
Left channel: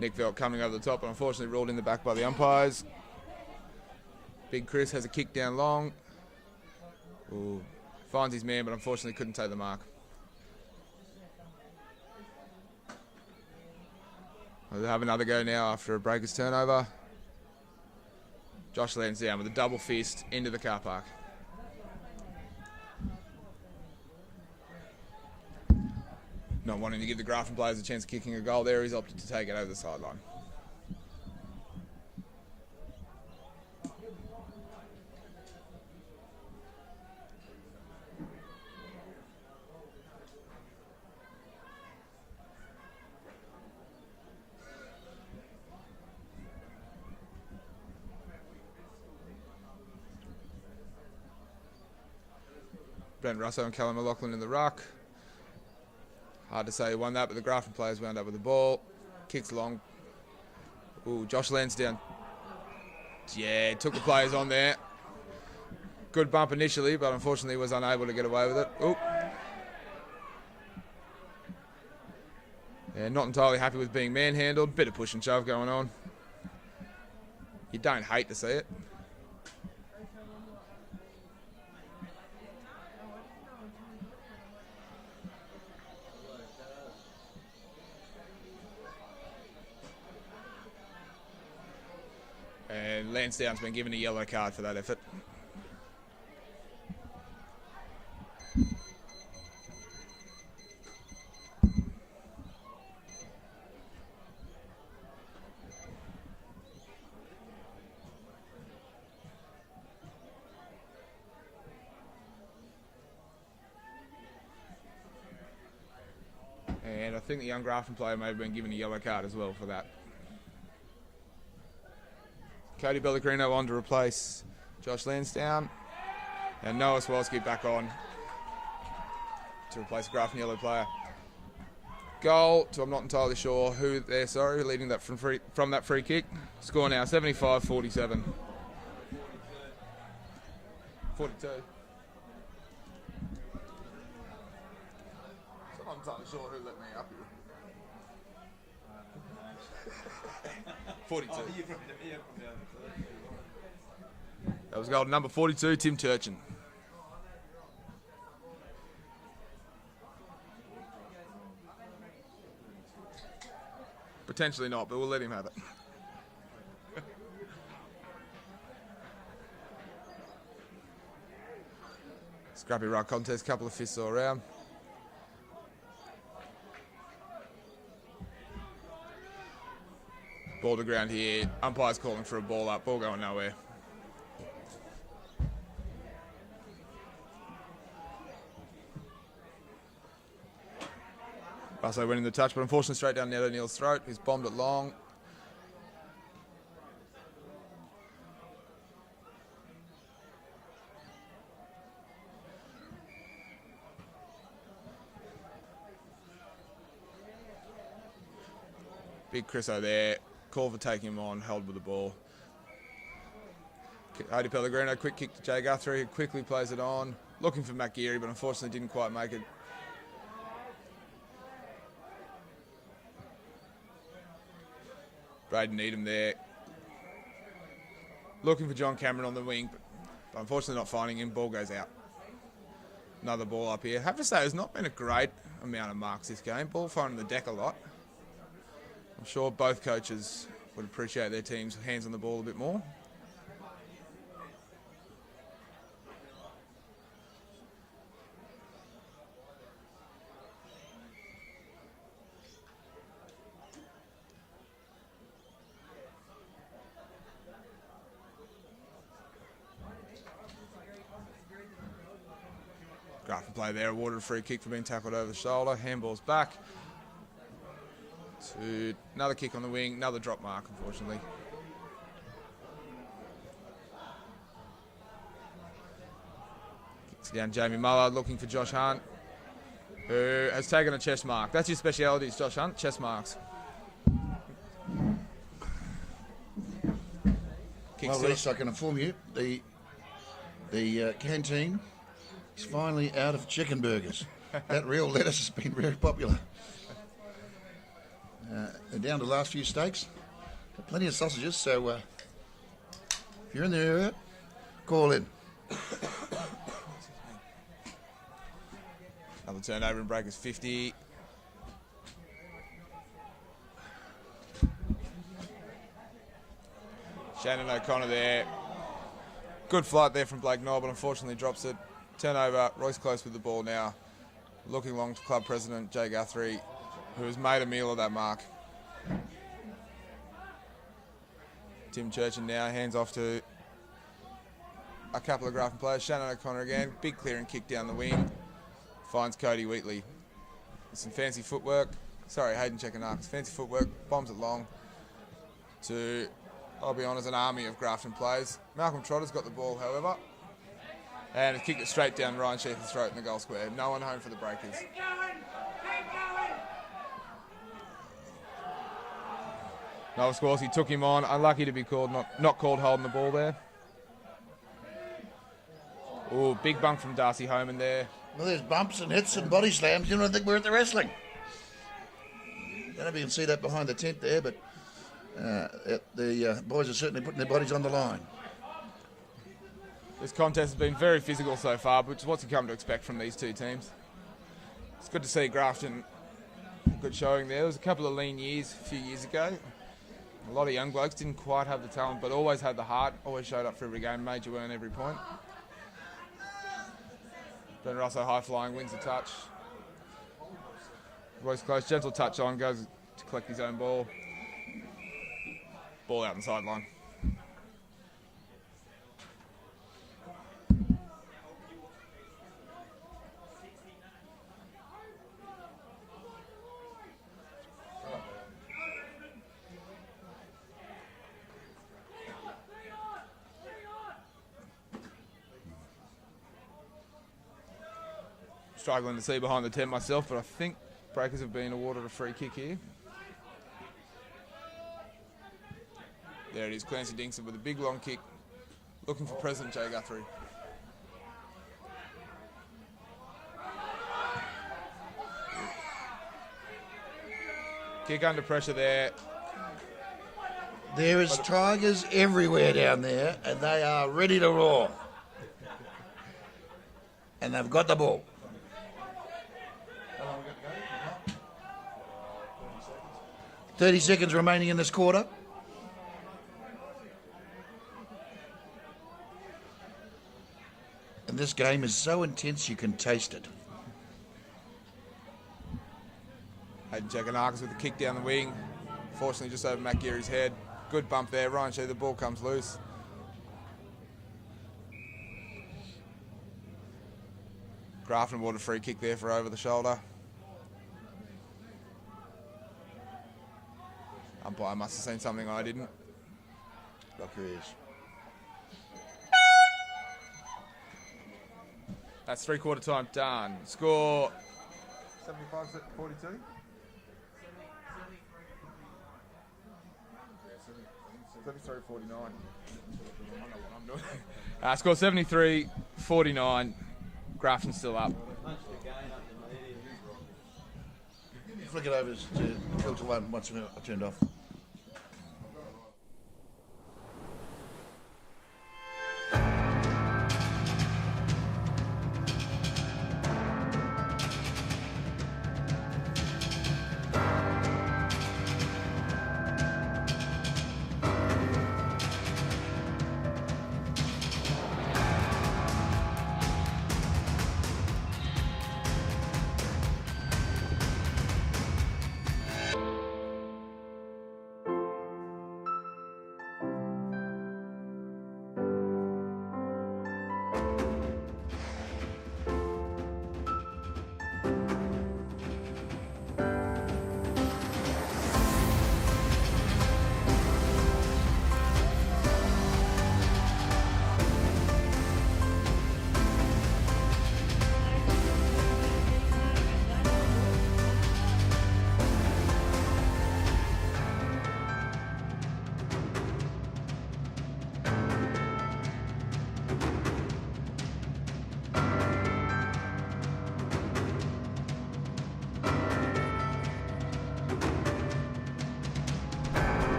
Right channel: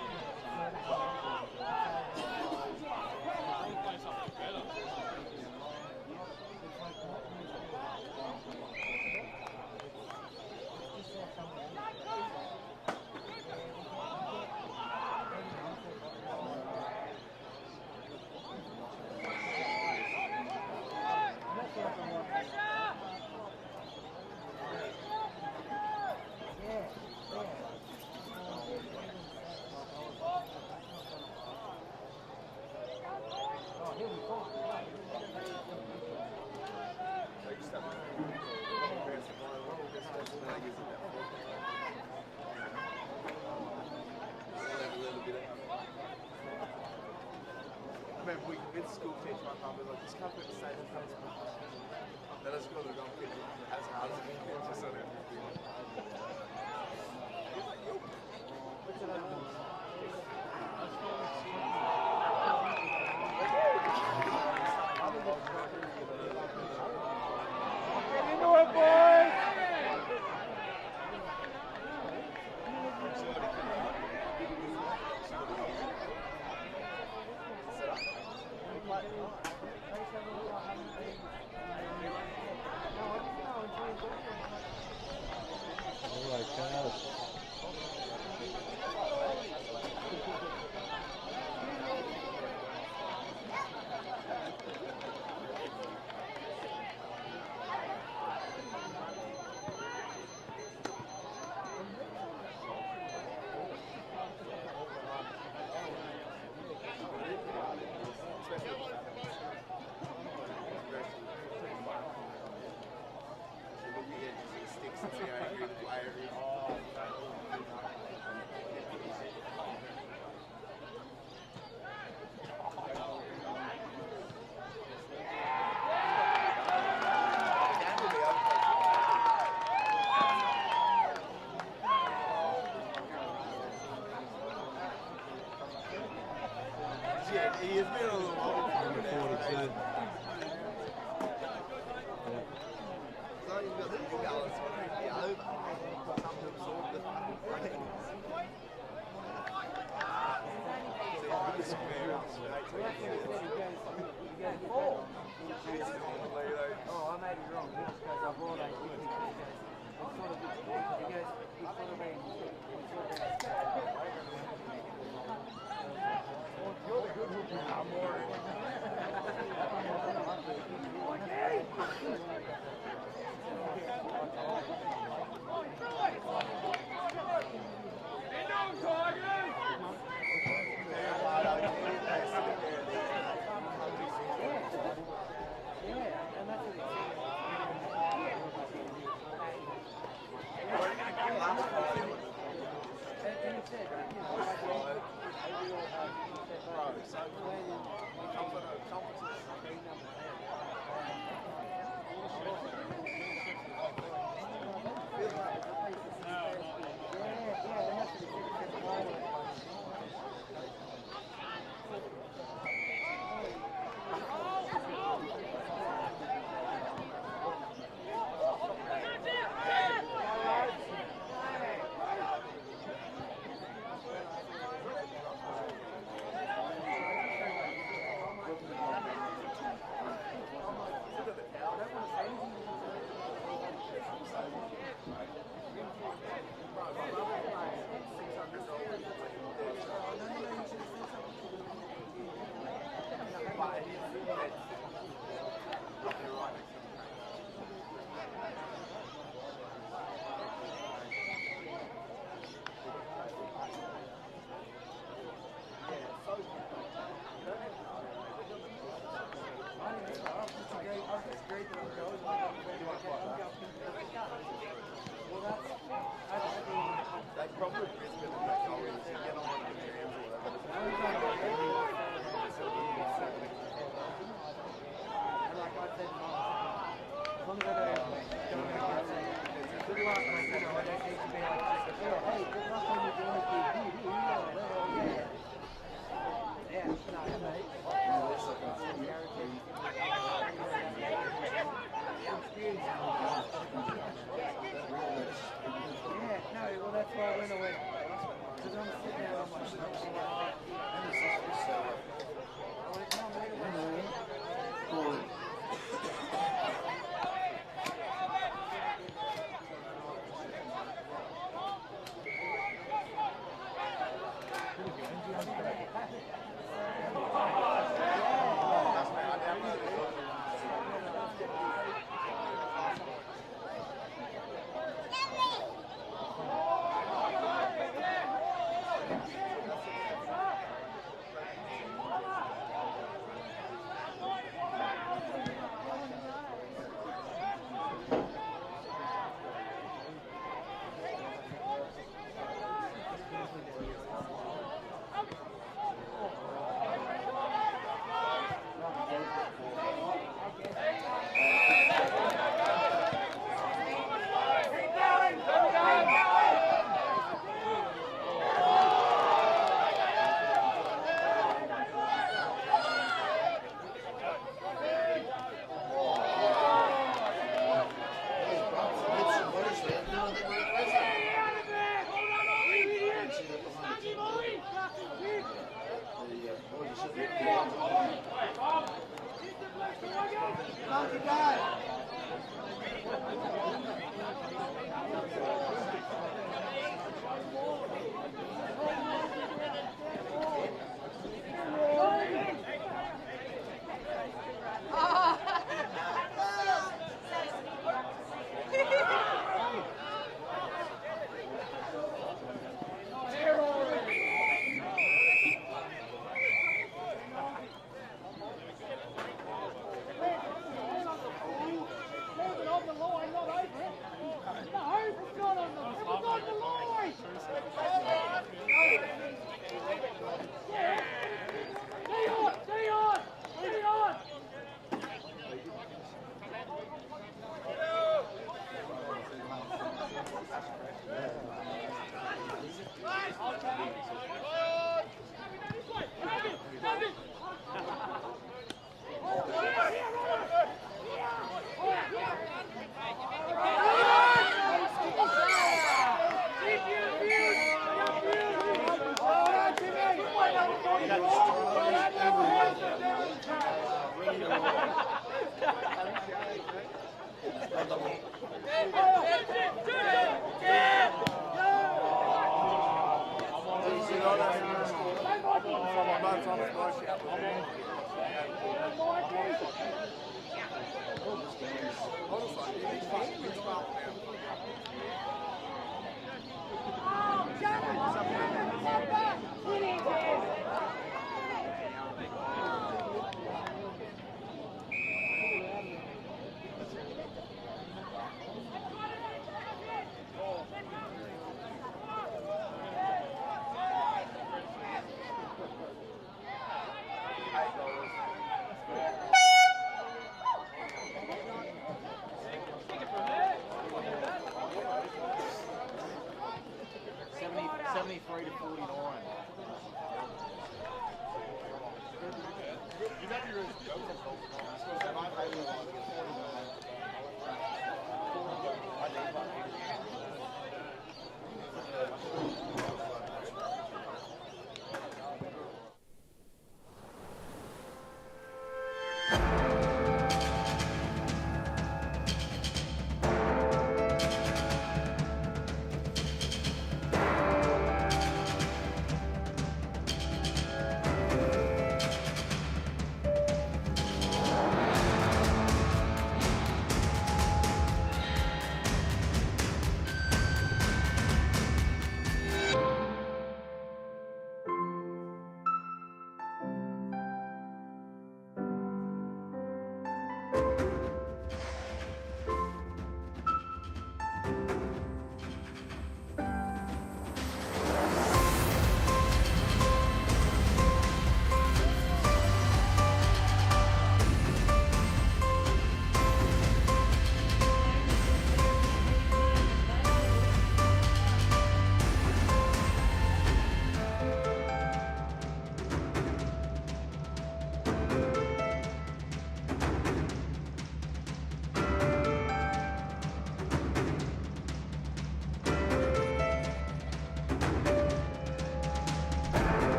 Nick Velt coming over the top, but unfortunately ruled in the back by the umpires. Big Chris has a kick down long. Ooh. Finds his man, but unfortunately couldn't take the mark. We'll have another go now after a breaker's turnover. Josh lands down with a double fist into the car park. Not wanting to give the Grafton players a chance of kicking a goal there, he's opted to take it over the sideline. Brent Russo and Callum McLaughlin in the ruck. Hard to say who won that, but the Grafton players wound up with the ball. Kicks long. Ooh, Josh Lansdowne. Yeah, took the players on there. Good bump initially, but unfortunately was unable to get away with it. Ooh. Yeah, not entirely happy with being manhandled. Bit of push and shove going on. You don't hate to see it. Lansdowne's been given a yellow card for that effort. And I think the young Grafton player may have been given a yellow card as well for that. Cody Pellegrino on to replace Josh Lansdowne. And Noah Swolski back on to replace Grafton yellow player. Goal, so I'm not entirely sure who they're leading that from that free kick. Score now 75-47. 42. That was goal number 42, Tim Turchin. Potentially not, but we'll let him have it. Scrappy ruck contest, couple of fists all around. Ball to ground here. Umpire's calling for a ball up. Ball going nowhere. Also winning the touch, but unfortunately straight down Nelly Neal's throat. He's bombed it long. Big Chriso there. Call for taking him on, held with the ball. Cody Pellegrino, quick kick to Jay Guthrie, who quickly plays it on. Looking for Matt Geary, but unfortunately didn't quite make it. Braden Needham there. Looking for John Cameron on the wing. Unfortunately not finding him. Ball goes out. Another ball up here. Have to say, there's not been a great amount of marks this game. Ball finding the deck a lot. I'm sure both coaches would appreciate their team's hands on the ball a bit more. Grafton play there, awarded a free kick for being tackled over the shoulder. Handball's back. Another kick on the wing, another drop mark, unfortunately. It's down Jamie Muller looking for Josh Hunt, who has taken a chest mark. That's his speciality, is Josh Hunt, chest marks. Well, Reece, I can inform you, the canteen is finally out of chicken burgers. That real lettuce has been very popular. And down to the last few steaks, plenty of sausages, so if you're in the area, call in. Another turnover and breakers 50. Shannon O'Connor there. Good flight there from Blake Melbourne, unfortunately drops it. Turnover, Royce close with the ball now. Looking along to club president Jay Guthrie, who has made a meal of that mark. Tim Churchin now hands off to a couple of Grafton players. Shannon O'Connor again, big clearing kick down the wing. Finds Cody Wheatley. Some fancy footwork. Sorry, Hayden checking up. It's fancy footwork, bombs it long to, I'll be honest, an army of Grafton players. Malcolm Trotter's got the ball, however. And kicked it straight down Ryan Shepherd's throat in the goal square. No one home for the Breakers. Noel Scorsese took him on. Unlucky to be called, not called holding the ball there. Ooh, big bump from Darcy Homan there. Well, there's bumps and hits and body slams. You don't think we're at the wrestling. I don't even see that behind the tent there, but the boys are certainly putting their bodies on the line. This contest has been very physical so far, but it's what's you come to expect from these two teams. It's good to see Grafton good showing there. There was a couple of lean years a few years ago. A lot of young blokes didn't quite have the talent, but always had the heart, always showed up for every game, made you earn every point. Then Russo high flying, wins the touch. Always close, gentle touch on, goes to collect his own ball. Ball out on the sideline. Struggling to see behind the tent myself, but I think Breakers have been awarded a free kick here. There it is, Clancy Dingson with a big long kick, looking for President Jay Guthrie. Kick under pressure there. There is tigers everywhere down there, and they are ready to roar. And they've got the ball. .30 seconds remaining in this quarter. And this game is so intense you can taste it. Hayden checking arcs with a kick down the wing. Fortunately just over Nakiri's head. Good bump there. Ryan Shea, the ball comes loose. Grafton awarded a free kick there for over the shoulder. Umpire must have seen something I didn't. That's three-quarter time done. Score. 73 to 49. Score 73-49. Grafton's still up. Flick it over to filter one once it's turned off.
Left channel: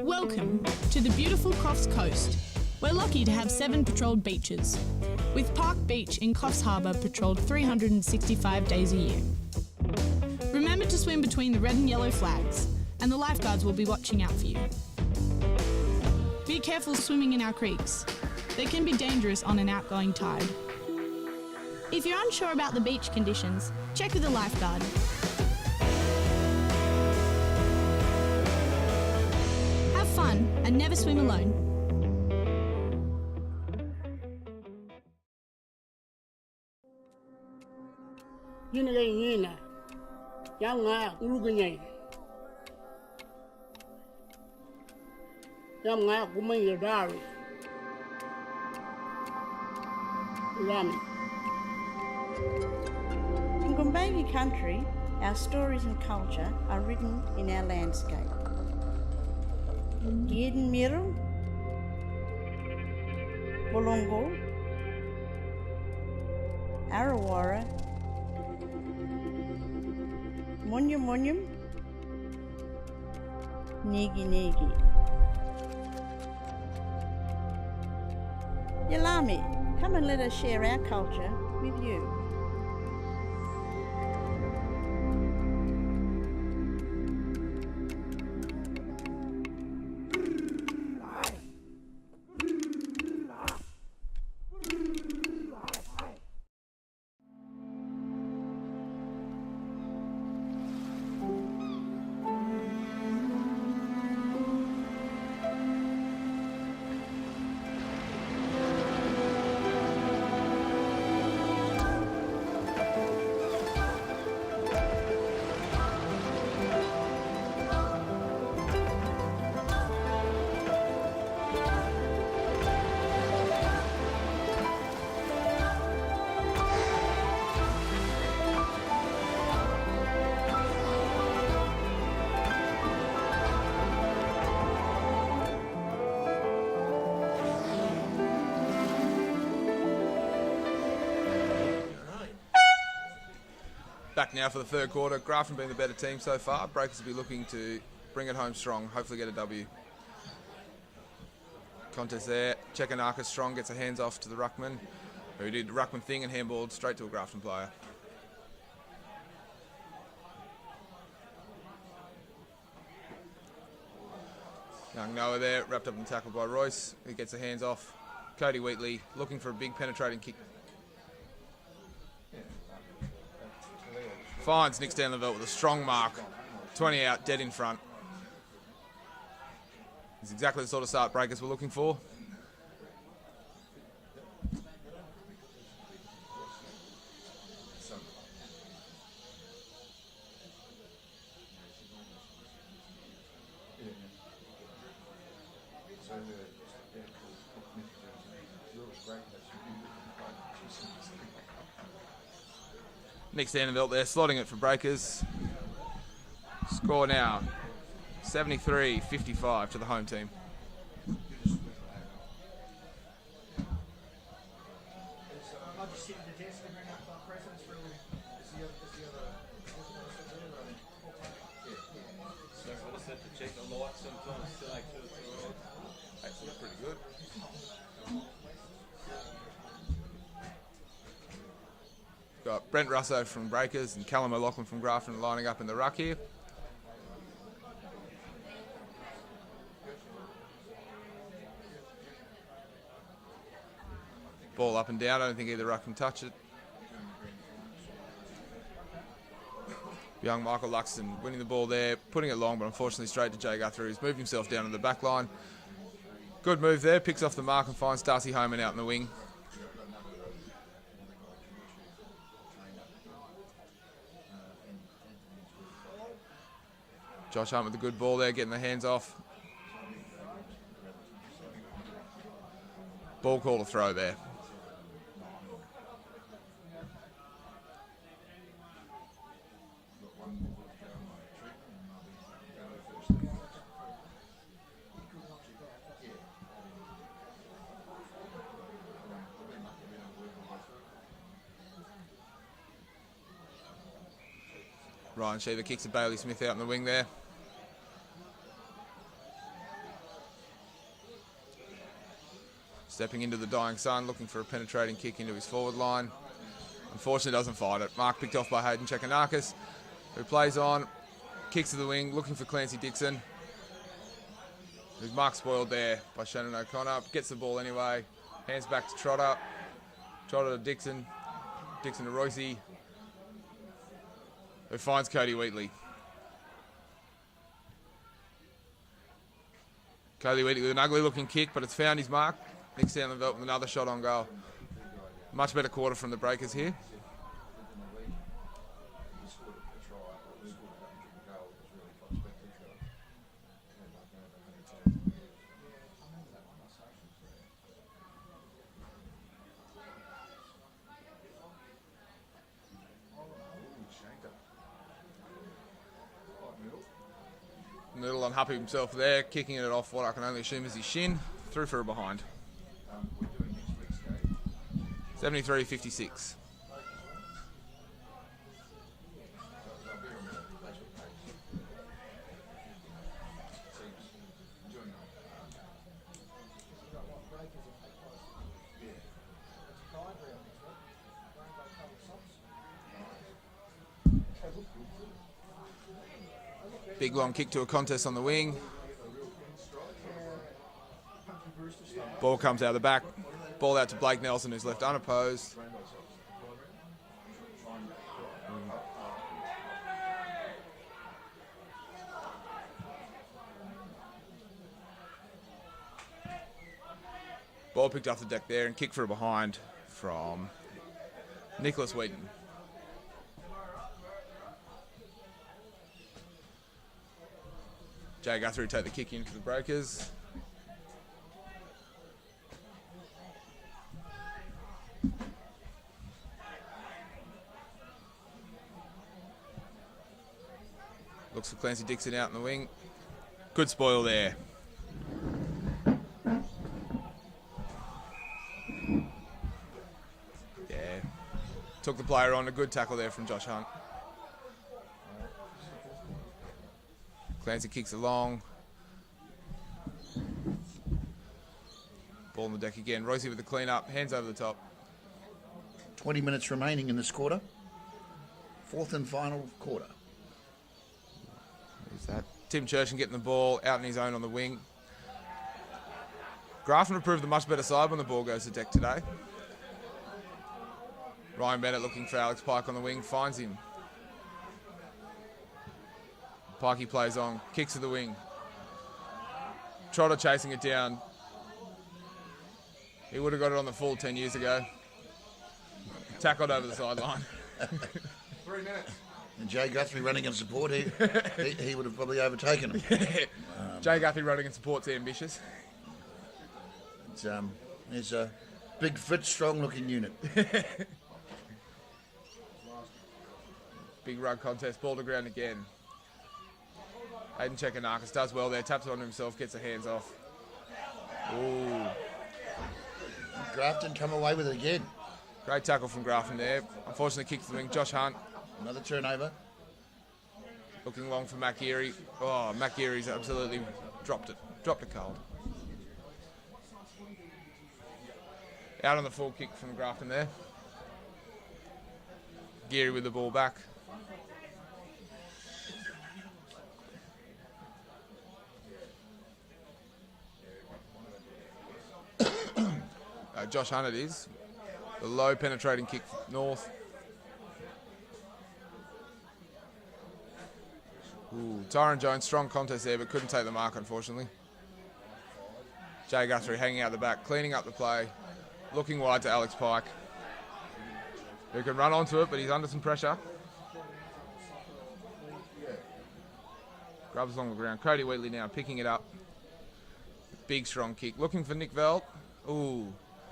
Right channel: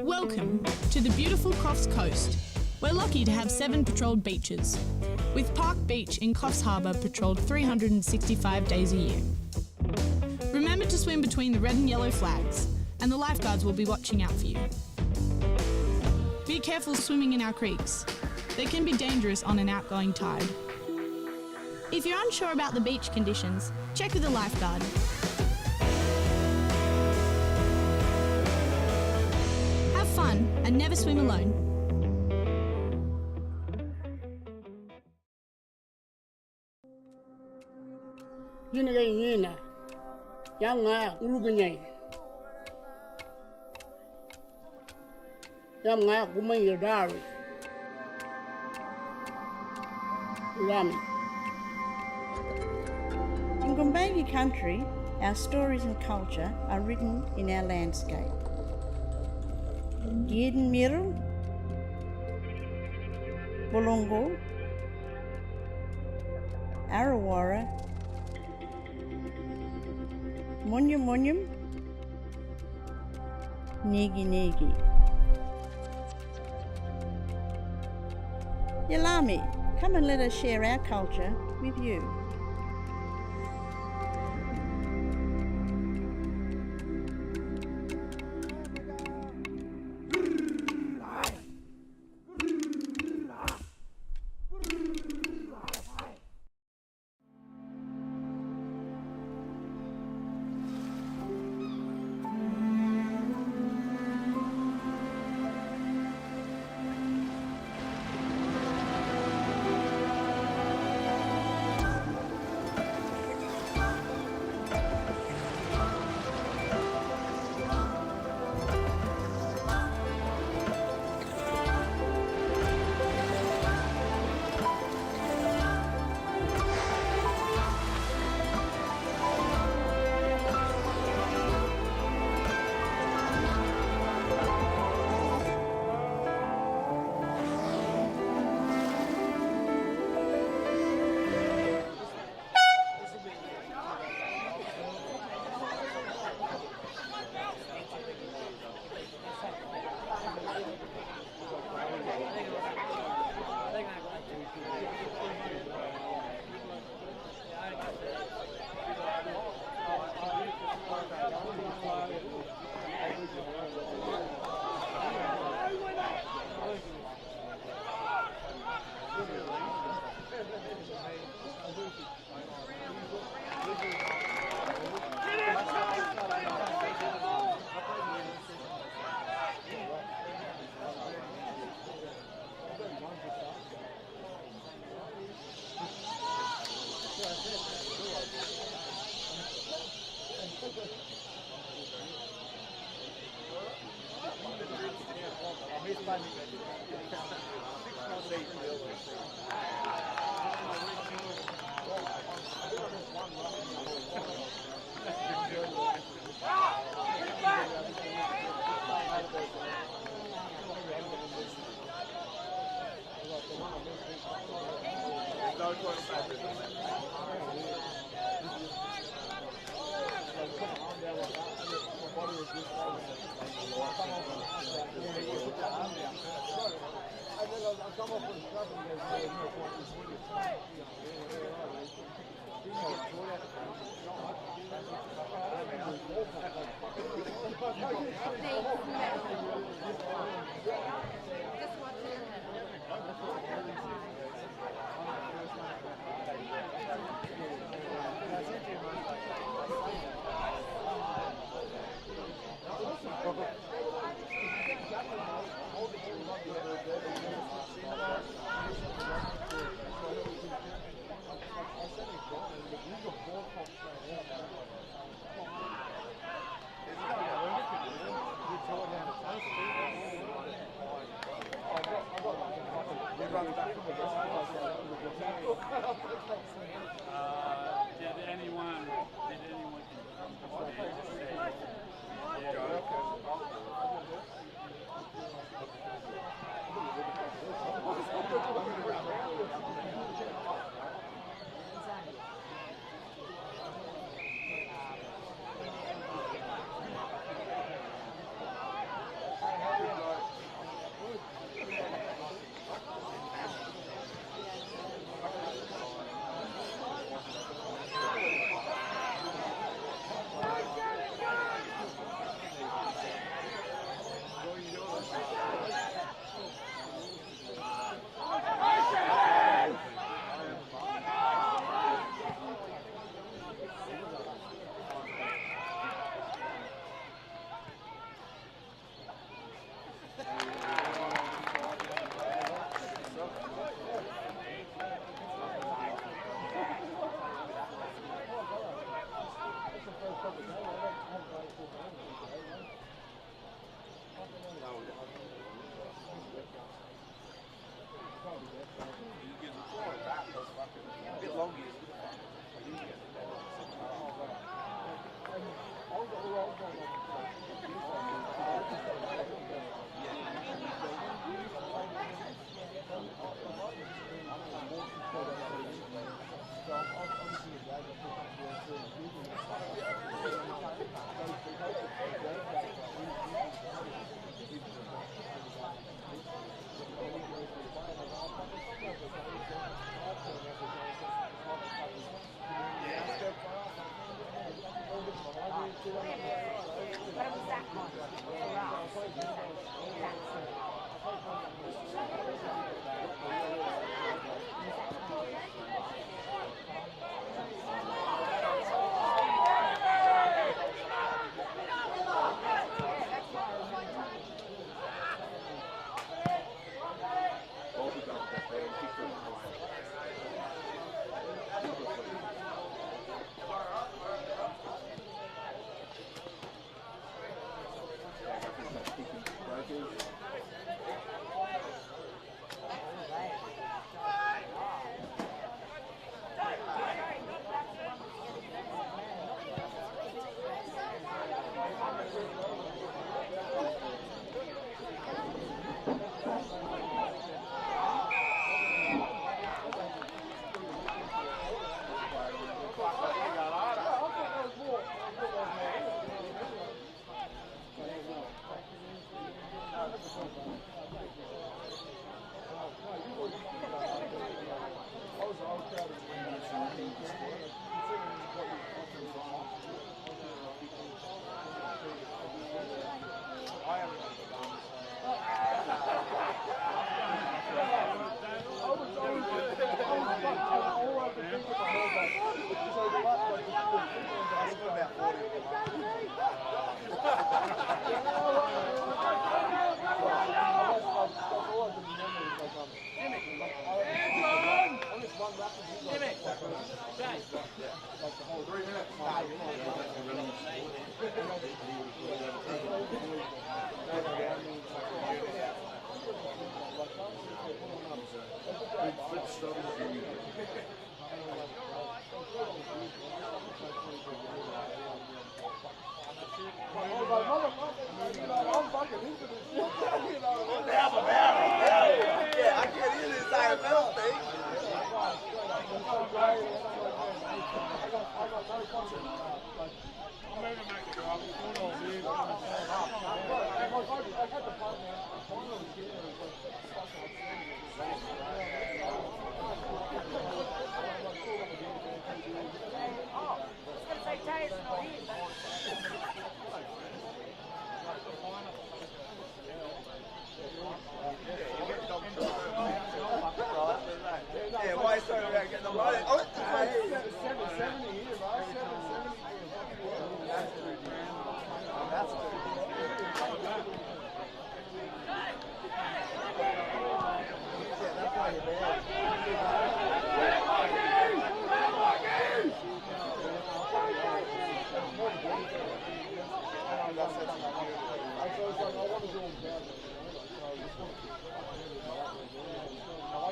Welcome to the beautiful Coffs Coast. We're lucky to have 7 patrolled beaches, with Park Beach in Coffs Harbour patrolled 365 days a year. Remember to swim between the red and yellow flags, and the lifeguards will be watching out for you. Be careful swimming in our creeks. They can be dangerous on an outgoing tide. If you're unsure about the beach conditions, check with a lifeguard. Have fun and never swim alone. Yini ga yina. Yang nga uluga nyai. Yang nga kumai dari. Ramen. In Gumbayi country, our stories and culture are written in our landscape. Yidin Miru, Bulungu, Arawara, Munyum Munyum, Nigi Nigi. Yalami, come and let us share our culture with you. Back now for the third quarter. Grafton being the better team so far. Breakers will be looking to bring it home strong, hopefully get a W. Contest there. Chekanaka strong, gets her hands off to the ruckman, who did the ruckman thing and handballed straight to a Grafton player. Running over there, wrapped up and tackled by Royce, who gets her hands off. Cody Wheatley looking for a big penetrating kick. Finds Nick Stanleyville with a strong mark. 20 out, dead in front. It's exactly the sort of start breakers we're looking for. Nick Stanleyville there, slotting it for breakers. Score now, 73-55 to the home team. Got Brent Russo from Breakers and Callum O'Loughlin from Grafton lining up in the ruck here. Ball up and down, I don't think either ruck can touch it. Young Michael Luxon winning the ball there, putting it long, but unfortunately straight to Jay Guthrie, who's moved himself down to the back line. Good move there, picks off the mark and finds Darcy Homan out in the wing. Josh Hunt with a good ball there, getting the hands off. Ball call to throw there. Ryan Sheaver kicks a Bailey Smith out in the wing there. Stepping into the dying sun, looking for a penetrating kick into his forward line. Unfortunately doesn't find it. Mark picked off by Hayden Chekanakis, who plays on, kicks to the wing, looking for Clancy Dixon. His mark spoiled there by Shannon O'Connor. Gets the ball anyway, hands back to Trotter. Trotter to Dixon. Dixon to Royce, who finds Cody Wheatley. Cody Wheatley with an ugly looking kick, but it's found his mark. Nicks down the belt with another shot on goal. Much better quarter from the Breakers here. Little unhappy himself there, kicking it off what I can only assume is his shin. Through for a behind. 73-56. Big long kick to a contest on the wing. Ball comes out of the back. Ball out to Blake Nelson, who's left unopposed. Ball picked off the deck there and kicked for a behind from Nicholas Wheaton. Jay Guthrie will take the kick in for the Breakers. Looks for Clancy Dixon out in the wing. Good spoil there. Took the player on, a good tackle there from Josh Hunt. Clancy kicks along. Ball on the deck again. Royce with the clean up, hands over the top. 20 minutes remaining in this quarter. Fourth and final quarter. Tim Churchin getting the ball out in his own on the wing. Grafton proved a much better side when the ball goes to deck today. Ryan Bennett looking for Alex Pike on the wing, finds him. Pikey plays on, kicks to the wing. Trotter chasing it down. He would have got it on the full 10 years ago. Tackled over the sideline. Jay Guthrie running in support, he would have probably overtaken it. Jay Guthrie running in support's ambitious. He's a big, fit, strong-looking unit. Big run contest, ball to ground again. Hayden Chekanakis does well there, taps it on himself, gets the hands off. Grafton come away with it again. Great tackle from Grafton there. Unfortunately, kick from wing. Josh Hunt. Another turnover. Looking along for Matt Geary. Oh, Matt Geary's absolutely dropped it. Dropped the colour. Out on the full kick from Grafton there. Geary with the ball back. Josh Hunt it is. The low penetrating kick north. Tyron Jones, strong contest there, but couldn't take the mark, unfortunately. Jay Guthrie hanging out the back, cleaning up the play, looking wide to Alex Pike. He can run onto it, but he's under some pressure. Grubs along the ground. Cody Wheatley now picking it up. Big strong kick. Looking for Nick Veld. Ooh. I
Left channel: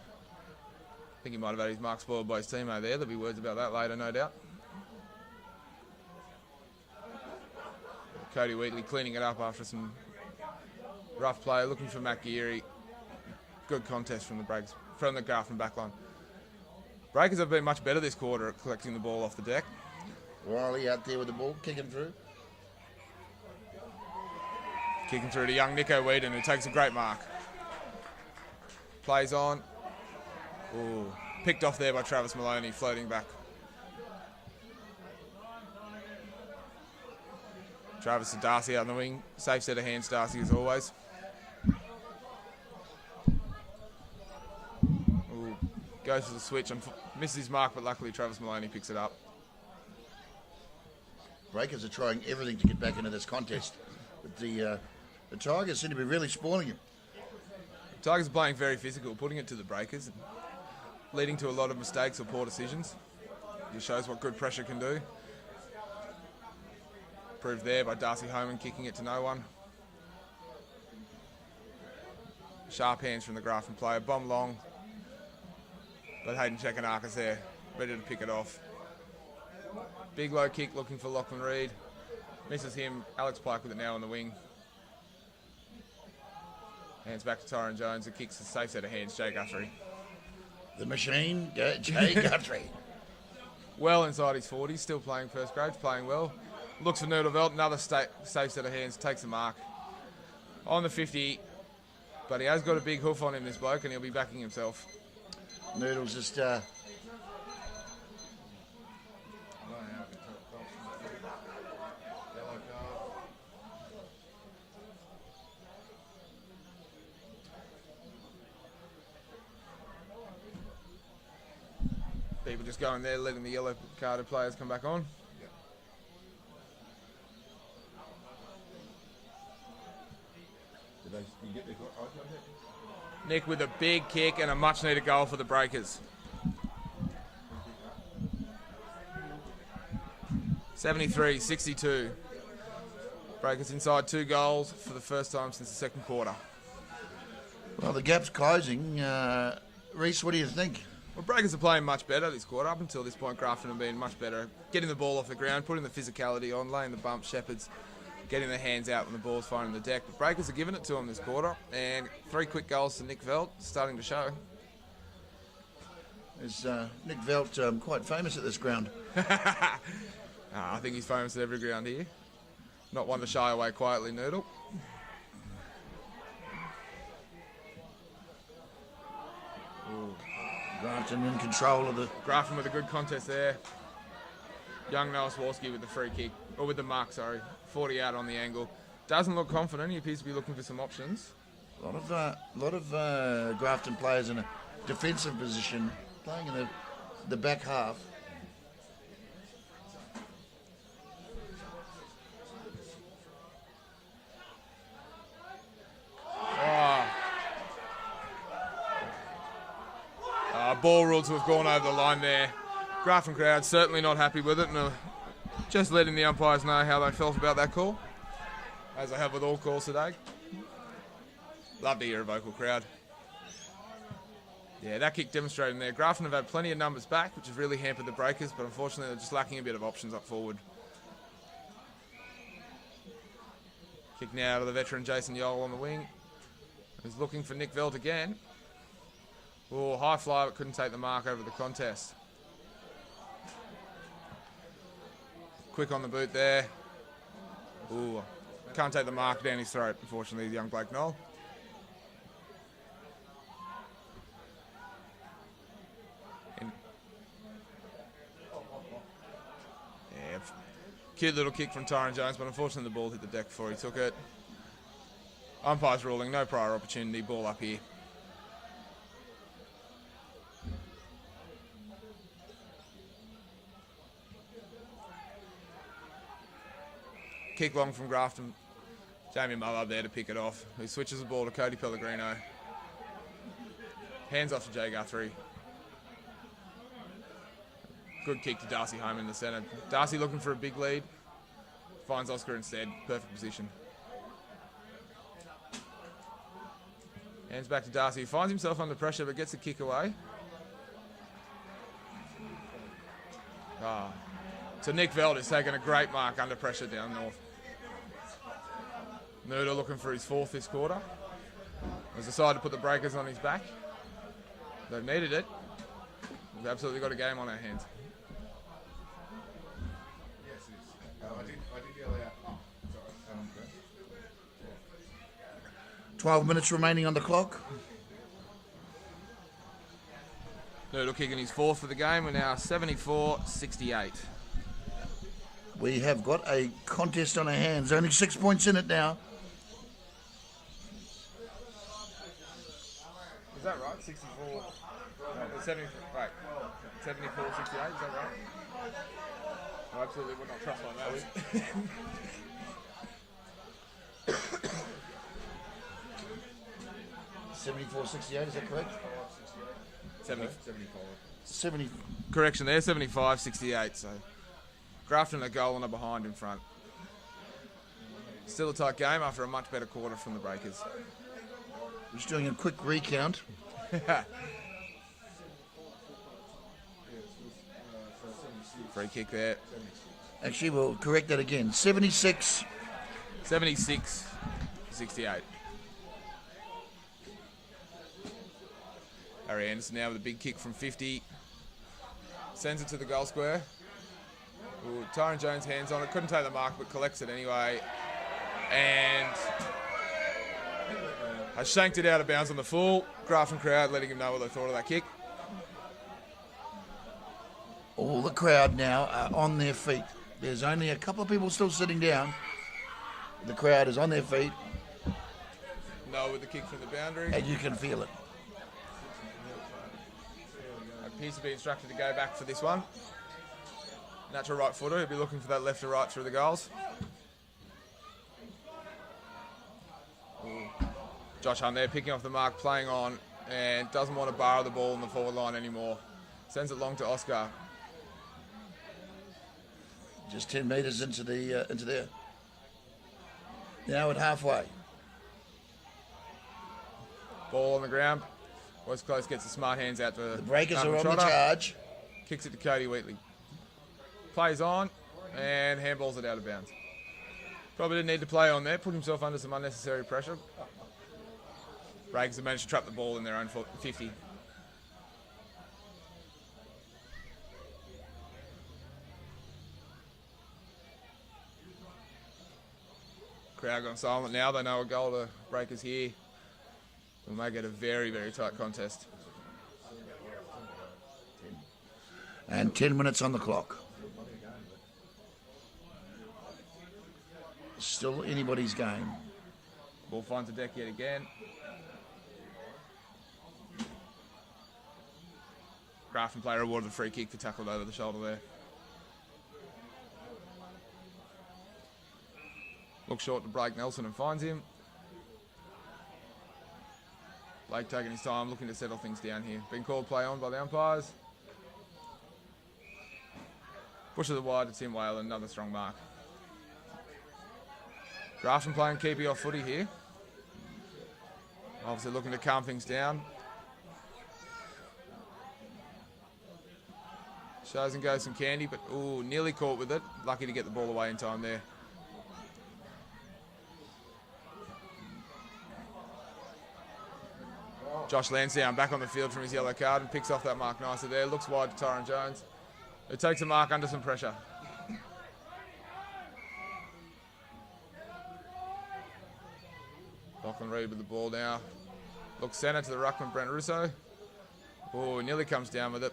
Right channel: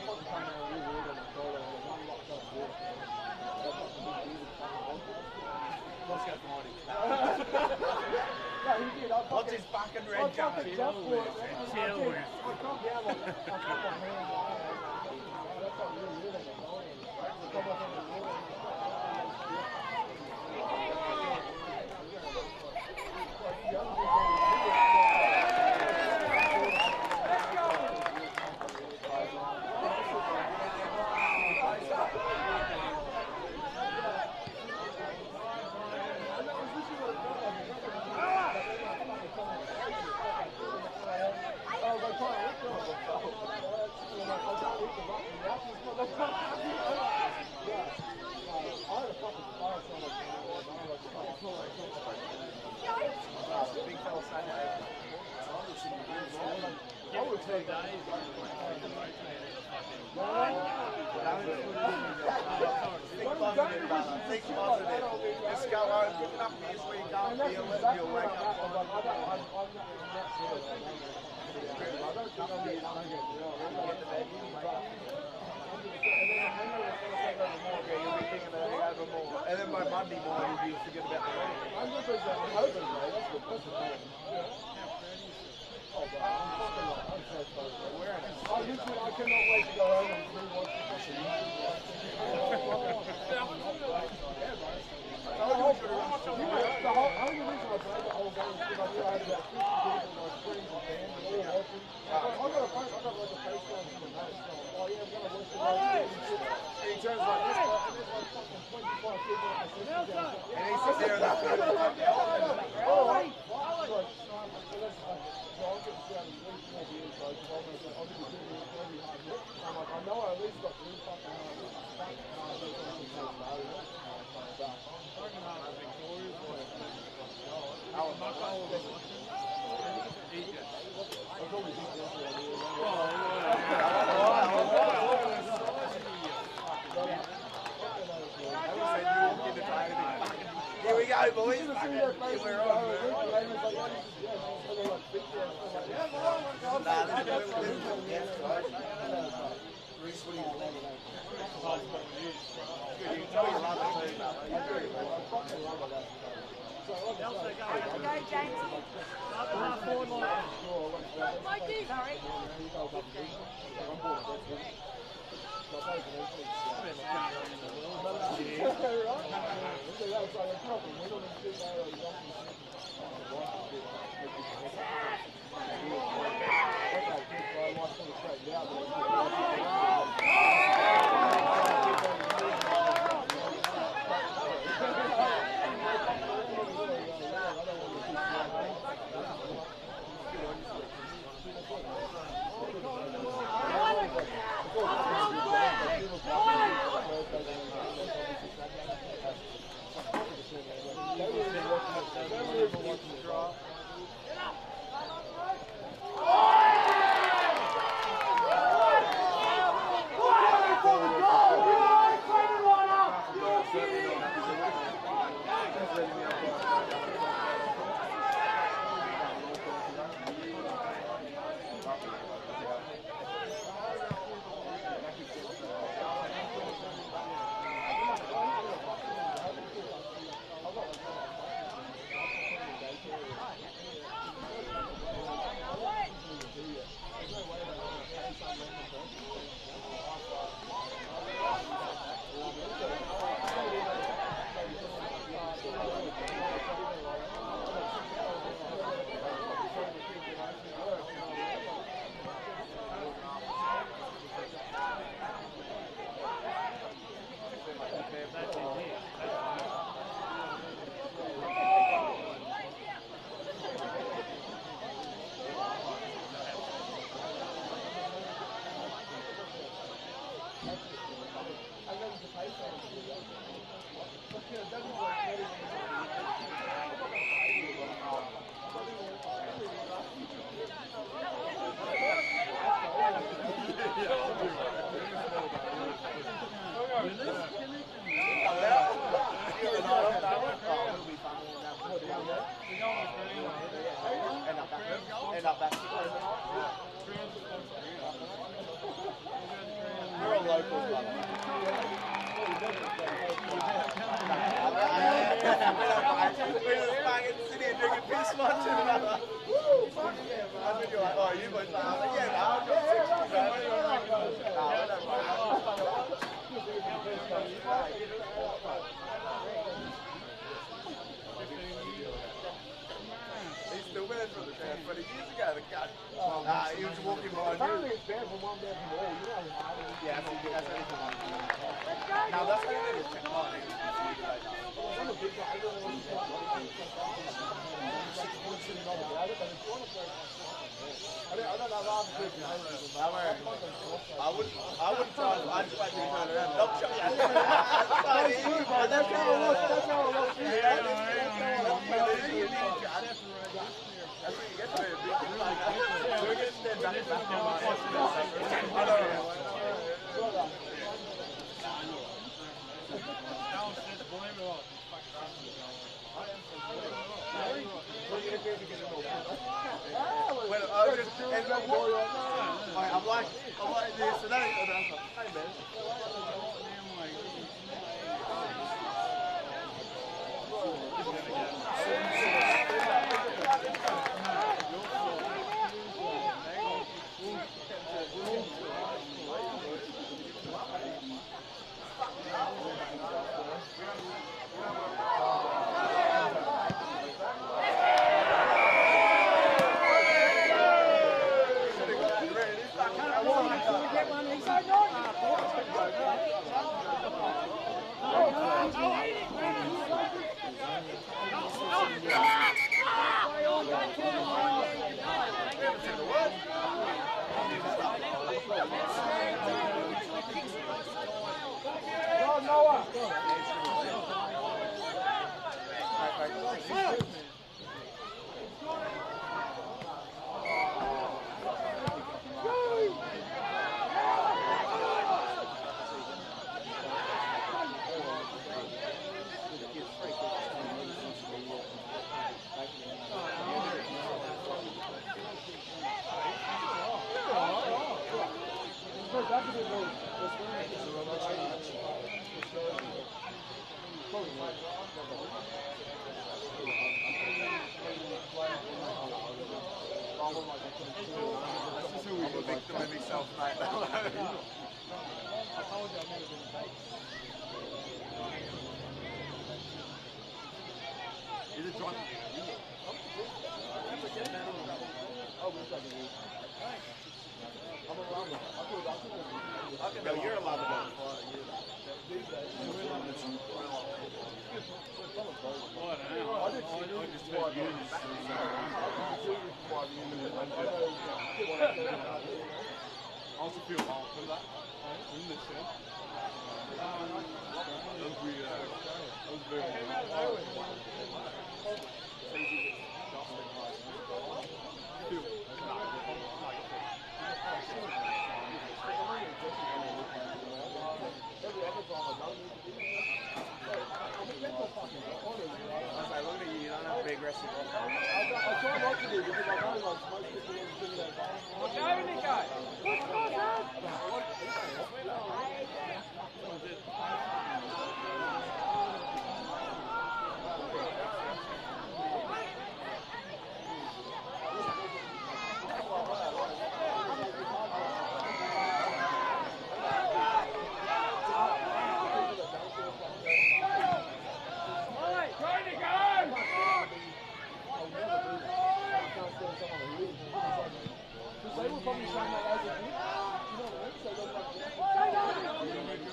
think he might have had his mark spoiled by his teammate there. There'll be words about that later, no doubt. Cody Wheatley cleaning it up after some rough play. Looking for Matt Geary. Good contest from the Breakers. From the Grafton back on. Breakers have been much better this quarter at collecting the ball off the deck. Wiley out there with the ball, kicking through. Kicking through to young Nico Wheaton, who takes a great mark. Plays on. Ooh, picked off there by Travis Maloney, floating back. Travis and Darcy on the wing. Safe set of hands, Darcy, as always. Ooh, goes for the switch and misses his mark, but luckily Travis Maloney picks it up. Breakers are trying everything to get back into this contest. The Tigers seem to be really spoiling it. Tigers are playing very physical, putting it to the Breakers, leading to a lot of mistakes or poor decisions. It shows what good pressure can do. Proved there by Darcy Holman kicking it to no one. Sharp hands from the Grafton player, bomb long. But Hayden Chekanaka's there, ready to pick it off. Big low kick looking for Lachlan Reid. This is him, Alex Pike with it now on the wing. Hands back to Tyron Jones, who kicks the safe set of hands, Jay Guthrie. The machine, Jay Guthrie. Well inside his 40s, still playing first grade, playing well. Looks for Noodle Belt, another safe set of hands, takes the mark. On the 50, but he has got a big hoof on him, this bloke, and he'll be backing himself. Noodle's just... People just going there, letting the yellow carded players come back on. Nick with a big kick and a much needed goal for the Breakers. 73-62. Breakers inside 2 goals for the first time since the second quarter. Well, the gap's closing. Reece, what do you think? Well, Breakers are playing much better this quarter. Up until this point, Grafton have been much better. Getting the ball off the ground, putting the physicality on, laying the bump, Shepherds, getting the hands out when the ball's finding the deck. Breakers are giving it to them this quarter, and 3 quick goals to Nick Veld, starting to show. Is Nick Veld quite famous at this ground? I think he's famous at every ground here. Not one to shy away quietly, Noodle. Grafton with a good contest there. Young Malsworski with the free kick, or with the mark, sorry. 40 out on the angle. Doesn't look confident, he appears to be looking for some options. A lot of Grafton players in a defensive position in the back half. Ball rules have gone over the line there. Grafton crowd certainly not happy with it, and just letting the umpires know how they felt about that call, as I have with all calls today. Love to hear a vocal crowd. Yeah, that kick demonstrating there. Grafton have had plenty of numbers back, which has really hampered the Breakers, but unfortunately they're just lacking a bit of options up forward. Kick now to the veteran Jason Yole on the wing. He's looking for Nick Veld again. Oh, high fly, but couldn't take the mark over the contest. Quick on the boot there. Ooh, can't take the mark down his throat, unfortunately, the young Blake Knoll. Cute little kick from Tyron Jones, but unfortunately the ball hit the deck before he took it. Umpire's ruling, no prior opportunity, ball up here. Kick long from Grafton. Damien Mullard there to pick it off. He switches the ball to Cody Pellegrino. Hands off to Jay Guthrie. Good kick to Darcy home in the centre. Darcy looking for a big lead. Finds Oscar instead. Perfect position. Hands back to Darcy. He finds himself under pressure but gets the kick away. So Nick Veld is taking a great mark under pressure down there. Noodle looking for his 4th this quarter. He's decided to put the Breakers on his back. They've needed it. They've absolutely got a game on their hands. 12 minutes remaining on the clock. Little kick in his fourth for the game. We're now 74-68. We have got a contest on our hands. Only 6 points in it now. Correction there, 75-68. So Grafton a goal and a behind in front. Still a tight game after a much better quarter from the Breakers. Just doing a quick recount. Free kick there. Actually, we'll correct that again. 76. 76-68. Harry Anderson now with a big kick from 50. Sends it to the goal square. Tyron Jones hands on it, couldn't take the mark but collects it anyway. And I shanked it out of bounds on the full. Grafton crowd letting him know what they thought of that kick. All the crowd now are on their feet. There's only a couple of people still sitting down. The crowd is on their feet. And you can feel it. Needs to be instructed to go back for this one. That's a right footer. He'll be looking for that left to right through the goals. Josh Hunt there picking off the mark, playing on, and doesn't want to borrow the ball in the forward line anymore. Sends it long to Oscar. Just 10 metres into there. Now at halfway. Ball on the ground. West Coast gets the smart hands out to Breakers are on the charge. Kicks it to Cody Wheatley. Plays on and handballs it out of bounds. Probably didn't need to play on there. Put himself under some unnecessary pressure. Breaks the bench, trap the ball in their own 50. Crowd gone silent now. They know a goal the Breakers here. We may get a very, very tight contest. And 10 minutes on the clock. Still anybody's game. We'll find the deck yet again. Grafton player awarded a free kick for tackled over the shoulder there. Looks short to Blake Nelson and finds him. Blake taking his time, looking to settle things down here. Been called play on by the umpires. Push to the wide to Tim Whalen, another strong mark. Grafton playing keepy off footy here. Obviously looking to calm things down. Shows and goes some candy, but nearly caught with it. Lucky to get the ball away in time there. Josh Lansdowne back on the field from his yellow card and picks off that mark nicely there. Looks wide to Tyron Jones. It takes a mark under some pressure. Often Reid with the ball now. Looks centre to the ruckman Brent Russo. Nearly comes down with it.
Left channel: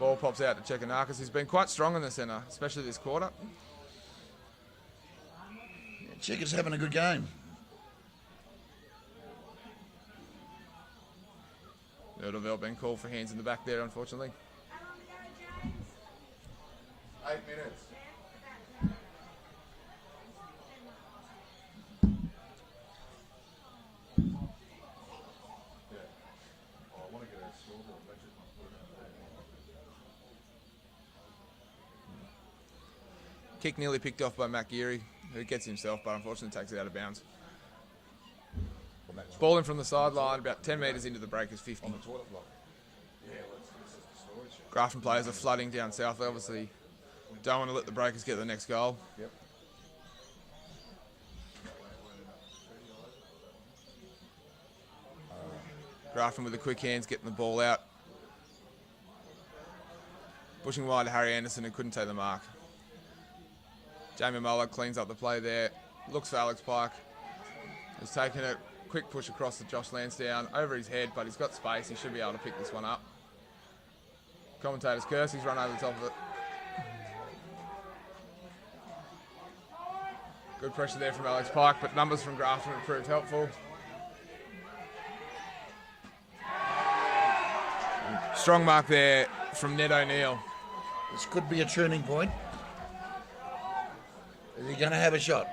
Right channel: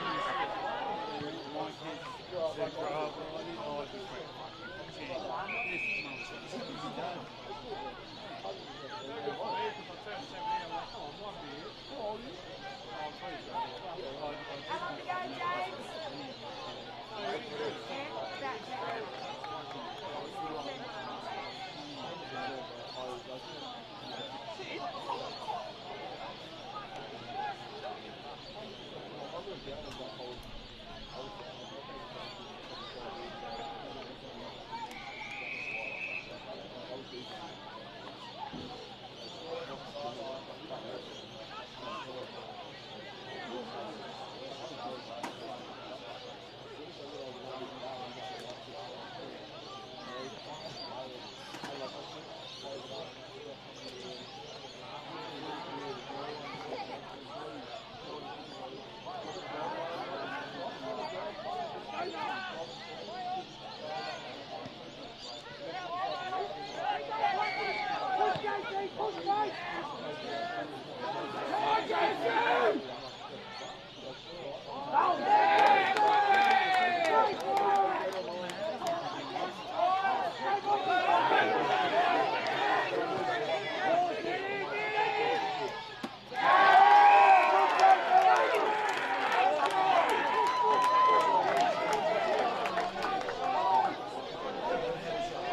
Ball pops out to Chekanakis, who's been quite strong in the centre, especially this quarter. Checker's having a good game. Middleville being called for hands in the back there, unfortunately. Kick nearly picked off by Matt Geary. He gets himself, but unfortunately takes it out of bounds. Ball in from the sideline, about 10 metres into the Breakers 50. Grafton players are flooding down south. They obviously don't want to let the Breakers get the next goal. Grafton with the quick hands, getting the ball out. Pushing wide to Harry Anderson, who couldn't take the mark. Jamie Muller cleans up the play there. Looks for Alex Pike. He's taking a quick push across to Josh Lansdowne over his head, but he's got space. He should be able to pick this one up. Commentators curse. He's right over top of it. Good pressure there from Alex Pike, but numbers from Grafton proved helpful. Strong mark there from Ned O'Neill. This could be a turning point. Are going to have a shot?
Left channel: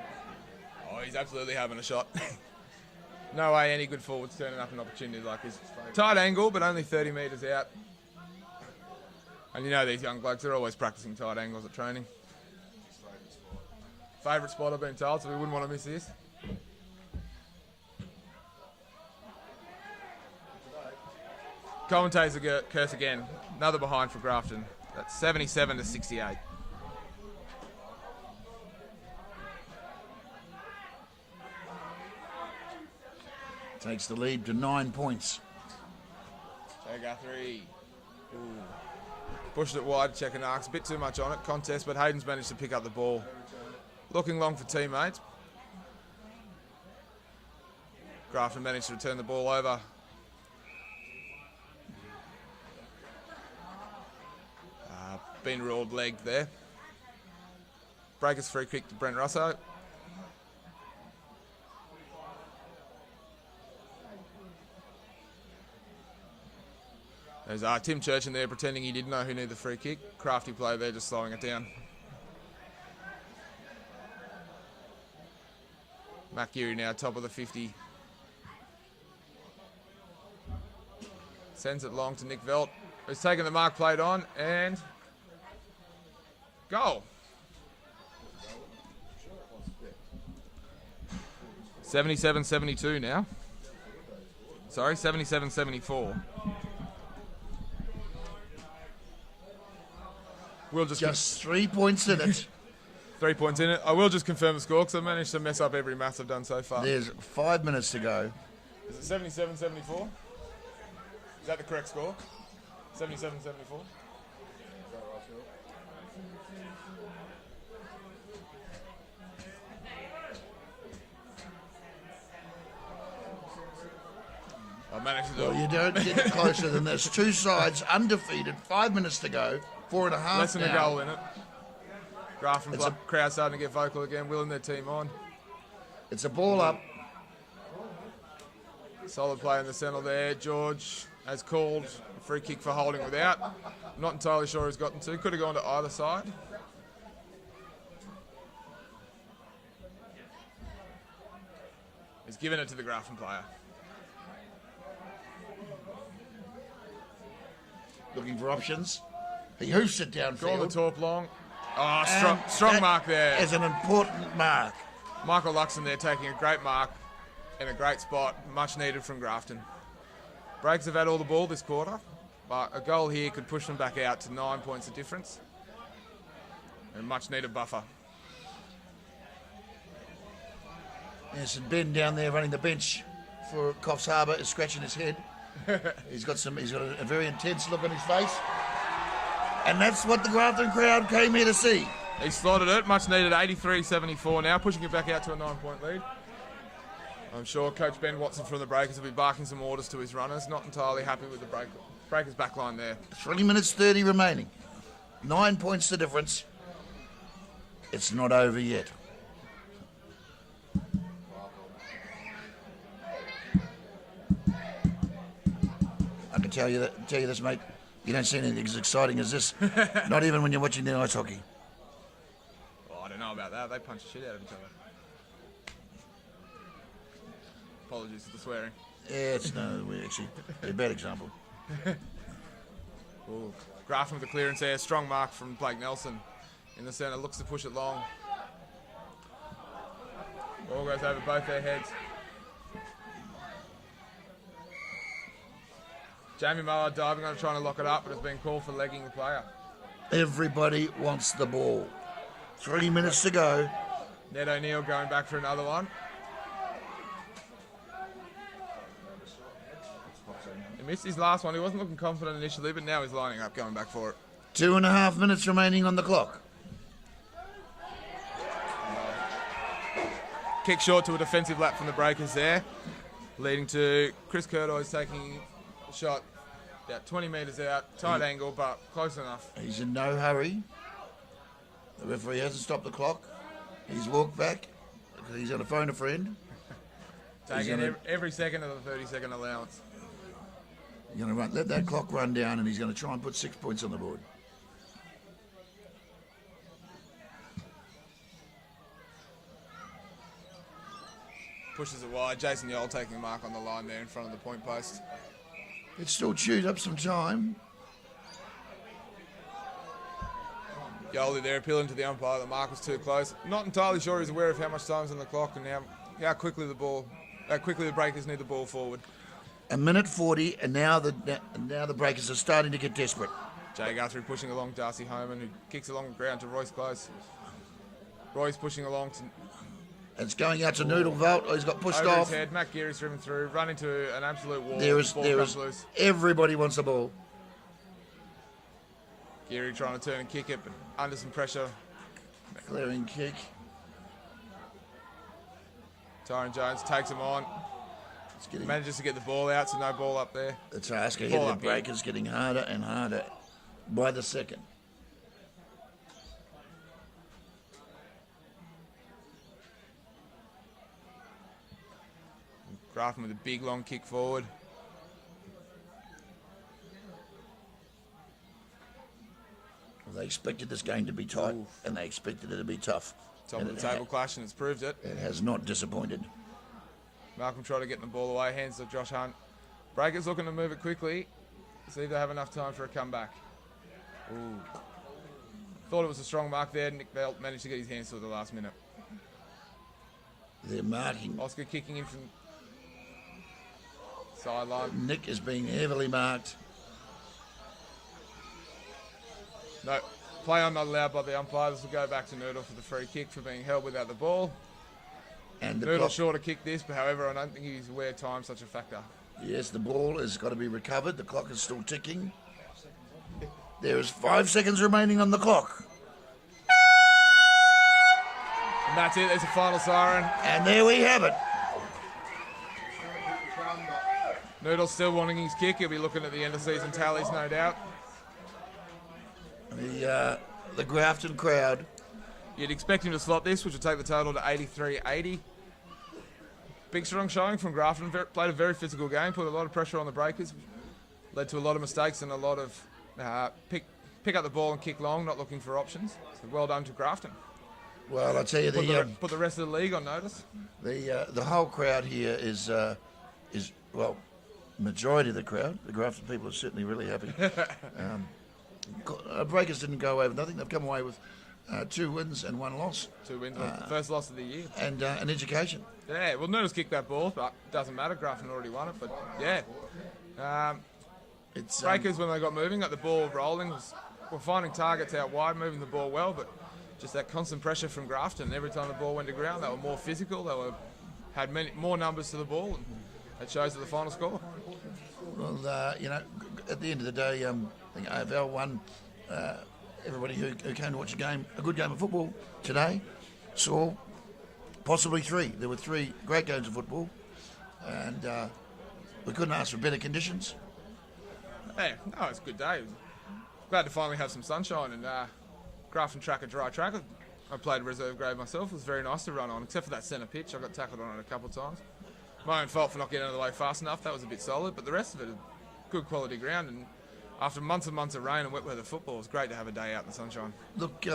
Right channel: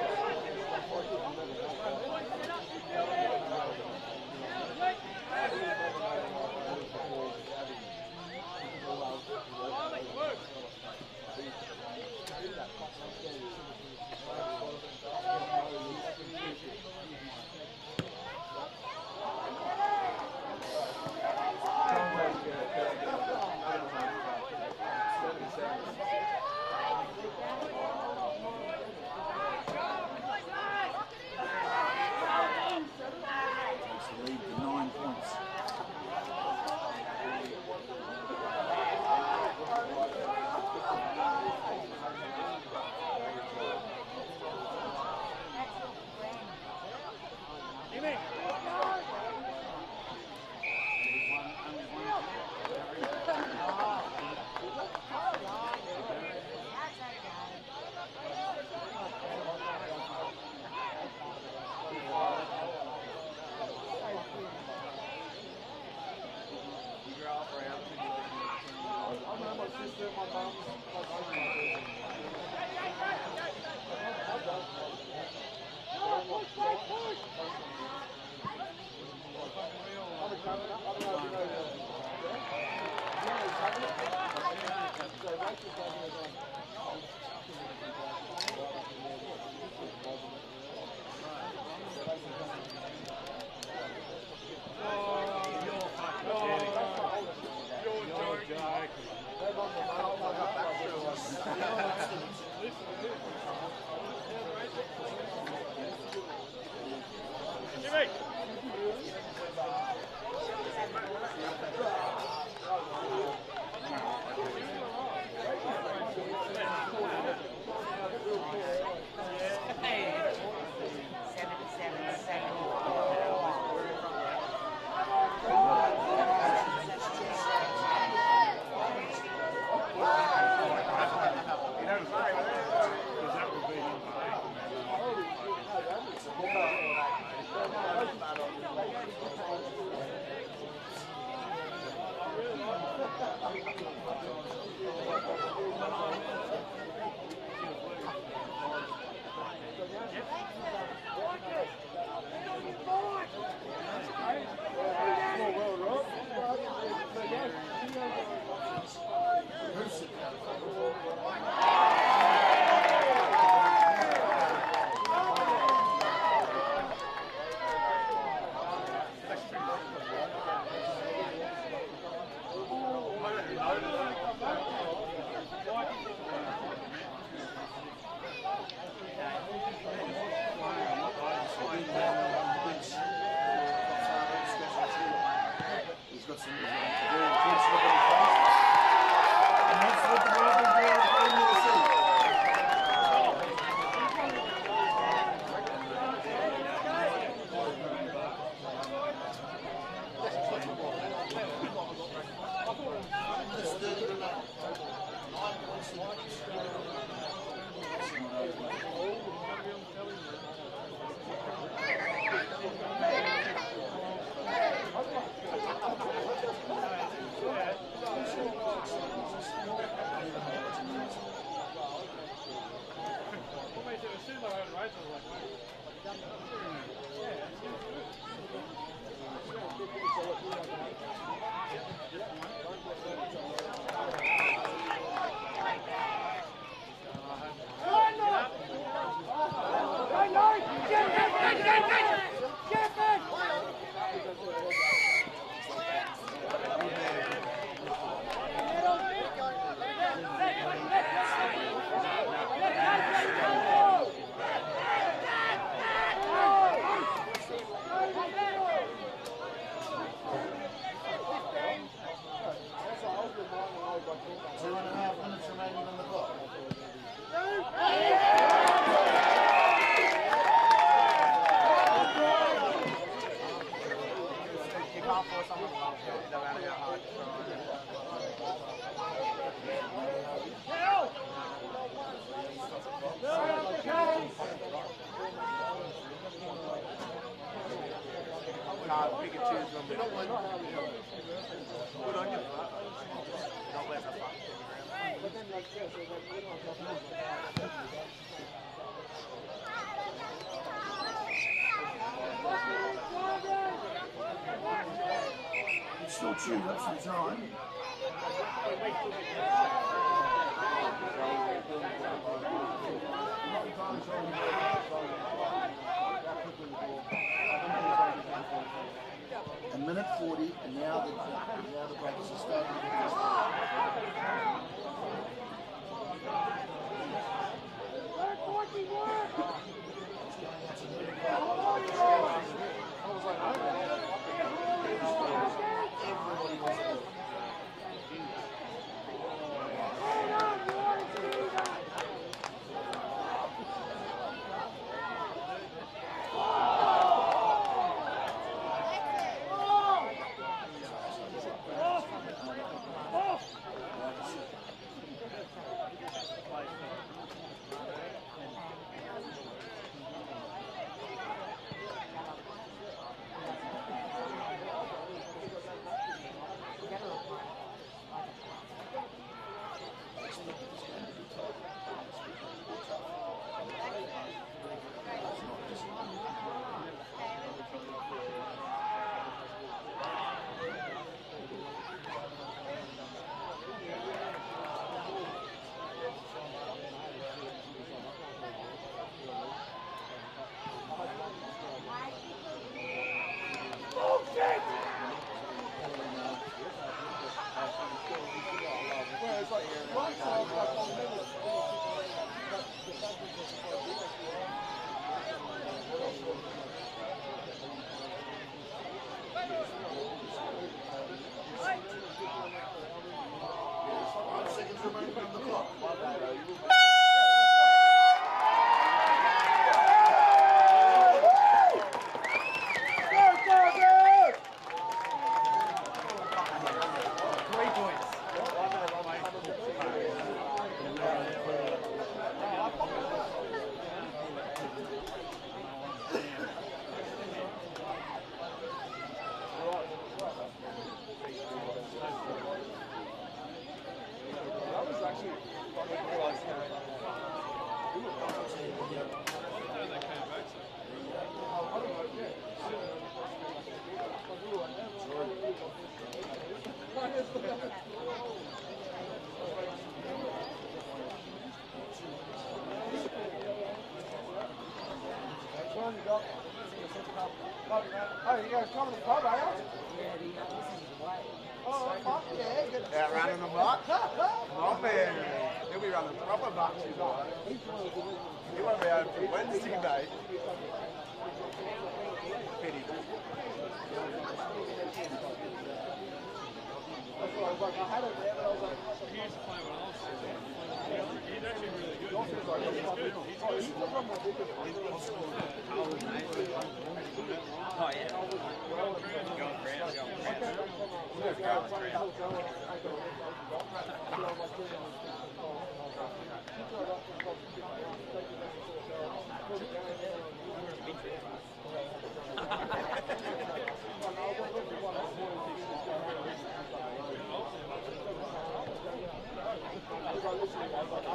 Oh, he's absolutely having a shot. No way any good forward's turning up an opportunity like this. Tight angle, but only 30 metres out. And you know these young blokes, they're always practicing tight angles at training. Favourite spot I've been told, so we wouldn't want to miss this. Commentators curse again. Another behind for Grafton. That's 77 to 68. Takes the lead to 9 points. Pushed it wide, checking arcs. A bit too much on it. Contest, but Hayden's managed to pick up the ball. Looking long for teammates. Grafton managed to turn the ball over. Been ruled leg there. Breakers free kick to Brent Russo. There's Tim Church in there pretending he didn't know who needed the free kick. Crafty play there, just slowing it down. Matt Geary now top of the 50. Sends it long to Nick Velt. He's taken the mark played on and goal. 77-72 now. Sorry, 77-74. We'll just 3 points in it. 3 points in it. I will just confirm the score because I've managed to mess up every match I've done so far. There's 5 minutes to go. 77-74. Is that the correct score? 77-74. Well, you don't get closer than this. Two sides undefeated, 5 minutes to go, 4.5 Less than a now. goal in it. Grafton's crowd starting to get vocal again, willing their team on. It's a ball up. Solid play in the centre there. George has called a free kick for holding without. Not entirely sure who's gotten to. Could have gone to either side. He's given it to the Grafton player. Looking for options. He hoofs it down. Draw the talk long. Strong mark there. Is an important mark. Michael Luxon there taking a great mark in a great spot. Much needed from Grafton. Breaks have had all the ball this quarter. A goal here can push them back out to 9 points of difference. And much needed buffer. There's some Ben down there running the bench for Coffs Harbour. He's scratching his head. He's got a very intense look on his face. And that's what the Grafton crowd came here to see. He slotted it, much needed 83-74 now, pushing it back out to a 9-point lead. I'm sure Coach Ben Watson from the Breakers will be barking some orders to his runners, not entirely happy with the Breakers back line there. 20 minutes 30 remaining. 9 points the difference. It's not over yet. I can tell you this, mate. You don't see anything as exciting as this. Not even when you're watching the ice hockey. I don't know about that. They punched shit out. Apologies for swearing. Yeah, it's a bad example. Grafton the clearance there. Strong mark from Blake Nelson in the centre. Looks to push it long. Ball goes over both their heads. Jamie Mallard diving and trying to lock it up, but it's been called for legging the player. Everybody wants the ball. 3 minutes to go. Ned O'Neill going back for another one. He missed his last one. He wasn't looking confident initially, but now he's lining up, going back for it. 2.5 minutes remaining on the clock. kick short to a defensive lap from the Breakers there, leading to Chris Curdoy's taking a shot 20 metres out, tight angle, but close enough. He's in no hurry. The referee has to stop the clock. He's walked back. He's going to phone a friend. Taking every second of the 30-second allowance. He's going to let that clock run down, and he's going to try and put 6 points on the board. Pushes it wide. Jason Yell taking the mark on the line there in front of the point post. It still chews up some time. Yoli there appealing to the umpire that the mark was too close. I'm not entirely sure he's aware of how much time's on the clock and how quickly the Breakers need the ball forward. A minute 40, and now the Breakers are starting to get desperate. Jay Guthrie pushing along Darcy Holman, who kicks along the ground to Royce Close. Royce pushing along to... It's going out to Noodle Vault. He's got pushed off. Head. Matt Geary's ridden through, run into an absolute wall. There is. Everybody wants the ball. Geary trying to turn and kick it under some pressure. Clearing kick. Tyron Jones takes him on. Manages to get the ball out, so no ball up there. Let's ask ahead. The Breakers getting harder and harder by the second. Grafton with a big long kick forward. They expected this game to be tight, and they expected it to be tough. Top of the table clash, and it's proved it. It has not disappointed. Malcolm trying to get the ball away, hands to Josh Hunt. Breakers looking to move it quickly, see if they have enough time for a comeback. Thought it was a strong mark there. Nick Belt managed to get his hands to the last minute. They're marking. Oscar kicking in from sideline. Nick is being heavily marked. No, play I'm not allowed by the umpires to go back to Noodle for the free kick for being held without the ball. And Noodle sure to kick this, but however, I don't think he's aware time's such a factor. Yes, the ball has got to be recovered. The clock is still ticking. There is 5 seconds remaining on the clock. And that's it, there's a final siren. And there we have it. Noodle's still wanting his kick. He'll be looking at the end of season tallies, no doubt. The Grafton crowd. You'd expect him to slot this, which would take the total to 83-80. Big strong showing from Grafton. Played a very physical game, put a lot of pressure on the Breakers. Led to a lot of mistakes and a lot of pick up the ball and kick long, not looking for options. Well done to Grafton. Well, I tell you, put the rest of the league on notice. The whole crowd here is well, the majority of the crowd. The Grafton people are certainly really happy. Breakers didn't go away with nothing. They've come away with 2 wins and 1 loss. 2 wins, first loss of the year. And an education. Yeah, well, Noodles kicked that ball, but it doesn't matter. Grafton already won it. But yeah. Breakers, when they got moving, got the ball rolling. Were finding targets out wide, moving the ball well, but just that constant pressure from Grafton. Every time the ball went to ground, they were more physical. They had more numbers to the ball. It shows the final score. Well, at the end of the day, AFL won. Everybody who came to watch a good game of football today, saw possibly 3. There were 3 great games of football, and we couldn't ask for better conditions. Hey, it's a good day. Glad to finally have some sunshine and Grafton track a dry track. I played reserve grade myself. It was very nice to run on, except for that centre pitch. I got tackled on it a couple of times. My own fault for not getting out of the way fast enough. That was a bit solid, but the rest of it, good quality ground. And after months and months of rain and wet weather football, it's great to have a day out in the sunshine. Look,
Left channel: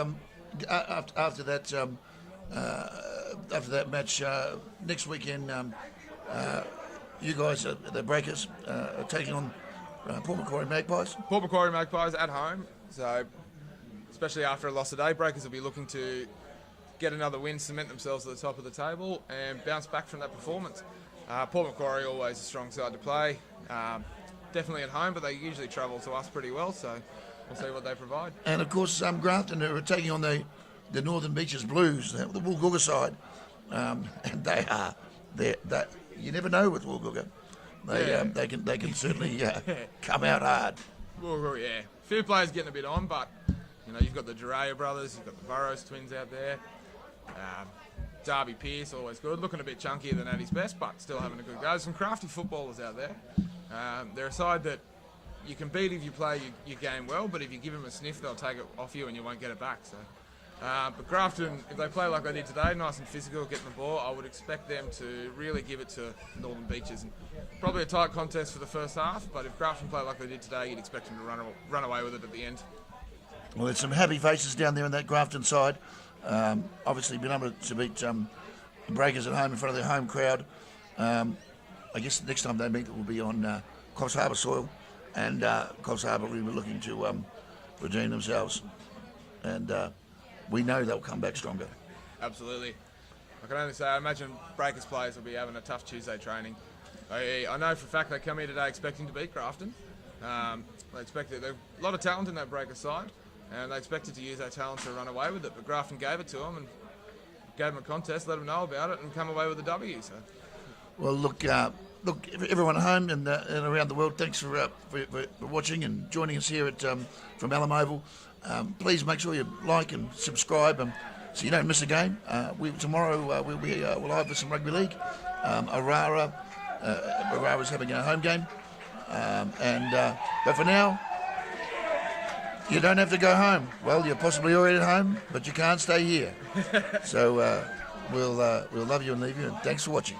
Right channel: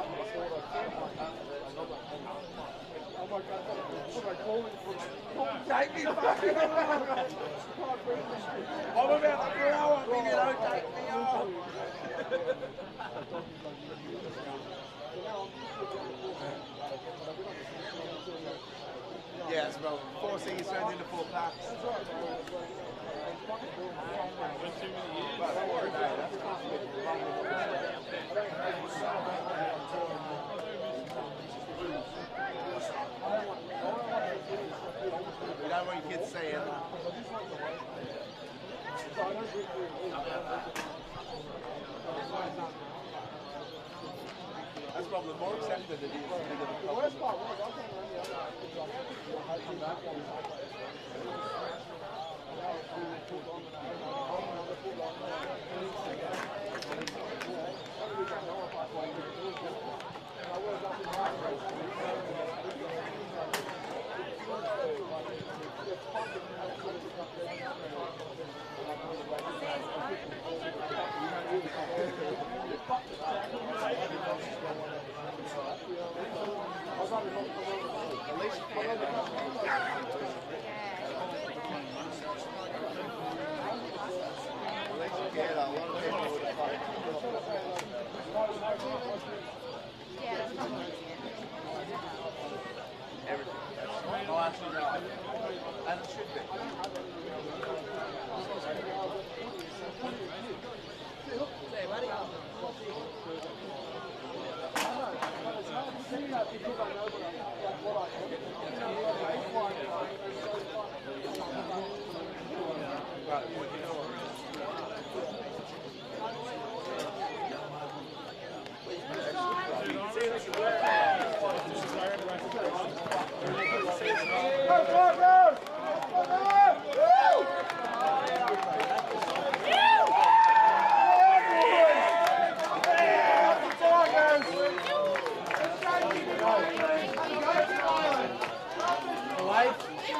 after that match next weekend, you guys, the Breakers, are taking on Port Macquarie Magpies. Port Macquarie Magpies at home, so especially after a loss today, Breakers will be looking to get another win, cement themselves at the top of the table, and bounce back from that performance. Port Macquarie always a strong side to play. Definitely at home, but they usually travel to us pretty well, so we'll see what they provide. And of course, Grafton are taking on the Northern Beaches Blues, the Woolgoolga side. And you never know with Woolgoolga. They can certainly come out hard. Well, yeah. A few players getting a bit on, but You've got the Duray brothers, you've got the Burrows twins out there. Darby Pearce, always good, looking a bit chunkier than at his best, but still having a good go. There's some crafty footballers out there. They're a side that you can beat if you play your game well, but if you give them a sniff, they'll take it off you and you won't get it back. So, Grafton, if they play like they did today, nice and physical, get the ball, I would expect them to really give it to the Northern Beaches. Probably a tight contest for the first half, but if Grafton play like they did today, you'd expect them to run away with it at the end. Well, there's some happy faces down there on that Grafton side. Obviously been able to beat Breakers at home in front of their home crowd. I guess the next time they meet will be on Coffs Harbour soil, and Coffs Harbour will be looking to redeem themselves. And we know they'll come back stronger. Absolutely. I can only say, I imagine Breakers players will be having a tough Tuesday training. I know for a fact they come here today expecting to beat Grafton. There's a lot of talent in that Breakers side, and they expected to use that talent to run away with it. But Grafton gave it to them and gave them a contest, let them know about it, and come away with the W. Well, look, everyone at home and around the world, thanks for watching and joining us here at from Alum Oval. Please make sure you like and subscribe so you don't miss a game. Tomorrow we'll be live for some rugby league. Aurara's having a home game. But for now, you don't have to go home. Well, you're possibly already at home, but you can't stay here. So we'll love you and leave you. Thanks for watching.